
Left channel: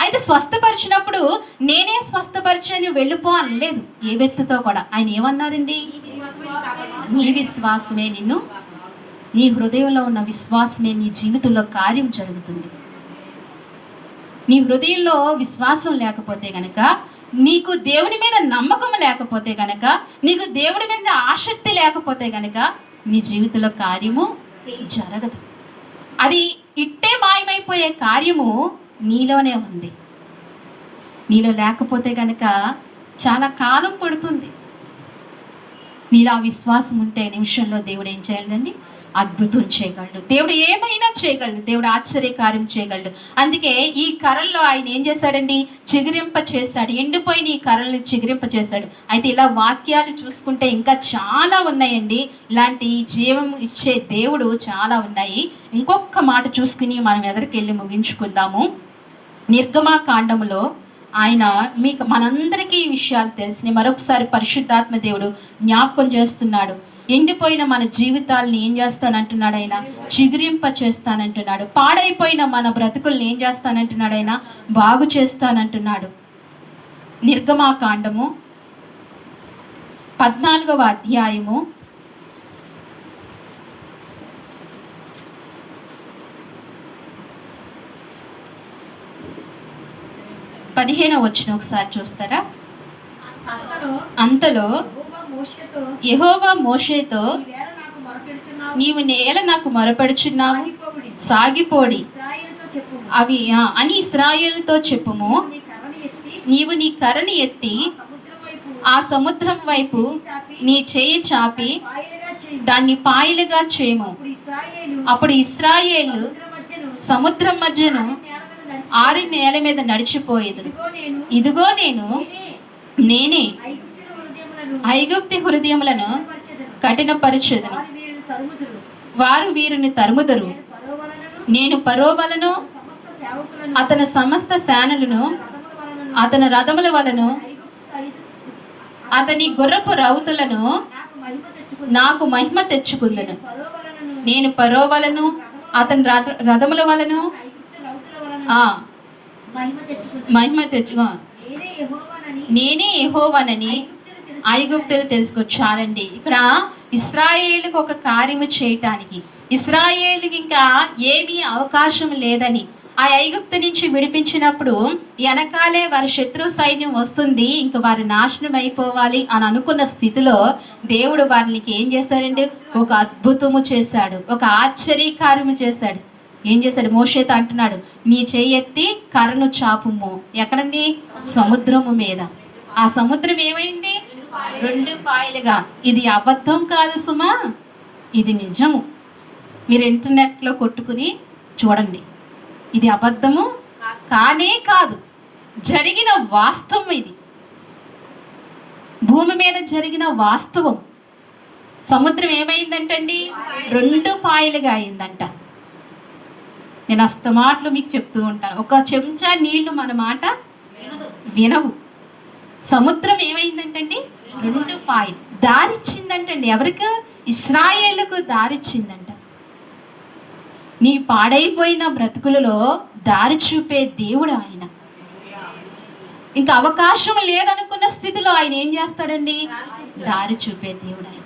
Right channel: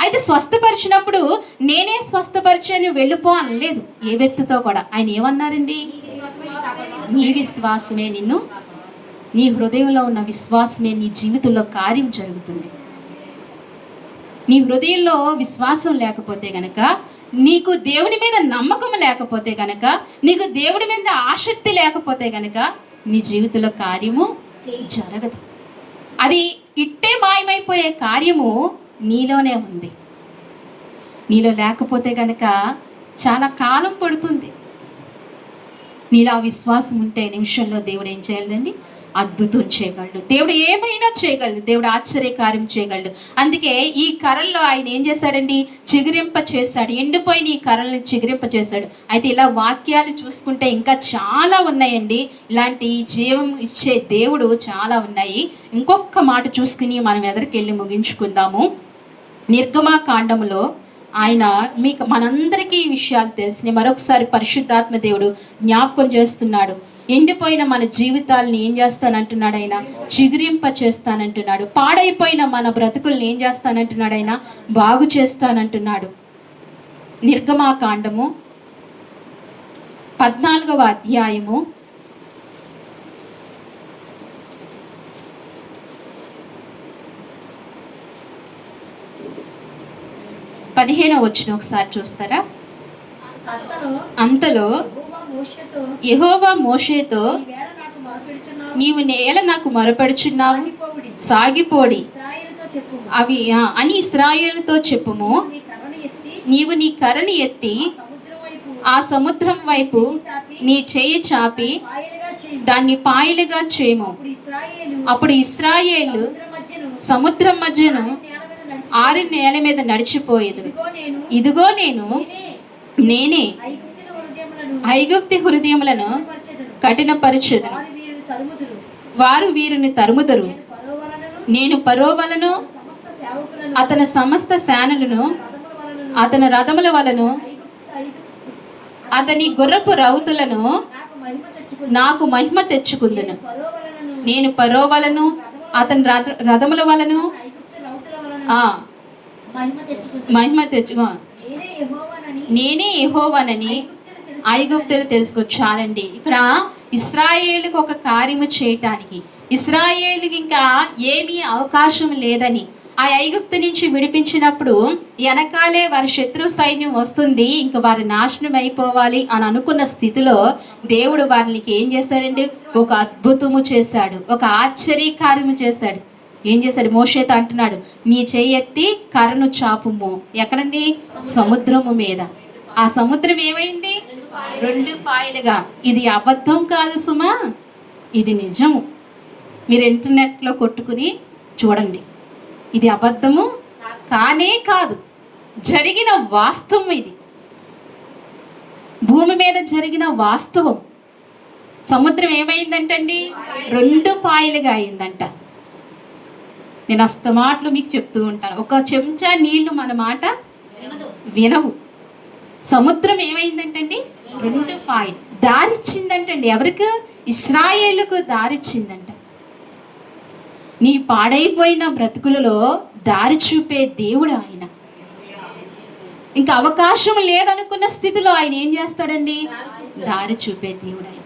అయితే స్వస్థపరిచినప్పుడు నేనే స్వస్థపరిచాను వెళ్ళిపో అనలేదు ఏ వ్యక్తితో కూడా. ఆయన ఏమన్నారండి? నీ విశ్వాసమే నిన్ను, నీ హృదయంలో ఉన్న విశ్వాసమే నీ జీవితంలో కార్యం జరుగుతుంది. నీ హృదయంలో విశ్వాసం లేకపోతే గనక, నీకు దేవుని మీద నమ్మకం లేకపోతే గనక, నీకు దేవుడి మీద ఆసక్తి లేకపోతే గనక నీ జీవితంలో కార్యము జరగదు. అది ఇట్టే మాయమైపోయే కార్యము నీలోనే ఉంది. నీలో లేకపోతే గనక చాలా కాలం పడుతుంది. నీలో విశ్వాసం ఉంటే నిమిషంలో దేవుడు ఏం చేయాలండి? అద్భుతం చేయగలడు. దేవుడు ఏమైనా చేయగలడు. దేవుడు ఆశ్చర్యకార్యం చేయగలడు. అందుకే ఈ కర్రల్లో ఆయన ఏం చేశాడండి? చిగురింప చేశాడు. ఎండిపోయిన ఈ కర్రల్ని చిగురింప చేశాడు. అయితే ఇలా వాక్యాలు చూసుకుంటే ఇంకా చాలా ఉన్నాయండి. ఇలాంటి జీవం ఇచ్చే దేవుడు చాలా ఉన్నాయి. ఇంకొక మాట చూసుకుని మనం ఎదరికెళ్ళి ముగించుకుందాము. నిర్గమాకాండంలో ఆయన మనందరికీ ఈ విషయాలు తెలిసినాయి. మరొకసారి పరిశుద్ధాత్మ దేవుడు జ్ఞాపకం చేస్తున్నాడు. ఎండిపోయిన మన జీవితాలను ఏం చేస్తానంటున్నాడు ఆయన? చిగురింప చేస్తానంటున్నాడు. పాడైపోయిన మన బ్రతుకుల్ని ఏం చేస్తానంటున్నాడు ఆయన? బాగు చేస్తానంటున్నాడు. నిర్గమాకాండము 14వ అధ్యాయము 15వ వచనం ఒకసారి చూస్తారా? అంతలో యెహోవా మోషేతో, నీవు నేల నాకు మొరపెడుచున్నావు, సాగిపోడి అవి అని ఇశ్రాయేలుతో చెప్పుము. నీవు నీ కర్రని ఎత్తి ఆ సముద్రం వైపు నీ చేయి చాపి దాన్ని పాయలుగా చేయము. అప్పుడు ఇశ్రాయేలు సముద్రం మధ్యను 6 నేల మీద నడిచిపోయేది. ఇదిగో నేనే ఐగుప్తి హృదయములను కఠినపరచెదను, వారు వీరిని తరుముదురు. నేను ఫరో వలన, అతని సమస్త సేనలను, అతని రథముల వలను, అతని గుర్రపు రౌతులను నాకు మహిమ తెచ్చుకుందును. నేను ఫరో వలను, అతని రథముల వలను మహిమ తెచ్చుకో, నేనే యెహోవానని ఐగుప్తులు తెలుసుకొచ్చారండి. ఇక్కడ ఇశ్రాయేలుకి ఒక కార్యము చేయటానికి, ఇశ్రాయేలుకి ఇంకా ఏమీ అవకాశం లేదని, ఆ ఐగుప్తు నుంచి విడిపించినప్పుడు వెనకాలే వారి శత్రు సైన్యం వస్తుంది, ఇంకా వారు నాశనం అయిపోవాలి అని అనుకున్న స్థితిలో దేవుడు వారికి ఏం చేశాడండి? ఒక అద్భుతము చేశాడు, ఒక ఆశ్చర్యకార్యము చేశాడు. ఏం చేశాడు? మోషేతో అంటున్నాడు, నీ చేయెత్తి కర్రను చాపుము. ఎక్కడండి? సముద్రము మీద. ఆ సముద్రం ఏమైంది? 2 పాయలుగా. ఇది అబద్ధం కాదు సుమా, ఇది నిజము. మీరు ఇంటర్నెట్లో కొట్టుకుని చూడండి. ఇది అబద్ధము కానే కాదు. జరిగిన వాస్తవం ఇది. భూమి మీద జరిగిన వాస్తవం. సముద్రం ఏమైందంటండి? 2 పాయలుగా అయిందంట. నేను అస్తమాట్లు మీకు చెప్తూ ఉంటాను, ఒక చెంచా నీళ్లు మన మాట వినవు. సముద్రం ఏమైందంటండి? 2 పాయలు. దారిచ్చిందంటండి. ఎవరికి? ఇశ్రాయేలుకు దారిచ్చిందంట. నీ పాడైపోయిన బ్రతుకులలో దారి చూపే దేవుడు ఆయన. ఇంకా అవకాశం లేదనుకున్న స్థితిలో ఆయన ఏం చేస్తాడండి? దారి చూపే దేవుడు ఆయన.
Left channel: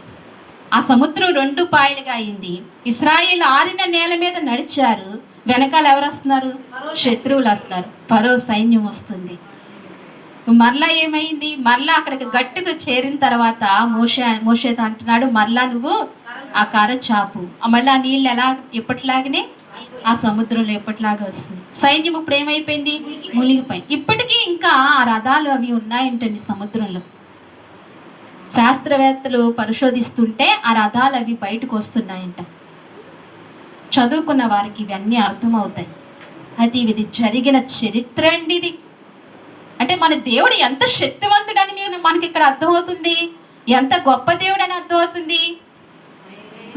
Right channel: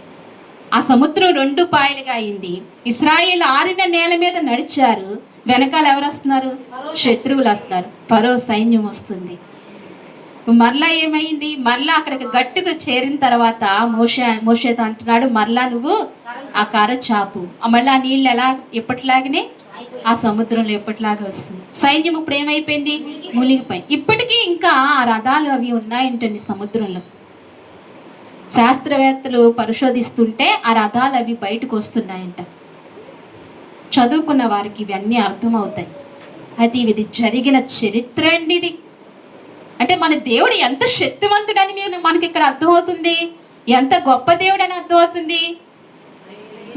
ఆ సముద్రం 2 పాయలుగా అయింది. ఇశ్రాయేలు ఆరిన నేల మీద నడిచారు. వెనకాల ఎవరు వస్తున్నారు? శత్రువులు వస్తారు. ఫరో సైన్యం వస్తుంది. మరలా ఏమైంది? మరలా అక్కడికి గట్టిగా చేరిన తర్వాత మోషేతో అంటున్నాడు, మరలా నువ్వు ఆ కర్ర చాపు. మళ్ళీ ఆ నీళ్ళు ఎలా ఎప్పటిలాగానే ఆ సముద్రంలో ఎప్పటిలాగా వస్తుంది. సైన్యం ఇప్పుడు ఏమైపోయింది? మునిగిపోయి. ఇప్పటికీ ఇంకా ఆ రథాలు అవి ఉన్నాయంటండి సముద్రంలో. శాస్త్రవేత్తలు పరిశోధిస్తుంటే ఆ రథాలు అవి బయటకు వస్తున్నాయంట. చదువుకున్న వారికి ఇవన్నీ అర్థమవుతాయి. అది ఇది జరిగిన చరిత్ర అండి ఇది. అంటే మన దేవుడు ఎంత శక్తివంతుడని మనకి ఇక్కడ అర్థమవుతుంది. ఎంత గొప్ప దేవుడు అని అర్థమవుతుంది.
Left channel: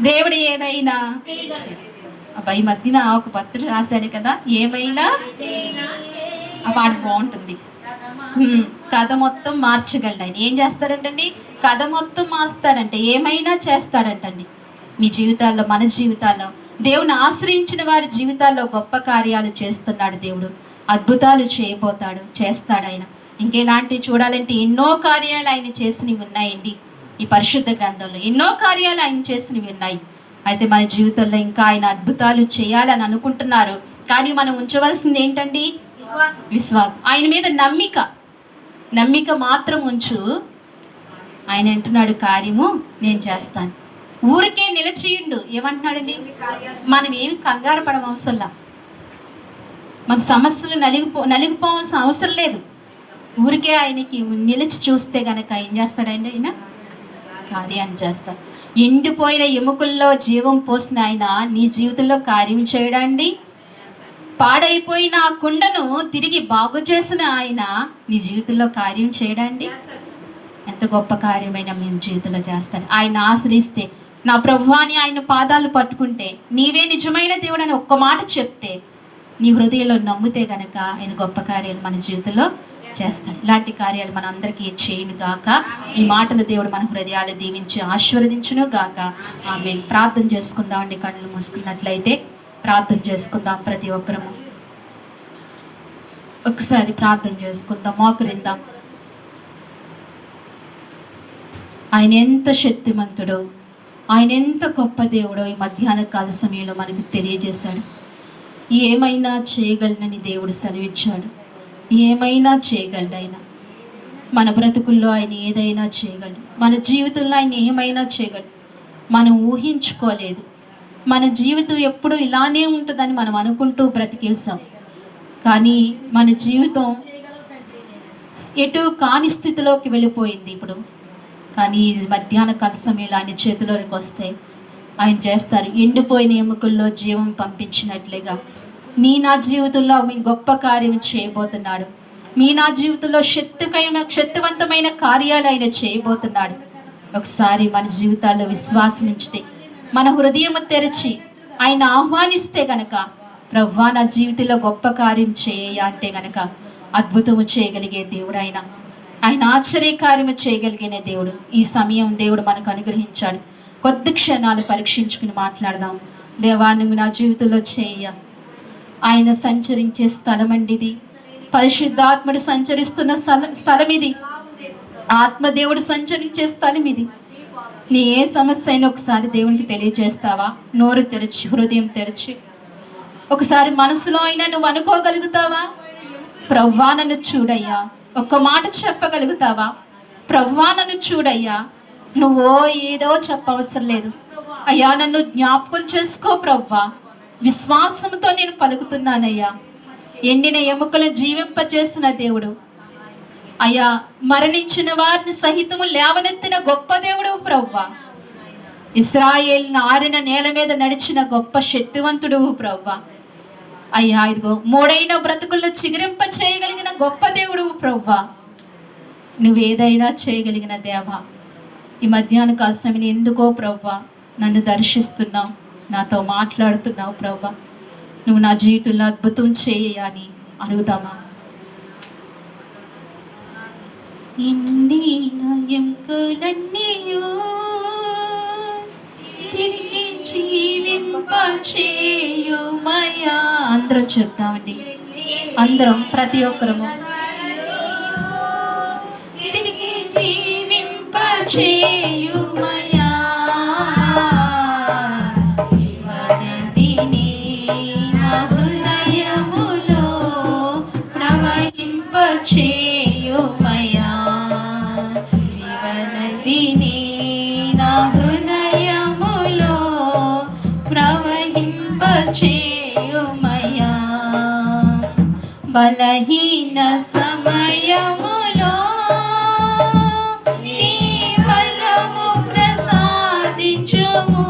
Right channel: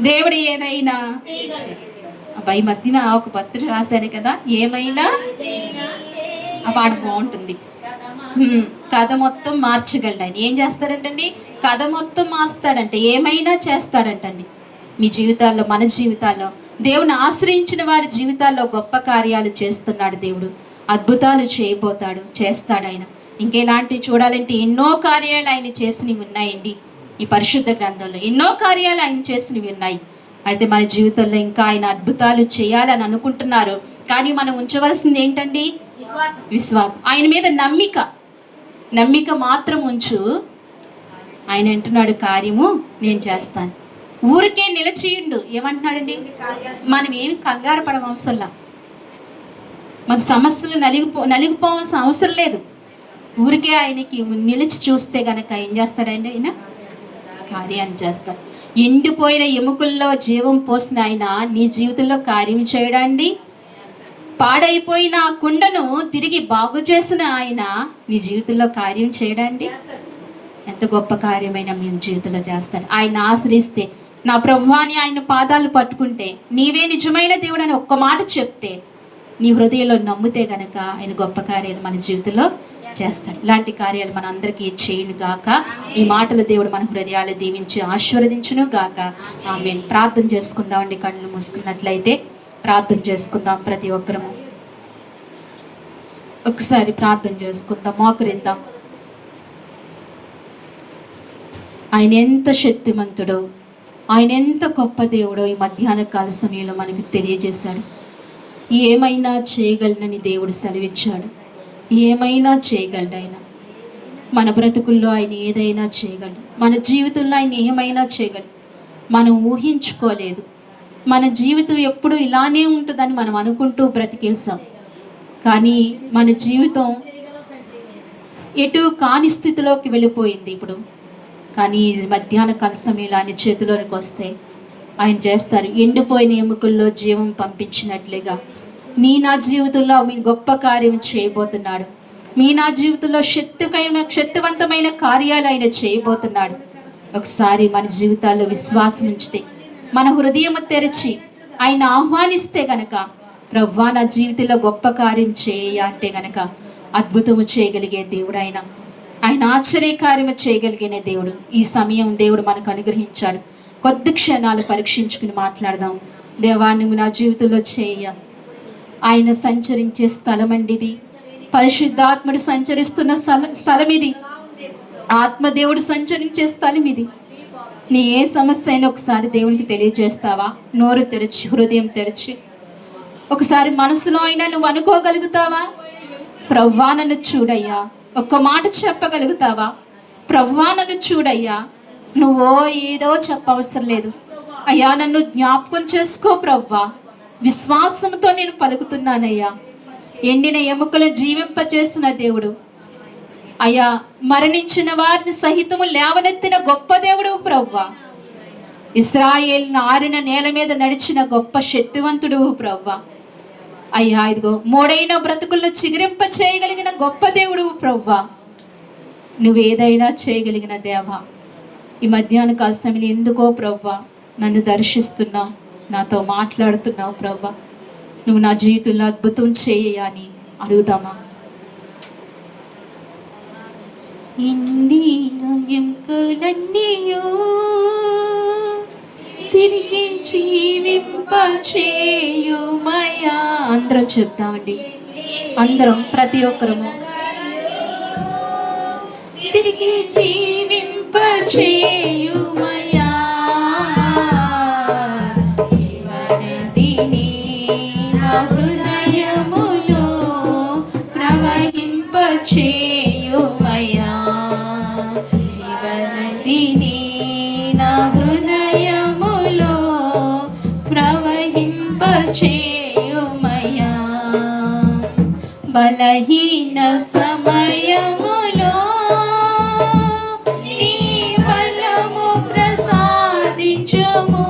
దేవుడు ఏదైనా ఈ మధ్యన ఒక పత్రిక రాశాడు కదా, ఏమైనా ఆ పాట బాగుంటుంది. కథ మొత్తం మార్చగలడు ఆయన. ఏం చేస్తాడంటండి? కథ మొత్తం మార్స్తాడంటే, ఏమైనా చేస్తాడంటండి. మీ జీవితాల్లో, మన జీవితాల్లో, దేవుని ఆశ్రయించిన వారి జీవితాల్లో గొప్ప కార్యాలు చేస్తున్నాడు దేవుడు. అద్భుతాలు చేస్తాడు ఆయన. ఇంకెలాంటివి చూడాలంటే ఎన్నో కార్యాలు ఆయన చేసినవి ఉన్నాయండి. ఈ పరిశుద్ధ గ్రంథంలో ఎన్నో కార్యాలు ఆయన చేసినవి ఉన్నాయి. అయితే మన జీవితంలో ఇంకా ఆయన అద్భుతాలు చేయాలని అనుకుంటున్నారు. కానీ మనం ఉంచవలసింది ఏంటండి? విశ్వాసం. ఆయన మీద నమ్మిక మాత్రం ఉంచు. ఆయన అంటున్నాడు, కార్యము నేను చేస్తాను. ఊరికే నిలిచియుండు. ఏమంటున్నాడండి? మనం ఏమి కంగారు పడవసరంలా. మన సమస్యలు నలిగిపోవాల్సిన అవసరం లేదు. ఊరికే ఆయనకి నిలిచి చూస్తే గనక ఏం చేస్తాడండి? ఆయన కార్యాన్ని చేస్తాడు. ఎండిపోయిన ఎముకల్లో జీవం పోసిన ఆయన నీ జీవితంలో కార్యం చేయడండి. పాడైపోయిన ఆ కుండను తిరిగి బాగు చేసిన ఆయన నీ జీవితంలో కార్యం చేయడండి. ఎంత గొప్ప కార్యమైన మీ జీవితంలో చేస్తాడు. ఆయన ఆశ్రయిస్తే, నా ప్రభువాని ఆయన పాదాలు పట్టుకుంటే, నీవే నిజమైన దేవుడు అని ఒక్క మాట చెప్తే, నీ హృదయంలో నమ్మితే గనక ఆయన గొప్ప కార్యాలు మన జీవితంలో చేస్తాడు. ఇలాంటి కార్యాలు మన అందరికీ చేయను గాక. ఈ మాటలు దేవుడు మన హృదయాలు దీవించి ఆశీర్వదించును గాక. ఆమేన్. ప్రార్థన చేసుకుందామండి. కళ్ళు మూసుకున్నట్లయితే ప్రార్థన చేసుకుందాం. ప్రతి ఒక్కరూ ఒకసారి ప్రార్థన చేసుకుందాం. మోకరిద్దాం. ఆయన ఎంత శక్తిమంతుడో, ఆయన ఎంత గొప్ప దేవుడో ఈ మధ్యాహ్న కాల సమయంలో మనకు తెలియజేశాడు. ఏమైనా చేయగలనని దేవుడు సెలవిచ్చాడు. ఏమైనా చేయగలడు ఆయన. మన బ్రతుకుల్లో ఆయన ఏదైనా చేయగలడు. మన జీవితంలో ఆయన ఏమైనా చేయగలడు. మనం ఊహించుకోలేదు. మన జీవితం ఎప్పుడు ఇలానే ఉంటుందని మనం అనుకుంటూ బ్రతికేసాం. కానీ మన జీవితం ఎటు కాని స్థితిలోకి వెళ్ళిపోయింది ఇప్పుడు. కానీ మధ్యాహ్న కాల సమయంలో ఆయన చేతిలోనికి వస్తే ఆయన చేస్తారు. ఎండిపోయిన ఎముకల్లో జీవం పంపించినట్లుగా నా జీవితంలో మీ గొప్ప కార్యం చేయబోతున్నాడు. నా జీవితంలో శక్తివంతమైన కార్యాలు ఆయన చేయబోతున్నాడు. ఒకసారి మన జీవితాల్లో విశ్వాసం ఉంచితే, మన హృదయం తెరిచి ఆయన ఆహ్వానిస్తే గనక, ప్రభువా నా జీవితంలో గొప్ప కార్యం చేయ అంటే గనక అద్భుతము చేయగలిగే దేవుడు ఆయన ఆశ్చర్యకార్యము చేయగలిగిన దేవుడు. ఈ సమయం దేవుడు మనకు అనుగ్రహించాడు. కొద్ది క్షణాలు పరీక్షించుకుని మాట్లాడదాం. దేవా నువ్వు నా జీవితంలో చేయ. ఆయన సంచరించే స్థలం అండి ఇది. పరిశుద్ధాత్ముడు సంచరిస్తున్న స్థలం ఇది. ఆత్మదేవుడు సంచరించే స్థలం ఇది. నీ ఏ సమస్య అయినా ఒకసారి దేవునికి తెలియజేస్తావా? నోరు తెరిచి, హృదయం తెరిచి ఒకసారి మనసులో అయినా నువ్వు అనుకోగలుగుతావా? ప్రభువా నన్ను చూడయ్యా. ఒక్క మాట చెప్పగలుగుతావా? ప్రభువా నన్ను చూడయ్యా. నువ్వో ఏదో చెప్పవసరం లేదు. అయ్యా నన్ను జ్ఞాపకం చేసుకో ప్రభువా. విశ్వాసంతో నేను పలుకుతున్నానయ్యా. ఎండిన ఎముకలు జీవింపచేసిన దేవుడు అయ్యా. మరణించిన వారిని సహితము లేవనెత్తిన గొప్ప దేవుడు ప్రభువా. ఇశ్రాయేలును ఆరిన నేల మీద నడిచిన గొప్ప శక్తివంతుడు ప్రభువా. అయ్యా ఇదిగో మూడైన బ్రతుకుల్లో చిగురింప చేయగలిగిన గొప్ప దేవుడు ప్రభువా. నువ్వేదైనా చేయగలిగిన దేవా. ఈ మధ్యాహ్న కాల సమయం ఎందుకో ప్రభువా నన్ను దర్శిస్తున్నావు, నాతో మాట్లాడుతున్నావు ప్రభువా. నువ్వు నా జీవితంలో అద్భుతం చేయని అడుగుతాను. ఇందిన ఎంకులన్నీయో తిరిగి జీవింపచేయుమయా. అందరం చెప్తామండి, అందరం ప్రతి ఒక్కరము. తిరిగి జీవింపచేయుమయా జీవనదిని నా హృదయములో ప్రవహింపచేయుమయా. జీవనదిని నా హృదయములో ప్రవహింపచేయుమయా. బలహీన సమయములో నీ బలము ప్రసాదించుము.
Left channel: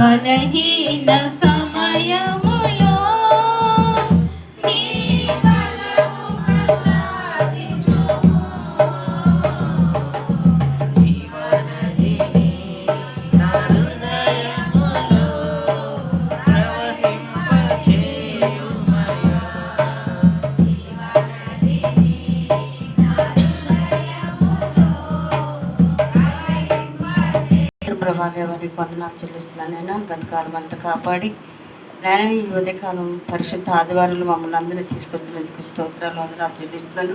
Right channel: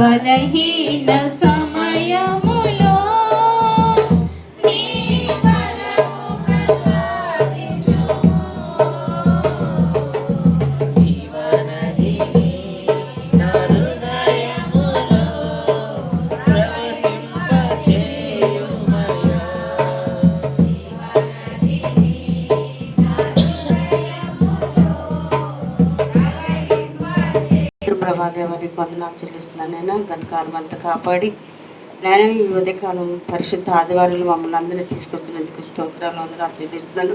బలహీన సమయములో నీ బలము ప్రసాదించుము. జీవనదిని నా హృదయములో ప్రవహింపచేయుమయా. ప్రభాదేవానికి వందనాలు చెల్లిస్తున్నాను. నేను గతకాలం అంతా కాపాడి నేను ఈ ఉదయకాలం పరిశుద్ధ ఆదివారంలో మమ్మల్ని అందరినీ తీసుకొచ్చినందుకు స్తోత్రాలు వందనాలు చెల్లిస్తున్నాను.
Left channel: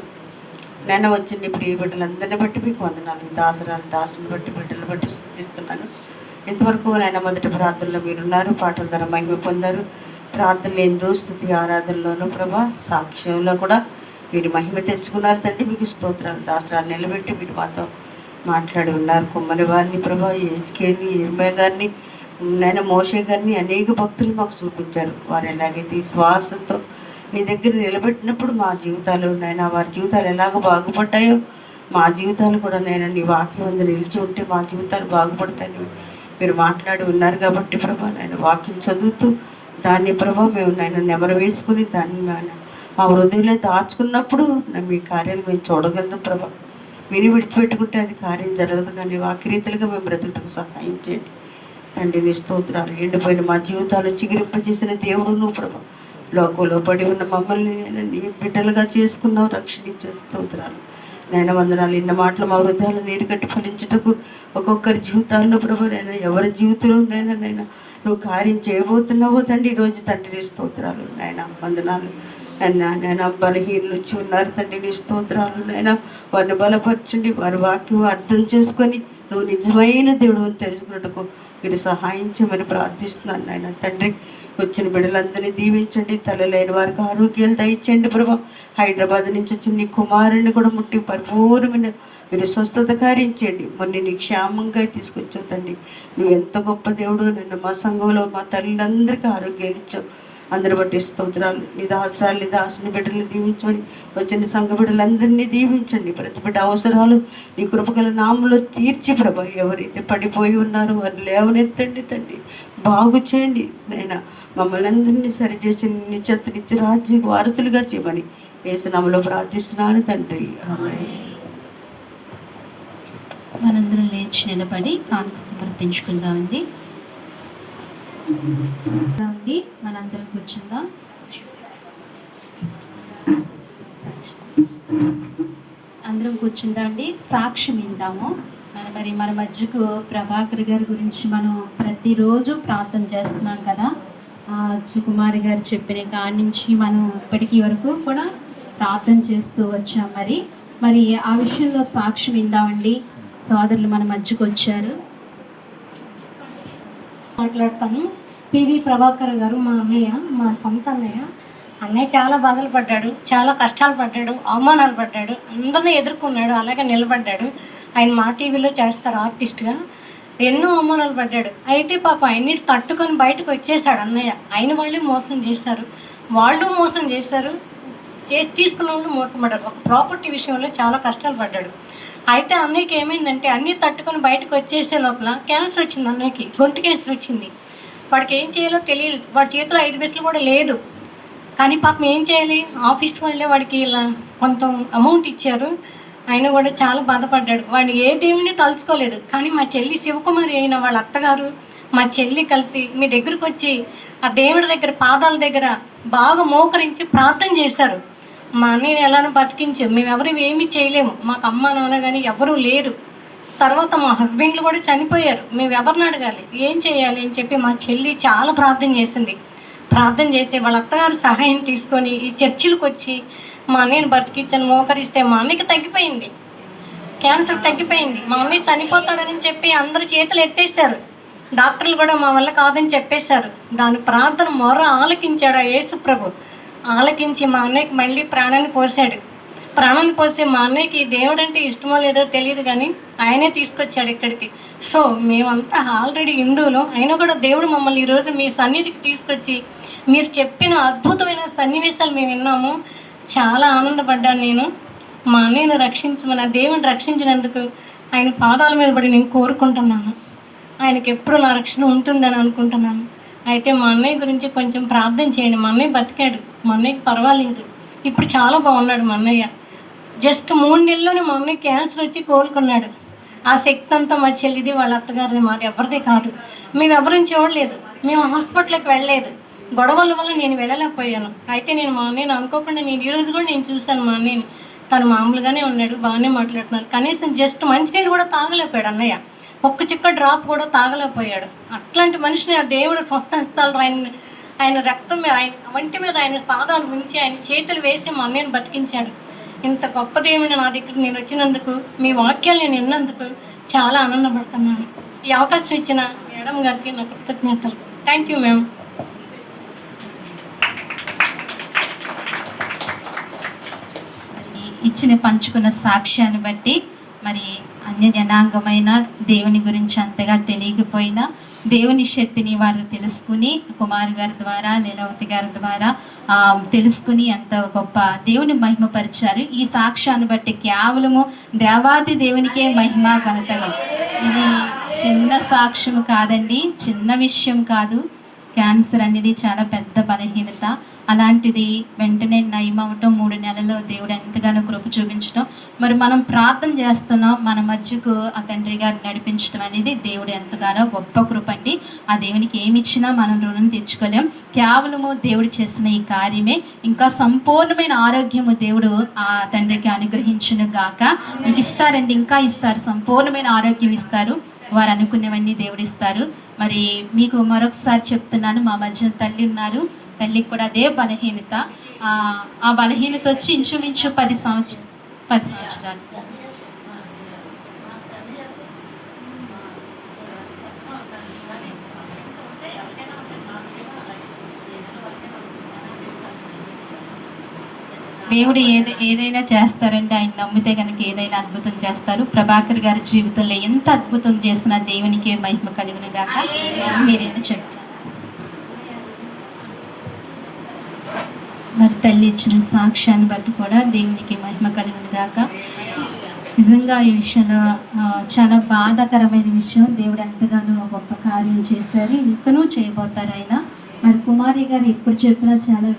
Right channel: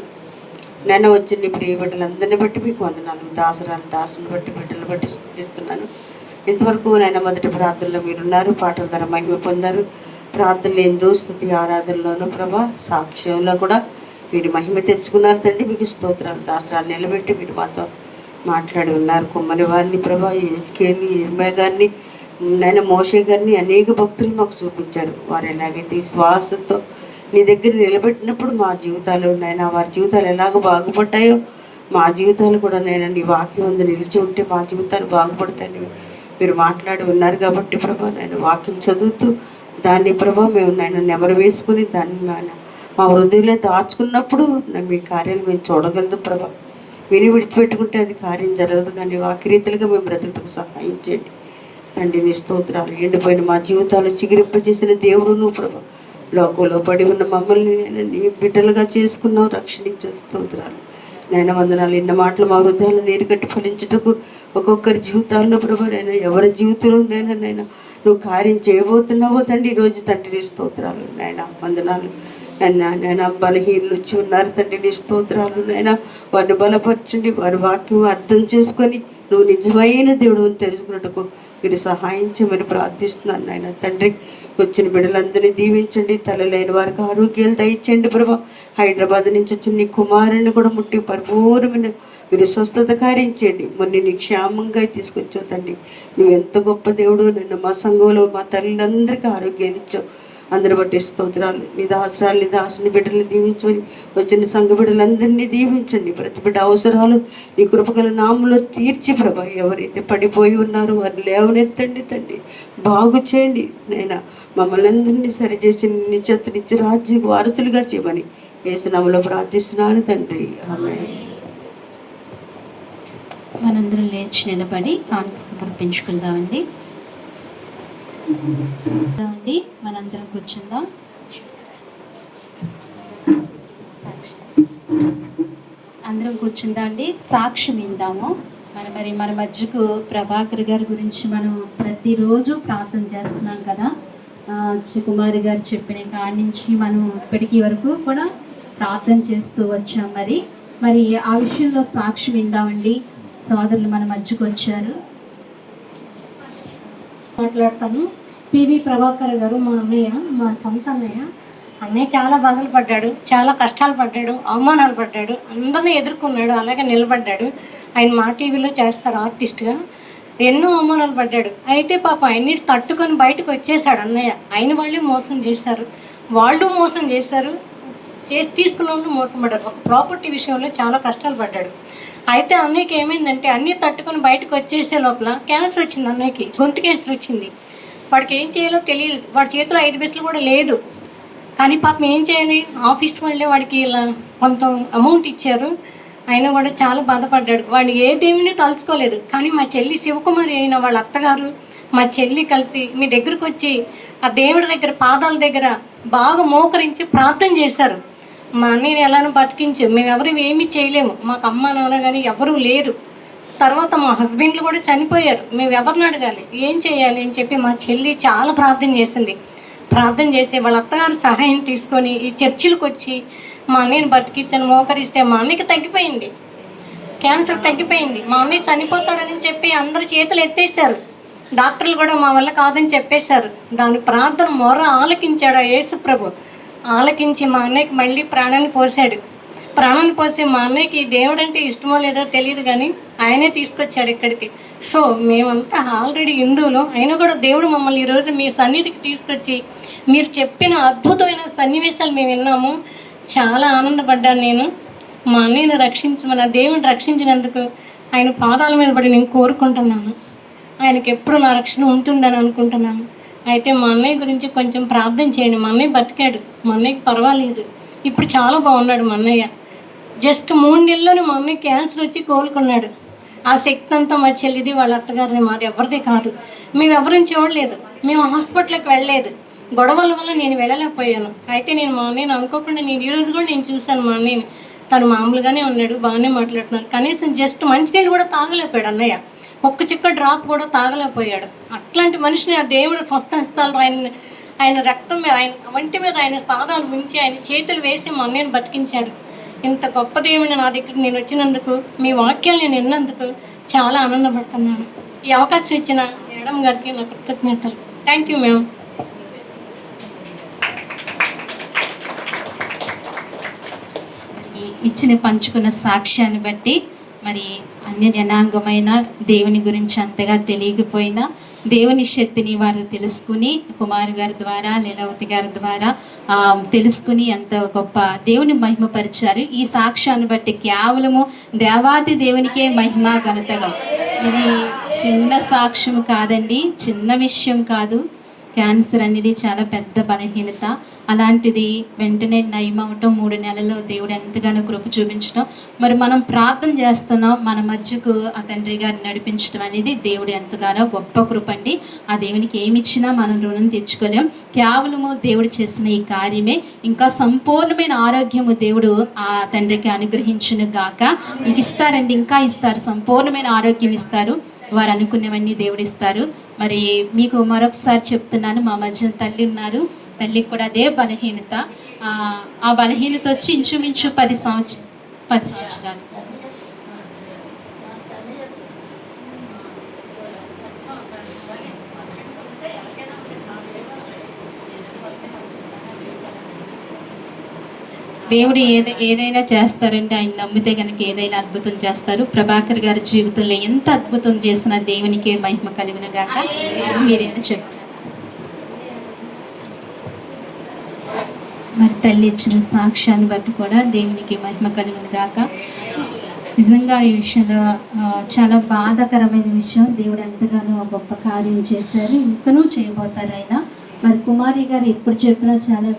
నేను వచ్చిన ఈ ప్రియ బిడ్డలందరినీ బట్టి మీకు వందనాలు. దాసుని బట్టి బిడ్డలను బట్టి స్తుతిస్తున్నాను. ఇంతవరకు నేను మొదటి ప్రార్థనలో మీరున్నారు, పాటల ద్వారా మహిమ పొందారు. ప్రార్థనలు ఎందు స్తుతి ఆరాధనలోనూ ప్రభా సాక్ష్యంలో కూడా మీరు మహిమ తెచ్చుకున్నారు తండ్రి. మీకు స్తోత్రాలు. దాసరాన్ని నిలబెట్టి మీరు మాతో మాట్లాడి ఉన్నారు. కుమ్మరి వారిని ప్రభా, హెచ్కేని, ఇర్మయ్య గారిని, నేను మోషే గారిని అనేక భక్తులు మాకు చూపించారు. వారు ఎలాగైతే ఈ శ్వాసంతో నీ దగ్గర నిలబెట్టినప్పుడు మా జీవితాలు నాయన వారి జీవితాలు ఎలాగ బాగుపడ్డాయో మా జీవితాలు కూడా నేను నీ వాక్యం ముందు నిలిచి ఉంటే మా జీవితాలు బాగుపడతాయని మీరు మాట్లాడి ఉన్నారు. కాబట్టి ప్రభా నేను వాక్యం చదువుతూ దాన్ని ప్రభా మేము నేను నెమరు వేసుకుని దాన్ని మా హృదయంలో దాచుకున్నప్పుడు మీ కార్యాలు మేము చూడగలదు ప్రభా. విని విడిచిపెట్టుకుంటే అది కార్యం జరగదు. కానీ వాక్యరీతులుగా మేము బ్రతుకుటకు సహాయం చేయండి తండ్రి. నీ స్తోత్రాలు. ఎండిపోయిన మా జీవితాలు చిగురింపజేసిన దేవుడు నువ్వు ప్రభా. లోకంలో పడి ఉన్న మమ్మల్ని నీ బిడ్డలుగా చేసుకున్నావు, రక్షణించే స్తోత్రాలు. నేను వందనాలు. ఇన్న మాటలు మా హృదయాలు నీరు కట్టి ఫలించుటకు ఒక్కొక్కరి జీవితాల్లో ప్రభా నేను ఎవరి జీవితంలో నేను నువ్వు కార్యం చేయబోతున్నావో తండ్రి ఈరోజు తండ్రి. నీ స్తోత్రాలు నాయన వందనాలు. నేను బలహీనలు వచ్చి ఉన్నారు తండ్రి. నీ స్తోత్రాలు నాయన. వారిని బలపరచండి, వారి వాక్యం అర్థం చేసుకొని నువ్వు నిజమైన దేవుడు అని తెలుసుకున్నట్టుకు మీరు సహాయం చేయమని ప్రార్థిస్తున్నాను నాయన తండ్రి. వచ్చిన బిడ్డలందరినీ దీవించండి. తలలేని వారికి ఆరోగ్యాలు దయచేయండి ప్రభా. హైదరాబాద్ నుంచి వచ్చిన నీ కుమారుని కూడా ముట్టి పరిపూర్ణమైన మీరు స్వస్థత కార్యం చేయండి. మొన్న నీ క్షేమంగా తీసుకొచ్చావు తండ్రి. నువ్వు ఎంత గొప్ప దేవుడు. నిన్న మా సంఘంలో మా తల్లిదందరికీ ఆరోగ్యాలు ఇచ్చావు. అందరి బట్టి స్తోత్రాలు. నీ దాసరాలు, నీ దాసుని బిడ్డలను దీవించమని వచ్చిన సంఘ బిడ్డలందరినీ దీవించండి. ప్రతి బిడ్డ అవసరాలు నీ కృపగల నామంలో తీర్చి ప్రభా. ఎవరైతే పడిపోయి ఉన్నారో వారు లేవనెత్తండి తండ్రి. బాగు చేయండి నైనా. మమ్మల్ని అందరినీ సరిచేసి నీ చెత్తనిచ్చి రాజ్యకు వారసులుగా చేయమని యేసు నామములో ప్రార్థిస్తున్నాను తండ్రి. ఆమేన్. మనందరం లేచి నిలబడి కానుక సమర్పించుకుందామండి. మనందరం కూర్చుందాం. అందరం కూర్చుందా అండి. సాక్ష్యం ఇందాము. మన మధ్యకు ప్రభాకర్ గారి గురించి మనం ప్రతిరోజు ప్రార్థన చేస్తున్నాం కదా. కుమారి గారు చెప్పిన కాడి నుంచి మనం ఇప్పటికీ వరకు కూడా ప్రార్థన చేస్తూ వచ్చాం. మరి ఆ విషయంలో సాక్ష్యం ఇందామండి. సోదరులు మన మధ్యకు వచ్చారు. మాట్లాడతాను. పివి ప్రభాకర్ గారు మా అన్నయ్య, మా సొంత అన్నయ్య చాలా బాధలు పడ్డాడు, చాలా కష్టాలు పడ్డాడు, అవమానాలు పడ్డాడు, అందరినీ ఎదుర్కొన్నాడు, అలాగే నిలబడ్డాడు. ఆయన మా టీవీలో చేస్తారు ఆర్టిస్ట్గా. ఎన్నో అవమానాలు పడ్డాడు. అయితే పాప అన్నిటి తట్టుకొని బయటకు వచ్చేసాడు అన్నయ్య. ఆయన వాళ్ళే మోసం చేశారు, తీసుకున్న వాళ్ళు మోసం పడ్డారు. ప్రాపర్టీ విషయంలో చాలా కష్టాలు పడ్డాడు. అయితే అన్నయ్యకి ఏమైందంటే అన్నీ తట్టుకొని బయటకు వచ్చేసే లోపల క్యాన్సర్ వచ్చింది. అన్నయ్యకి గొంతు క్యాన్సర్ వచ్చింది. వాడికి ఏం చేయాలో తెలియదు, వాడి చేతిలో 5 పైసలు కూడా లేదు. కానీ పాపం ఏం చేయాలి, ఆఫీస్ వాళ్ళే వాడికి ఇలా కొంత అమౌంట్ ఇచ్చారు. ఆయన కూడా చాలా బాధపడ్డాడు. వాడిని ఏ దేవుని తలుచుకోలేదు. కానీ మా చెల్లి శివకుమారి అయిన వాళ్ళ అత్తగారు మా చెల్లి కలిసి మీ దగ్గరకు వచ్చి ఆ దేవుడి దగ్గర పాదాల దగ్గర బాగా మోకరించి ప్రార్థన చేశారు. మా అన్నయ్యని ఎలానో బతికించారు. మేము ఎవరు ఏమీ చేయలేము, మాకు అమ్మ నాన్న కానీ ఎవరూ లేరు. తర్వాత మా హస్బెండ్లు కూడా చనిపోయారు. మేము ఎవరిని అడగాలి, ఏం చేయాలి అని చెప్పి మా చెల్లి చాలా ప్రార్థన చేసింది. ప్రార్థన చేసి వాళ్ళ అత్తగారు సహాయం తీసుకొని ఈ చర్చిలకు వచ్చి మా అన్నయ్యని బతికించని మోకరిస్తే మా అన్నయ్యకి తగ్గిపోయింది, క్యాన్సర్ తగ్గిపోయింది. మా అన్నయ్య చనిపోతాడని చెప్పి అందరు చేతులు ఎత్తేసారు. డాక్టర్లు కూడా మా వల్ల కాదని చెప్పేశారు. దాని ప్రార్థన మొర్ర ఆలకించాడు ఆ యేసు ప్రభు. ఆలకించి మా అన్నయ్యకి మళ్ళీ ప్రాణాన్ని పోసాడు. ప్రాణాన్ని పోసి మా అన్నయ్యకి దేవుడు అంటే ఇష్టమో లేదో తెలియదు, కానీ ఆయనే తీసుకొచ్చాడు ఇక్కడికి. సో మేమంతా ఆల్రెడీ హిందువులు అయినా కూడా దేవుడు మమ్మల్ని ఈరోజు మీ సన్నిధికి తీసుకొచ్చి మీరు చెప్పిన అద్భుతమైన సన్నివేశాలు మేము విన్నాము. చాలా ఆనందపడ్డాను నేను. మా అన్నయ్యను రక్షించమని ఆ దేవుని రక్షించినందుకు ఆయన పాదాల మీద పడి నేను కోరుకుంటున్నాను. ఆయనకి ఎప్పుడు నా రక్షణ ఉంటుందని అనుకుంటున్నాను. అయితే మా అన్నయ్య గురించి కొంచెం ప్రార్థన చేయండి. మా అన్నయ్య బతికాడు, మా అన్నయ్యకి పర్వాలేదు, ఇప్పుడు చాలా బాగున్నాడు మా అన్నయ్య. జస్ట్ 3 నెలల్లోనే మా అన్నయ్య క్యాన్సర్ వచ్చి కోలుకున్నాడు. ఆ శక్తి అంతా మా చెల్లిది, వాళ్ళ అత్తగారిది, మాది ఎవరిది కాదు. మేము ఎవరిని చూడలేదు, మేము హాస్పిటల్కి వెళ్ళలేదు. గొడవల వల్ల నేను వెళ్ళలేకపోయాను. అయితే నేను మా అన్నయ్యని అనుకోకుండా నేను ఈరోజు కూడా నేను చూశాను మా అన్నయ్యని. తను మామూలుగానే ఉన్నాడు, బాగానే మాట్లాడుతున్నారు. కనీసం జస్ట్ మంచినీళ్ళు కూడా తాగలేకపోయాడు అన్నయ్య, ఒక్క చిక్క డ్రాప్ కూడా తాగలేకపోయాడు. అట్లాంటి మనిషిని ఆ దేవుడు స్వస్థస్థాలు ఆయన రక్తం మీద, ఆయన వంటి మీద ఆయన పాదాలు ఉంచి ఆయన చేతులు వేసి మా అన్నయ్యని బతికించాడు. ఇంత గొప్ప దేవుని నా దగ్గరికి నేను వచ్చినందుకు, మీ వాక్యాలు నేను విన్నందుకు చాలా ఆనందపడుతున్నాను. ఈ అవకాశం ఇచ్చిన మేడం గారికి నా కృతజ్ఞతలు. Thank you ma'am. ఇచ్చిన పంచుకున్న సాక్ష్యాన్ని బట్టి మరి అన్య జనాంగమైన దేవుని గురించి అంతగా తెలియకపోయినా దేవుని శక్తిని వారు తెలుసుకుని కుమార్ గారి ద్వారా, లీలావతి గారి ద్వారా తెలుసుకుని ఎంత గొప్ప దేవుని మహిమపరిచారు. ఈ సాక్ష్యాన్ని బట్టి కేవలము దేవాది దేవునికే మహిమ ఘనతగా. ఇది చిన్న సాక్ష్యం కాదండి, చిన్న విషయం కాదు. క్యాన్సర్ అనేది చాలా పెద్ద బలహీనత. అలాంటిది వెంటనే నయమవటం, 3 నెలల్లో దేవుడు ఎంతగానో కృప చూపించడం, మరి మనం ప్రార్థన చేస్తున్నాం, మన మధ్యకు ఆ తండ్రి గారిని నడిపించడం అనేది దేవుడు ఎంతగానో గొప్ప కృప అండి. ఆ దేవునికి ఏమి ఇచ్చినా మనం రుణం తెచ్చుకోలేం. కేవలము దేవుడు చేసిన ఈ కార్యమే. ఇంకా సంపూర్ణమైన ఆరోగ్యము దేవుడు ఆ తండ్రికి అనుగ్రహించును గాక. ఇంక ఇస్తారండి, ఇంకా ఇస్తారు, సంపూర్ణమైన ఆరోగ్యం ఇస్తారు. వారు అనుకునేవన్నీ దేవుడు ఇస్తారు. మరి మీకు మరొకసారి చెప్తున్నాను, మా మధ్య తల్లి ఉన్నారు, తల్లికి కూడా అదే బలహీనత. ఆ బలహీనత వచ్చి ఇంచుమించు 10 సంవత్సరాలు. దేవుడు ఏదైనా చేస్తారంటే ఆయన నమ్మితే కనుక ఏదైనా అద్భుతం చేస్తారు. ప్రభాకర్ గారి జీవితంలో ఎంత అద్భుతం చేసినా దేవునికే మహిమ కలుగును గాక. మీరేనా చెప్తారు? మరి తల్లి ఇచ్చిన సాక్ష్యాన్ని బట్టి కూడా దేవునికి మహిమ కలుగును గాక. నిజంగా ఈ విషయంలో చాలా బాధాకరమైన విషయం. దేవుడు ఎంతగానో గొప్ప కార్యం చేశారు, ఇంకనూ చేయబోతారు ఆయన. మరి కుమారి గారు ఎప్పుడు చెప్పినా చాలా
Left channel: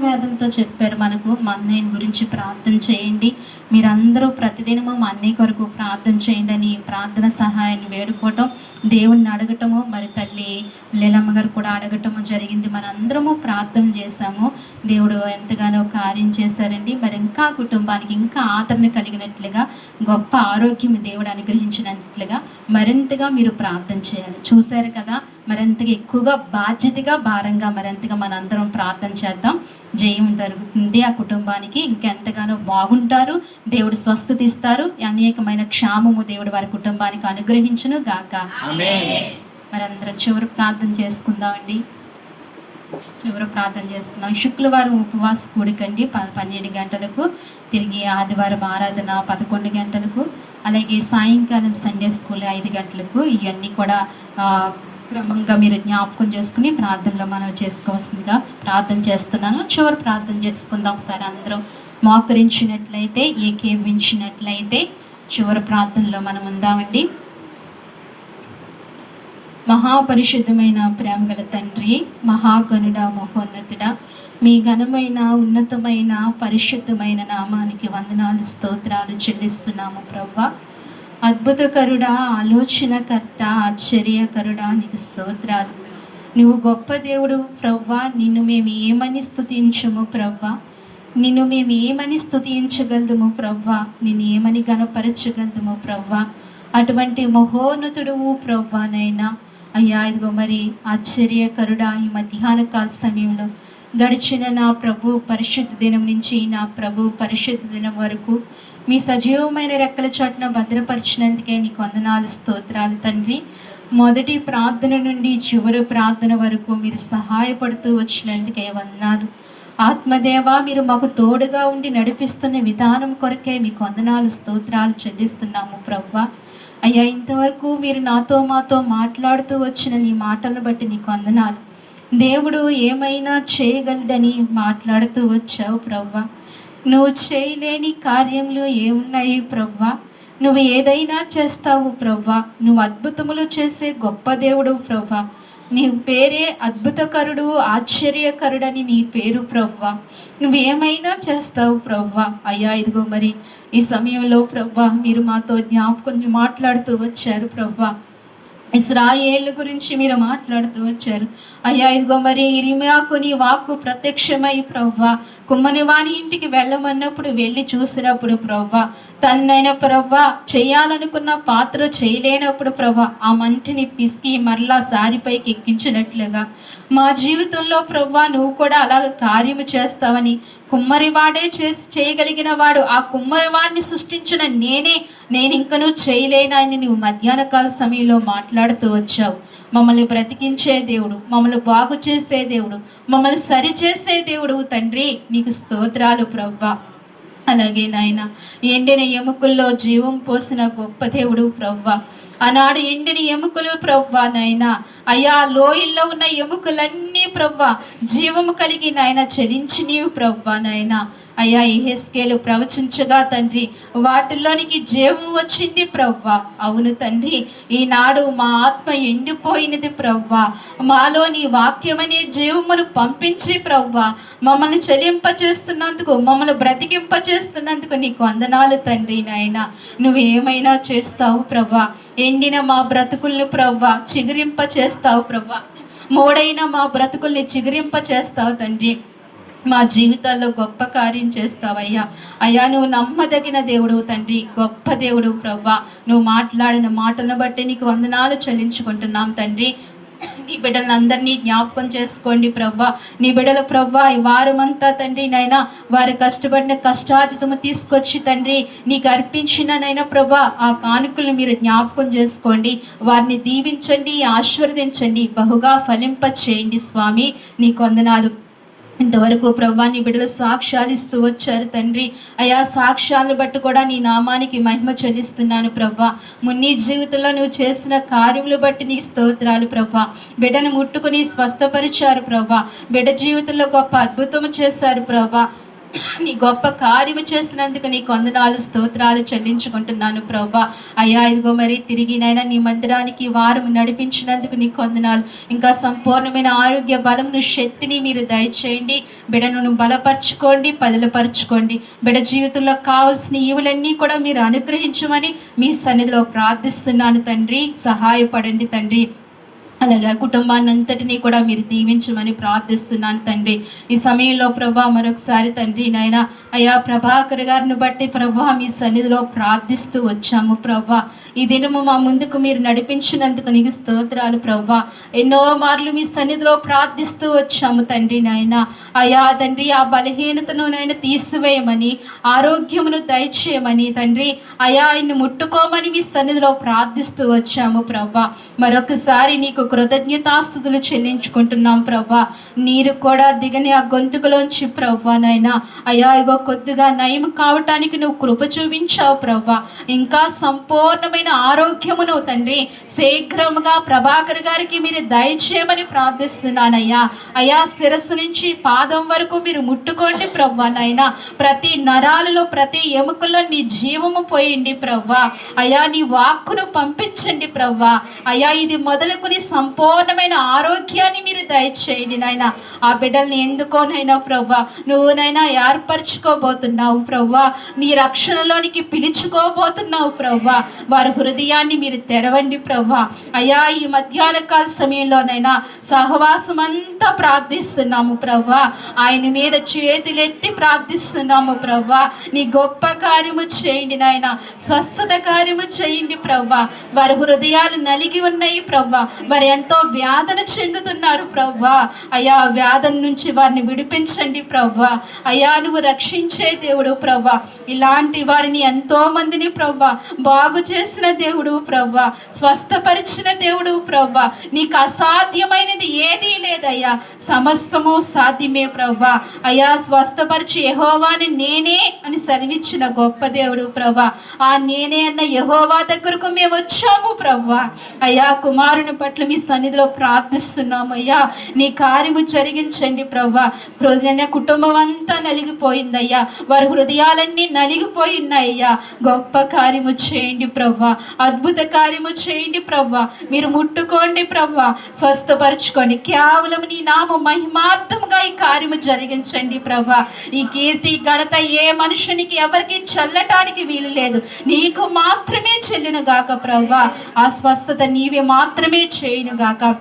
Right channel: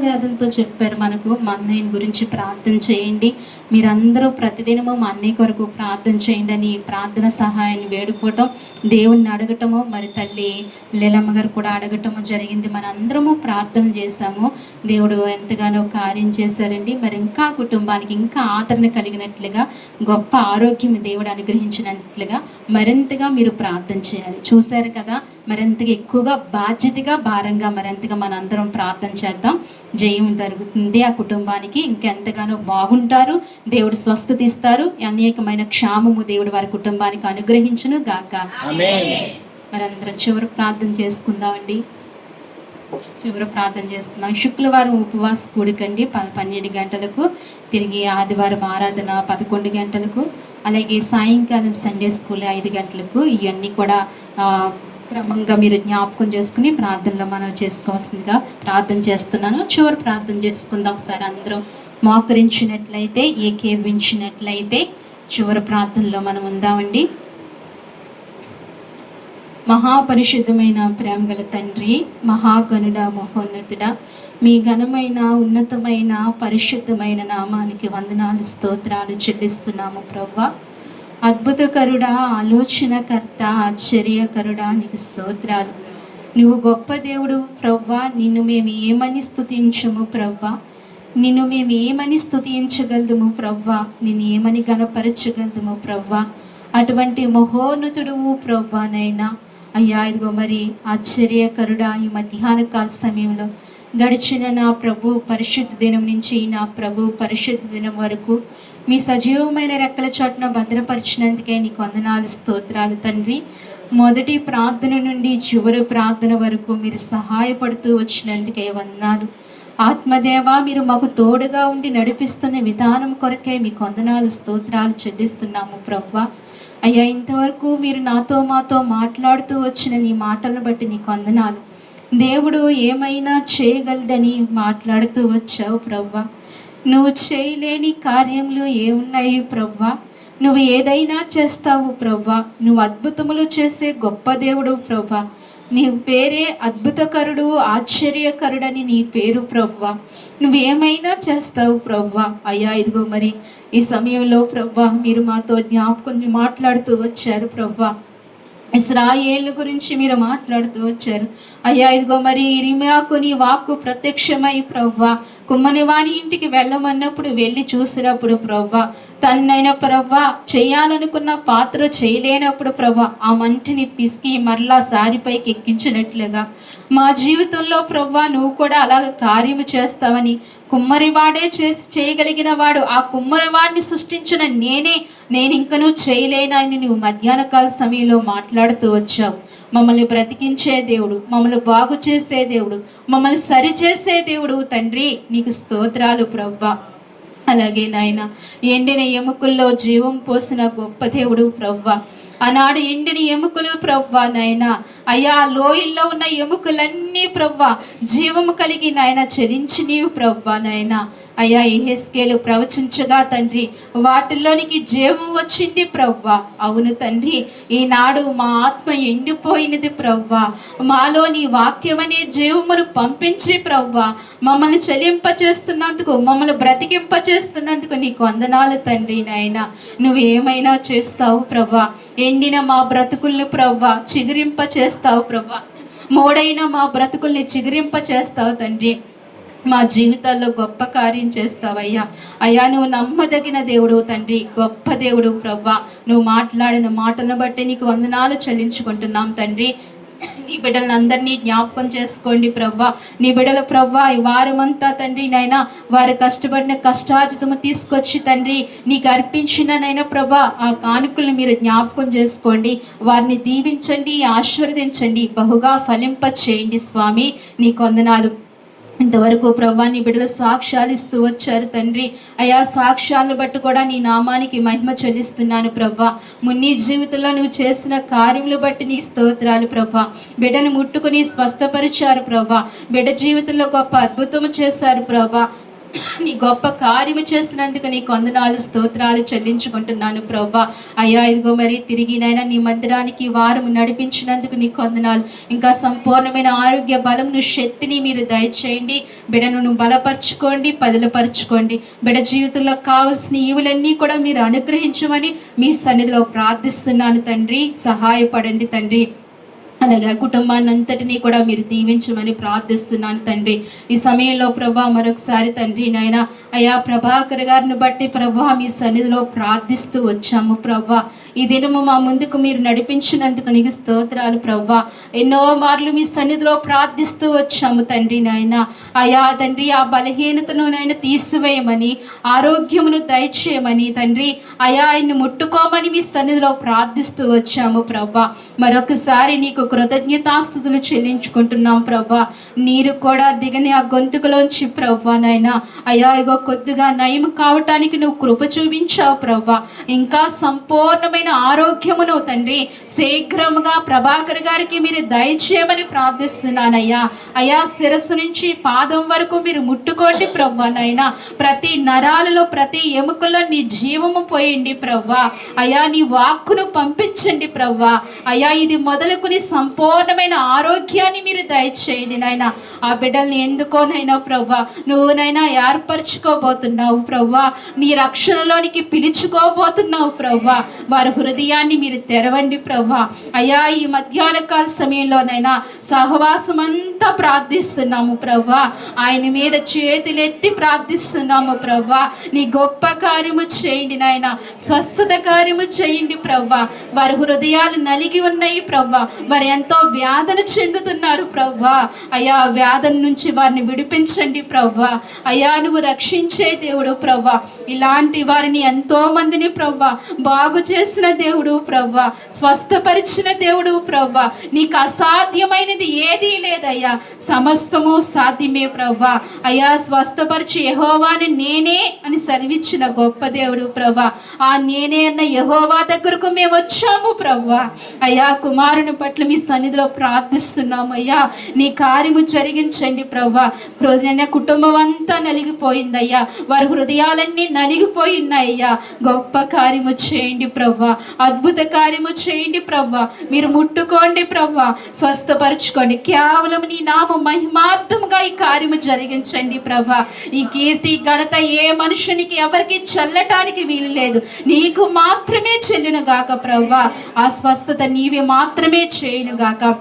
వ్యాధులతో చెప్పారు మనకు. మా అన్నయ్య గురించి ప్రార్థన చేయండి, మీరందరూ ప్రతిదినము మా అన్నయ్య కొరకు ప్రార్థన చేయండి అని ప్రార్థన సహాయాన్ని వేడుకోవటం, దేవుణ్ణి అడగటము, మరి తల్లి లీలమ్మ గారు కూడా అడగటము జరిగింది. మనందరము ప్రార్థన చేశాము, దేవుడు ఎంతగానో కార్యం చేశారండి. మరి ఇంకా కుటుంబానికి ఇంకా ఆదరణ కలిగినట్లుగా, గొప్ప ఆరోగ్యం దేవుడు అనుగ్రహించినట్లుగా మరింతగా మీరు ప్రార్థన చేయాలి. చూశారు కదా, మరింతగా ఎక్కువగా బాధ్యతగా, భారంగా మరింతగా మనందరం ప్రార్థన చేద్దాం. జయం జరుగుతుంది ఆ కుటుంబానికి. ఇంకెంతగానో బాగుంటారు, దేవుడు స్వస్థత ఇస్తారు. అనేకమైన క్షేమము దేవుడు వారి కుటుంబానికి అనుగ్రహించును గాక. మనందరం చివరి ప్రార్థన చేసుకుందామండి. శుక్రవారం ఉపవాస కూడికండి 12 గంటలకు, తిరిగి ఆదివారం ఆరాధన 11 గంటలకు, అలాగే సాయంకాలం సండే స్కూల్ 5 గంటలకు. ఇవన్నీ కూడా క్రమంగా మీరు జ్ఞాపకం చేసుకుని ప్రార్థనలో మనం చేసుకోవాల్సిందిగా ప్రార్థన చేస్తున్నాను. చివరి ప్రార్థన చేసుకుందాం ఒకసారి. అందరూ మోకరించినట్లయితే, ఏకీవించినట్లయితే చివరి ప్రార్థనలో మనం ఉందామండి. మహాపరిశుద్ధమైన ప్రేమగల తండ్రి, మహాగణుడ, మహోన్నతుడ, మీ ఘనమైన ఉన్నతమైన పరిశుద్ధమైన నామానికి వందనాలు, స్తోత్రాలు చెల్లిస్తున్నాము ప్రభువా. అద్భుతకరుడా, ఆలోచనకర్త, ఆశ్చర్యకరుడా, నీకు స్తోత్రాలు. నువ్వు గొప్ప దేవుడు ప్రభువా. నిన్ను మేము ఏమని స్తుతించము ప్రభువా, నిన్ను మేము ఏమని స్తుతించగలదుము ప్రభువా, నిన్ను ఏమని గణపరచగలదుము ప్రభువా. అటువంటి మహోన్నతుడుము ప్రభువానైనా అయ్యా, ఇదిగో మరి ఆశ్చర్యకరుడా, ఈ మధ్యాహ్న కాల సమయంలో గడిచిన నా ప్రభు పరిశుద్ధ దినం నుంచి నా ప్రభు పరిశుద్ధ దినం వరకు మీ సజీవమైన రెక్కల చోటున భద్రపరిచినందుకే నీకు వందనాలు, స్తోత్రాలు తండ్రి. మొదటి ప్రార్థన నుండి చివరి ప్రార్థన వరకు మీరు సహాయపడుతూ వచ్చినందుకే వందనాలు. ఆత్మదేవ, మీరు మాకు తోడుగా ఉండి నడిపిస్తున్న విధానం కొరకే మీకు వందనాలు, స్తోత్రాలు చెల్లిస్తున్నాము ప్రభువా. అయ్యా, ఇంతవరకు మీరు నాతో మాతో మాట్లాడుతూ వచ్చిన నీ మాటలను బట్టి నీకు వందనాలు. దేవుడు ఏమైనా చేయగలడని మాట్లాడుతూ వచ్చావు ప్రభువా. నువ్వు చేయలేని కార్యములు ఏమున్నాయి ప్రభువా? నువ్వు ఏదైనా చేస్తావు ప్రభువా. నువ్వు అద్భుతములు చేసే గొప్ప దేవుడు ప్రభువా. నీ పేరే అద్భుతకరుడు, ఆశ్చర్యకరుడని నీ పేరు ప్రభువా. నువ్వు ఏమైనా చేస్తావు ప్రభువా. అయ్యా, ఇదిగో మరి ఈ సమయంలో ప్రభువా మీరు మాతో జ్ఞాపకం మాట్లాడుతూ వచ్చారు ప్రభువా. ఇశ్రాయేలు గురించి మీరు మాట్లాడుతూ వచ్చారు అయ్యా. ఇదిగో మరి ఇర్మియాకు నీ వాక్కు ప్రత్యక్షమై ప్రభువా కుమ్మని వాని ఇంటికి వెళ్ళమన్నప్పుడు వెళ్ళి చూసినప్పుడు ప్రభువా, తనైన ప్రభువా చేయాలనుకున్న పాత్ర చేయలేనప్పుడు ప్రభువా ఆ మంటిని పిసికి మరలా సారిపైకి ఎక్కించినట్లుగా మా జీవితంలో ప్రభువా నువ్వు కూడా అలాగ కార్యము చేస్తావని, కుమ్మరివాడే చేయగలిగిన వాడు ఆ కుమ్మరివాడిని సృష్టించిన నేను ఇంకనూ చేయలేనని నువ్వు మధ్యాహ్న కాల సమయంలో మాట్లాడుతూ వచ్చావు. మమ్మల్ని బ్రతికించే దేవుడు, మమ్మల్ని బాగు చేసే దేవుడు, మమ్మల్ని సరిచేసే దేవుడు తండ్రి, నీకు స్తోత్రాలు ప్రభువా. అలాగే నాయన, ఎండిన ఎముకల్లో జీవం పోసిన గొప్ప దేవుడు ప్రభువా. ఆనాడు ఎండిన ఎముకలు ప్రభువా నాయన, అయ్యా లోయల్లో ఉన్న ఎముకలన్నీ ప్రభువా జీవము కలిగి నాయన చలించి నీవు ప్రభువా నాయన. అయ్యా యెహెజ్కేలు ప్రవచించగా తండ్రి వాటిల్లోనికి జీవం వచ్చింది ప్రభువా. అవును తండ్రి, ఈనాడు మా ఆత్మ ఎండిపోయినది ప్రభువా. మాలో నీ వాక్యమనే జీవమును పంపించి ప్రభువా మమ్మల్ని చెలింపచేస్తున్నందుకు, మమ్మల్ని బ్రతికింపచేస్తున్నందుకు నీకు వందనాలు తండ్రి నాయన. నువ్వు ఏమైనా చేస్తావు ప్రభువా. ఎండిన మా బ్రతుకుల్ని ప్రభువా చిగురింప చేస్తావు ప్రభువా. మోడైన మా బ్రతుకుల్ని చిగురింప చేస్తావు తండ్రి. మా జీవితాల్లో గొప్ప కార్యం చేస్తావయ్యా. అయ్యా, నువ్వు నమ్మదగిన దేవుడు తండ్రి, గొప్ప దేవుడు ప్రభువా. నువ్వు మాట్లాడిన మాటలను బట్టి నీకు వందనాలు చెల్లించుకుంటున్నాం తండ్రి. నీ బిడ్డలను అందరినీ జ్ఞాపకం చేసుకోండి ప్రభువా. నీ బిడ్డల ప్రభువా ఈ వారమంతా తండ్రి నైనా వారు కష్టపడిన కష్టార్జితము తీసుకొచ్చి తండ్రి నీకు అర్పించిన నైనా ప్రభువా ఆ కానుకలు మీరు జ్ఞాపకం చేసుకోండి. వారిని దీవించండి, ఆశీర్వదించండి, బహుగా ఫలింప చేయండి స్వామి. నీకు వందనాలు. ఇంతవరకు ప్రభువా నీ బిడ్డలు సాక్ష్యాలు ఇస్తూ వచ్చారు తండ్రి. అయా సాక్ష్యాలను బట్టి కూడా నీ నామానికి మహిమ చెల్లిస్తున్నాను ప్రభువా. నీ జీవితంలో నువ్వు చేసిన కార్యములు బట్టి నీ స్తోత్రాలు ప్రభువా. బిడ్డను ముట్టుకుని స్వస్థపరిచారు ప్రభువా. బిడ్డ జీవితంలో గొప్ప అద్భుతము చేశారు ప్రభువా. నీ గొప్ప కార్యము చేసినందుకు నీకు వందనాలు, స్తోత్రాలు చెల్లించుకుంటున్నాను ప్రభువా. అయ్యా ఇదిగో మరి తిరిగి నైనా నీ మందిరానికి వారం నడిపించినందుకు నీకు వందనాలు. ఇంకా సంపూర్ణమైన ఆరోగ్య బలమును శక్తిని మీరు దయచేయండి. బిడ్డను బలపరచుకోండి, పదిలపరచుకోండి. బిడ్డ జీవితంలో కావాల్సిన ఈవులన్నీ కూడా మీరు అనుగ్రహించమని మీ సన్నిధిలో ప్రార్థిస్తున్నాను తండ్రి. సహాయపడండి తండ్రి. అలాగే కుటుంబాన్ని అంతటినీ కూడా మీరు దీవించమని ప్రార్థిస్తున్నాను తండ్రి. ఈ సమయంలో ప్రభా మరొకసారి తండ్రి నాయన అయ్యా ప్రభాకర్ గారిని బట్టి ప్రభా మీ సన్నిధిలో ప్రార్థిస్తూ వచ్చాము ప్రభా. ఈ దినము మా ముందుకు మీరు నడిపించినందుకు నీకు స్తోత్రాలు ప్రభా. ఎన్నో మార్లు మీ సన్నిధిలో ప్రార్థిస్తూ వచ్చాము తండ్రి నాయన. అయ్యా తండ్రి ఆ బలహీనతను నాయన తీసివేయమని, ఆరోగ్యమును దయచేయమని తండ్రి అయ్యా ఆయన్ని ముట్టుకోమని మీ సన్నిధిలో ప్రార్థిస్తూ వచ్చాము ప్రభా. మరొకసారి నీకు కృతజ్ఞతాస్తుతులు చెల్లించుకుంటున్నాం ప్రభా. నీరు కూడా దిగని ఆ గొంతుకులోంచి ప్రభా నాయన అయ్యా ఇగో కొద్దిగా నయం కావటానికి నువ్వు కృప చూపించావు ప్రభా. ఇంకా సంపూర్ణమైన ఆరోగ్యమును తండ్రి శీఘ్రముగా ప్రభాకర్ గారికి మీరు దయచేయమని ప్రార్థిస్తున్నానయ్యా. అయ్యా శిరస్సు నుంచి పాదం వరకు మీరు ముట్టుకోండి ప్రభా నాయన. ప్రతి నరాలలో ప్రతి ఎముకలో నీ జీవము పోయండి ప్రభా. అయ్యా నీ వాక్కును పంపించండి ప్రభా. అయ్యా ఇది మొదలుకుని సంపూర్ణమైన ఆరోగ్యాన్ని మీరు దయచేయండి నాయన. ఆ బిడ్డల్ని ఎందుకోనైనా ప్రభా నువ్వునైనా ఏర్పరచుకోబోతున్నావు ప్రభా, నీ రక్షణలోనికి పిలుచుకోబోతున్నావు ప్రభా. వారి హృదయాన్ని మీరు తెరవండి ప్రభా. అయ్యా ఈ మధ్యాహ్న కాల సమయంలోనైనా సహవాసం అంతా ప్రార్థిస్తున్నాము ప్రభా. ఆయన మీద చేతులెత్తి ప్రార్థిస్తున్నాము ప్రభా. నీ గొప్ప కార్యము చేయండి నాయన, స్వస్థత కార్యము చేయండి ప్రభా. వారి హృదయాలు నలిగి ఉన్నాయి ప్రభా. వారు ఎంతో వేదన చెందుతున్నారు ప్రభా. అయ్యా వేదన నుంచి వారిని విడిపించండి ప్రభా. అయ్యా నువ్వు రక్షించే దేవుడు ప్రభా. ఇలాంటి వారిని ఎంతో మందిని ప్రభా బాగు చేసిన దేవుడు ప్రభా, స్వస్థపరిచిన దేవుడు ప్రభా. నీకు అసాధ్యమైనది ఏదీ లేదయ్యా, సమస్తము సాధ్యమే ప్రభా. అయ్యా స్వస్థపరిచి యెహోవాని నేనే అని సెలవిచ్చిన గొప్ప దేవుడు ప్రభా. ఆ నేనే అన్న యెహోవా దగ్గరకు మేము వచ్చాము ప్రభా. అయ్యా కుమారుని పట్ల మీ సన్నిధిలో ప్రార్థిస్తున్నాము అయ్యా. నీ కార్యము జరిగించండి ప్రభా. హృదయ కుటుంబం అంతా నలిగిపోయిందయ్యా, వారి హృదయాలన్నీ నలిగిపోయినాయ్యా. గొప్ప కార్యము చేయండి ప్రభా, అద్భుత కార్యము చేయండి ప్రభా. మీరు ముట్టుకోండి ప్రభా, స్వస్థపరచుకోండి. కేవలం నీ నామ మహిమార్థంగా ఈ కార్యము జరిగించండి ప్రభా. ఈ కీర్తి ఘనత ఏ మనుషునికి ఎవరికి చల్లటానికి వీలు లేదు, నీకు మాత్రమే చెల్లును గాక ప్రభా. ఆ స్వస్థత నీవే మాత్రమే చేయును గాక.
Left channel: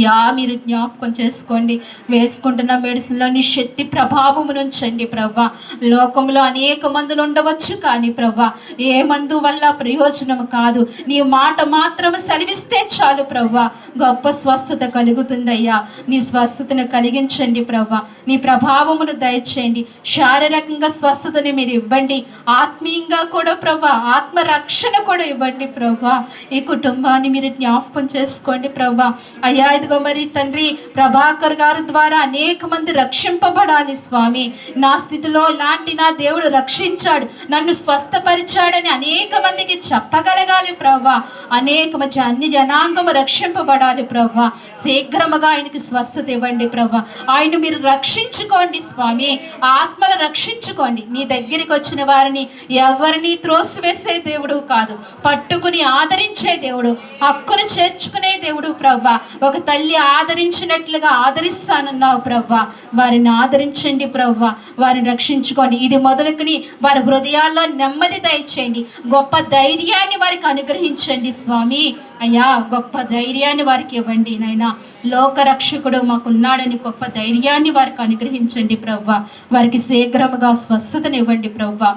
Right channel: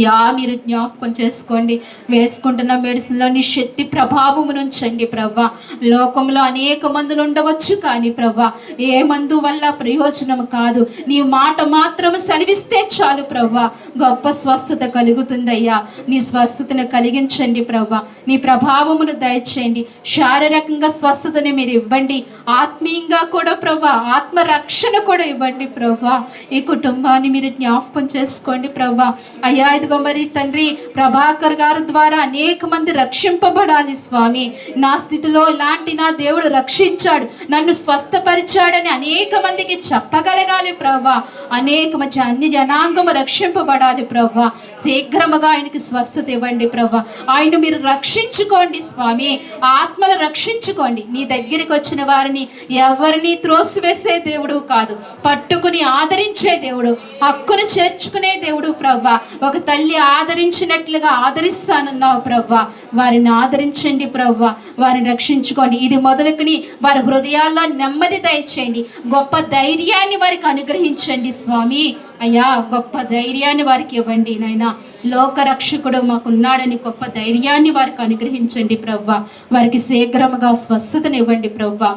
యా మీరు జ్ఞాపకం చేసుకోండి. వేసుకుంటున్న మెడిసిన్లో నీ శక్తి ప్రభావము నుంచండి ప్రభా. లోకంలో అనేక మందులు ఉండవచ్చు కానీ ప్రభా ఏ మందు వల్ల ప్రయోజనం కాదు. నీ మాట మాత్రం సెలవిస్తే చాలు ప్రభా, గొప్ప స్వస్థత కలుగుతుందయ్యా. నీ స్వస్థతను కలిగించండి ప్రభా. నీ ప్రభావమును దయచేయండి. శారీరకంగా స్వస్థతని మీరు ఇవ్వండి, ఆత్మీయంగా కూడా ప్రభా ఆత్మరక్షణ కూడా ఇవ్వండి ప్రభా. ఈ కుటుంబాన్ని మీరు జ్ఞాపకం చేసుకోండి ప్రభా. అయ్యా ఇదిగో మరి తండ్రి ప్రభాకర్ గారి ద్వారా అనేక మంది రక్షింపబడాలి స్వామి. నా స్థితిలో ఇలాంటి నా దేవుడు రక్షించాడు, నన్ను స్వస్థపరిచాడని అనేక మందికి చెప్పగలగాలి ప్రభా. అనేక మంది అన్ని జనాంగము రక్షింపబడాలి ప్రభా. శీఘ్రముగా ఆయనకి స్వస్థత ఇవ్వండి ప్రభా. ఆయన మీరు రక్షించుకోండి స్వామి, ఆత్మలు రక్షించుకోండి. నీ దగ్గరికి వచ్చిన వారిని ఎవరిని త్రోసివేసే దేవుడు కాదు, పట్టుకుని ఆదరించే దేవుడు, హక్కును చేర్చుకునే దేవుడు ప్రభా. ఒక తల్లి ఆదరించినట్లుగా ఆదరిస్తానన్నావు ప్రభా. వారిని ఆదరించండి ప్రభా, వారిని రక్షించుకోండి. ఇది మొదలుకుని వారి హృదయాల్లో నెమ్మది దయచేయండి, గొప్ప ధైర్యాన్ని వారికి అనుగ్రహించండి స్వామి. అయ్యా గొప్ప ధైర్యాన్ని వారికి ఇవ్వండి నాయనా. లోకరక్షకుడు మాకున్నాడని గొప్ప ధైర్యాన్ని వారికి అనుగ్రహించండి ప్రభా. వారికి శీఘ్రముగా స్వస్థతను ఇవ్వండి ప్రభా.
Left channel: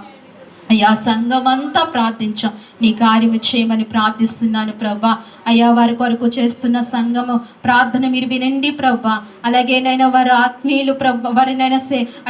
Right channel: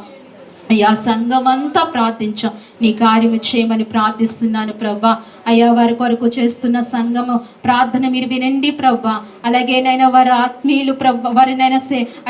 అయ్యా సంఘం అంతా ప్రార్థించాం, నీ కార్యము చేయమని ప్రార్థిస్తున్నాను ప్రభా. అయ్యా వారి కొరకు చేస్తున్న సంఘము ప్రార్థన మీరు వినండి ప్రభా. అలాగే నైనా వారి ఆత్మీయులు ప్రభా, వారినైనా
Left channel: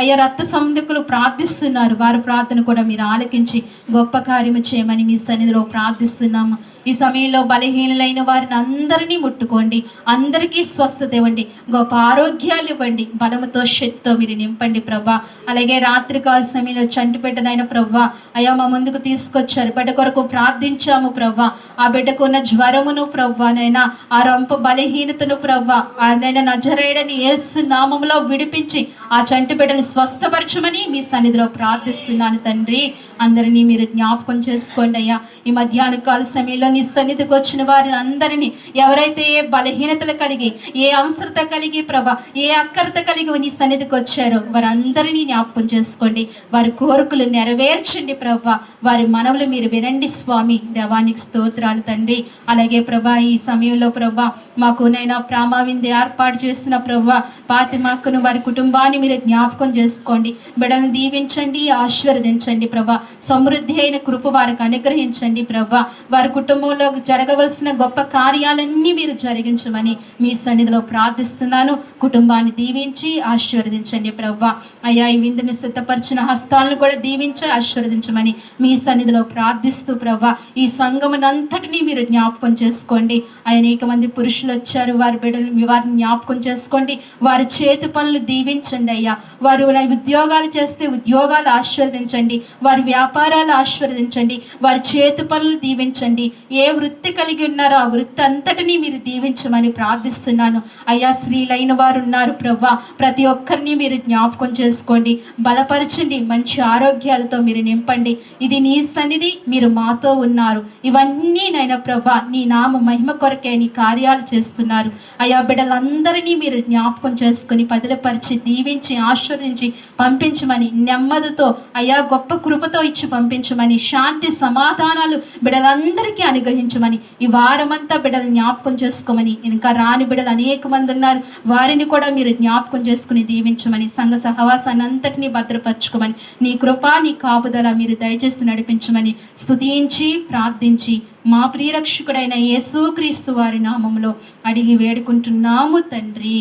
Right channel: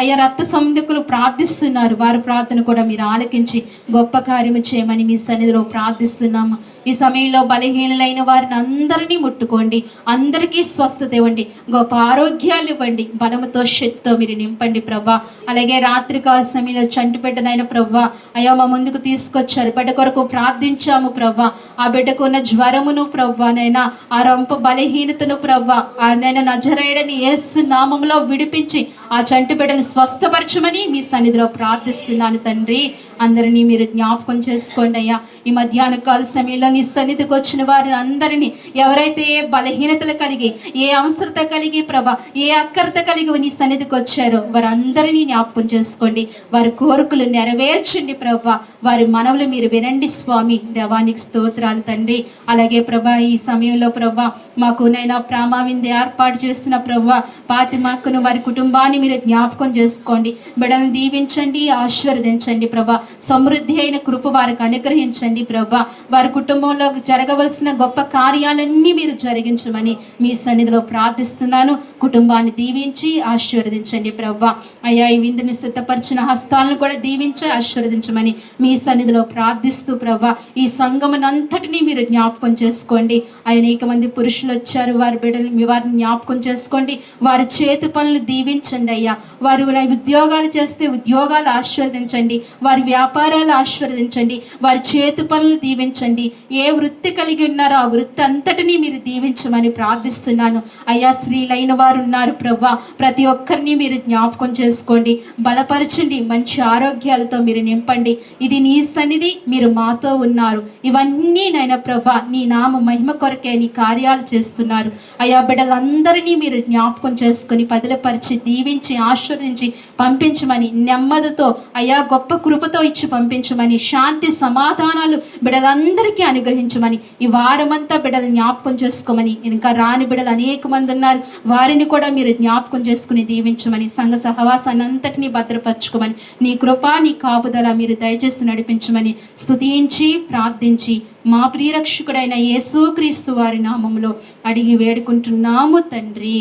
అయ్యా రక్త సంబంధికులు ప్రార్థిస్తున్నారు, వారి ప్రార్థన కూడా మీరు ఆలకించి గొప్ప కార్యము చేయమని మీ సన్నిధిలో ప్రార్థిస్తున్నాము. ఈ సమయంలో బలహీనులైన వారిని అందరినీ ముట్టుకోండి, అందరికీ స్వస్థత ఇవ్వండి, గొప్ప ఆరోగ్యాలు ఇవ్వండి, బలముతో శక్తితో మీరు నింపండి ప్రభా. అలాగే రాత్రికాల సమయంలో చంటిపెట్టనైన ప్రభా అయ్యా మా ముందుకు తీసుకొచ్చారు, బిడ్డ కొరకు ప్రార్థించాము ప్రభా. ఆ బిడ్డకు ఉన్న జ్వరమును ప్రభా నైనా, ఆ రొంప బలహీనతను ప్రభా ఆయన నజరేయుడని యేసు నామములో విడిపించి ఆ చంటి బిడ్డను స్వస్థపరచమని మీ సన్నిధిలో ప్రార్థిస్తున్నాను తండ్రి. అందరినీ మీరు జ్ఞాపకం చేసుకోండి అయ్యా. ఈ మధ్యాహ్న కాల సమయంలో నీ సన్నిధికి వచ్చిన వారిని అందరినీ ఎవరైతే ఏ బలహీనతలు కలిగి, ఏ అవసరత కలిగి ప్రభా, ఏ అక్కరత కలిగి నీ సన్నిధికి వచ్చారో వారందరినీ జ్ఞాపకం చేసుకోండి. వారి కోరికలు నెరవేర్చండి ప్రభా. వారి మనవులు మీరు వినండి స్వామి. దేవానికి స్తోత్రాలు తండ్రి. అలాగే ప్రభా ఈ సమయంలో ప్రభా మాకు నైనా ప్రామావింది ఏర్పాటు చేస్తున్న ప్రభా ఫాతిమాకును వారి కుటుంబాన్ని మీరు జ్ఞాపకం చేసుకోండి. బిడ్డలను దీవించండి, ఆశీర్వదించండి ప్రభా. సమృద్ధి అయిన కృప వారికి అనుగ్రహించండి ప్రభా. వారి కుటుంబంలో జరగవలసిన గొప్ప కార్యాలన్నీ మీరు జరిగించమని మీ సన్నిధిలో ప్రార్థిస్తున్నాను. కుటుంబాన్ని దీవించి ఆశీర్వదించండి ప్రభా. అయ్యా ఈ విందుని సిద్ధపరిచిన హస్తాలను కూడా దీవించి ఆశీర్వదించమని మీ సన్నిధిలో ప్రార్థిస్తూ ప్రభా ఈ సంఘమునంతటినీ మీరు జ్ఞాపకం చేసుకోండి. అనేక మంది పురుషులు వచ్చారు, వారి బిడ్డలు వారిని జ్ఞాపకం చేసుకోండి. వారి చేతి పనులు దీవించండి అయ్యా. వారు ఉద్యోగాలు చేస్తే ఉద్యోగాలు ఆశీర్వదించండి, వారి వ్యాపారాలు ఆశీర్వదించండి, వారి చేతి పనులు దీవించండి. ఏ వృత్తి కలిగి ఉన్నారో ఆ వృత్తి అంతటినీ మీరు దీవించమని ప్రార్థిస్తున్నాను అయ్యా. స్త్రీలైన వారు ఉన్నారు ప్రవ్వా, ప్రతి ఒక్కరిని మీరు జ్ఞాపకం చేసుకోండి, బలపరచండి, మంచి ఆరోగ్యాలతో మీరు నింపండి. ఇది నీ సన్నిధి, మీరు మాతో ఉన్నారు. ఇవన్నీ నైనా ప్రవ్వా నీ నామ మహిమ కొరకే నీ కార్యాలు చేస్తున్నారు అయ్యా. బిడ్డలందరినీ మీరు జ్ఞాపకం చేసుకుని పదిలపరిచి దీవించి ఆశీర్వదించి పంపించమని, నెమ్మదితో అయ్యా గొప్ప కృపతో ఇచ్చి పంపించమని, శాంతి సమాధానాలు బిడ్డలందరికీ అనుగ్రహించమని, ఈ వారమంతా బిడ్డలు జ్ఞాపకం చేసుకోమని, ఇంకా రాని బిడ్డలు అనేక మంది ఉన్నారు, వారిని కూడా మీరు జ్ఞాపకం చేసుకుని దీవించమని, సంఘ సహవాసాన్ని అంతటినీ భద్రపరచుకోమని, నీ కృప నీ కాపుదల మీరు దయచేసి నడిపించమని స్తుతించి ప్రార్థించి మా ప్రియరక్షకుడైన యేసుక్రీస్తు వారి నామములో అడిగి వేడుకుంటున్నాము తండ్రి.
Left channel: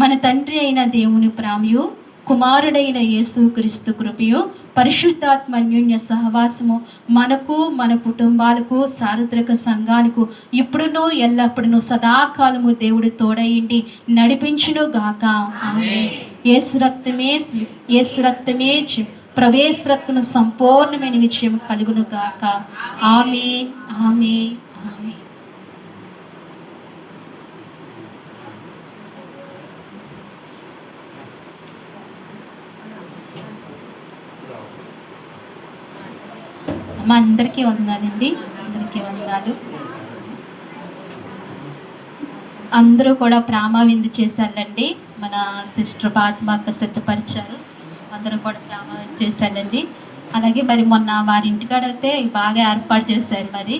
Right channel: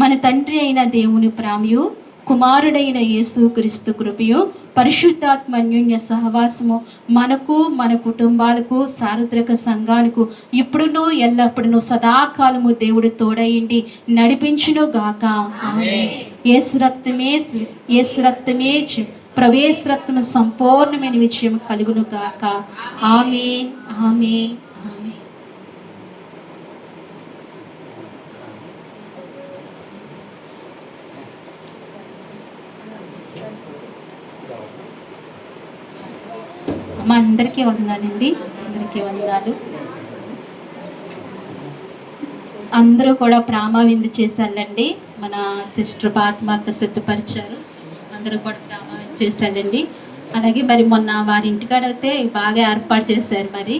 మన తండ్రి అయిన దేవుని ప్రేమయు, కుమారుడైన యేసుక్రీస్తు కృపయు, పరిశుద్ధాత్మ అన్యోన్య సహవాసము మనకు మన కుటుంబాలకు సార్వత్రిక సంఘాలకు ఇప్పుడును ఎల్లప్పుడూ సదాకాలము దేవుడు తోడయిండి నడిపించును గాక. యేసు రక్తమే ప్రవేశ రక్తము సంపూర్ణమైన విజయం కలుగును గాక. ఆమేన్, ఆమేన్, ఆమేన్. మా అందరికీ వందనాలండి, అందరికీ వందనాలు. అందరూ కూడా ప్రామా విందు చేశారండి. మన సిస్టర్ పాత్మ అక్క సిద్ధపరిచారు, అందరూ కూడా ప్రామా చేశారండి. అలాగే మరి మొన్న వారి ఇంటికాడ అయితే బాగా ఏర్పాటు చేశారు. మరి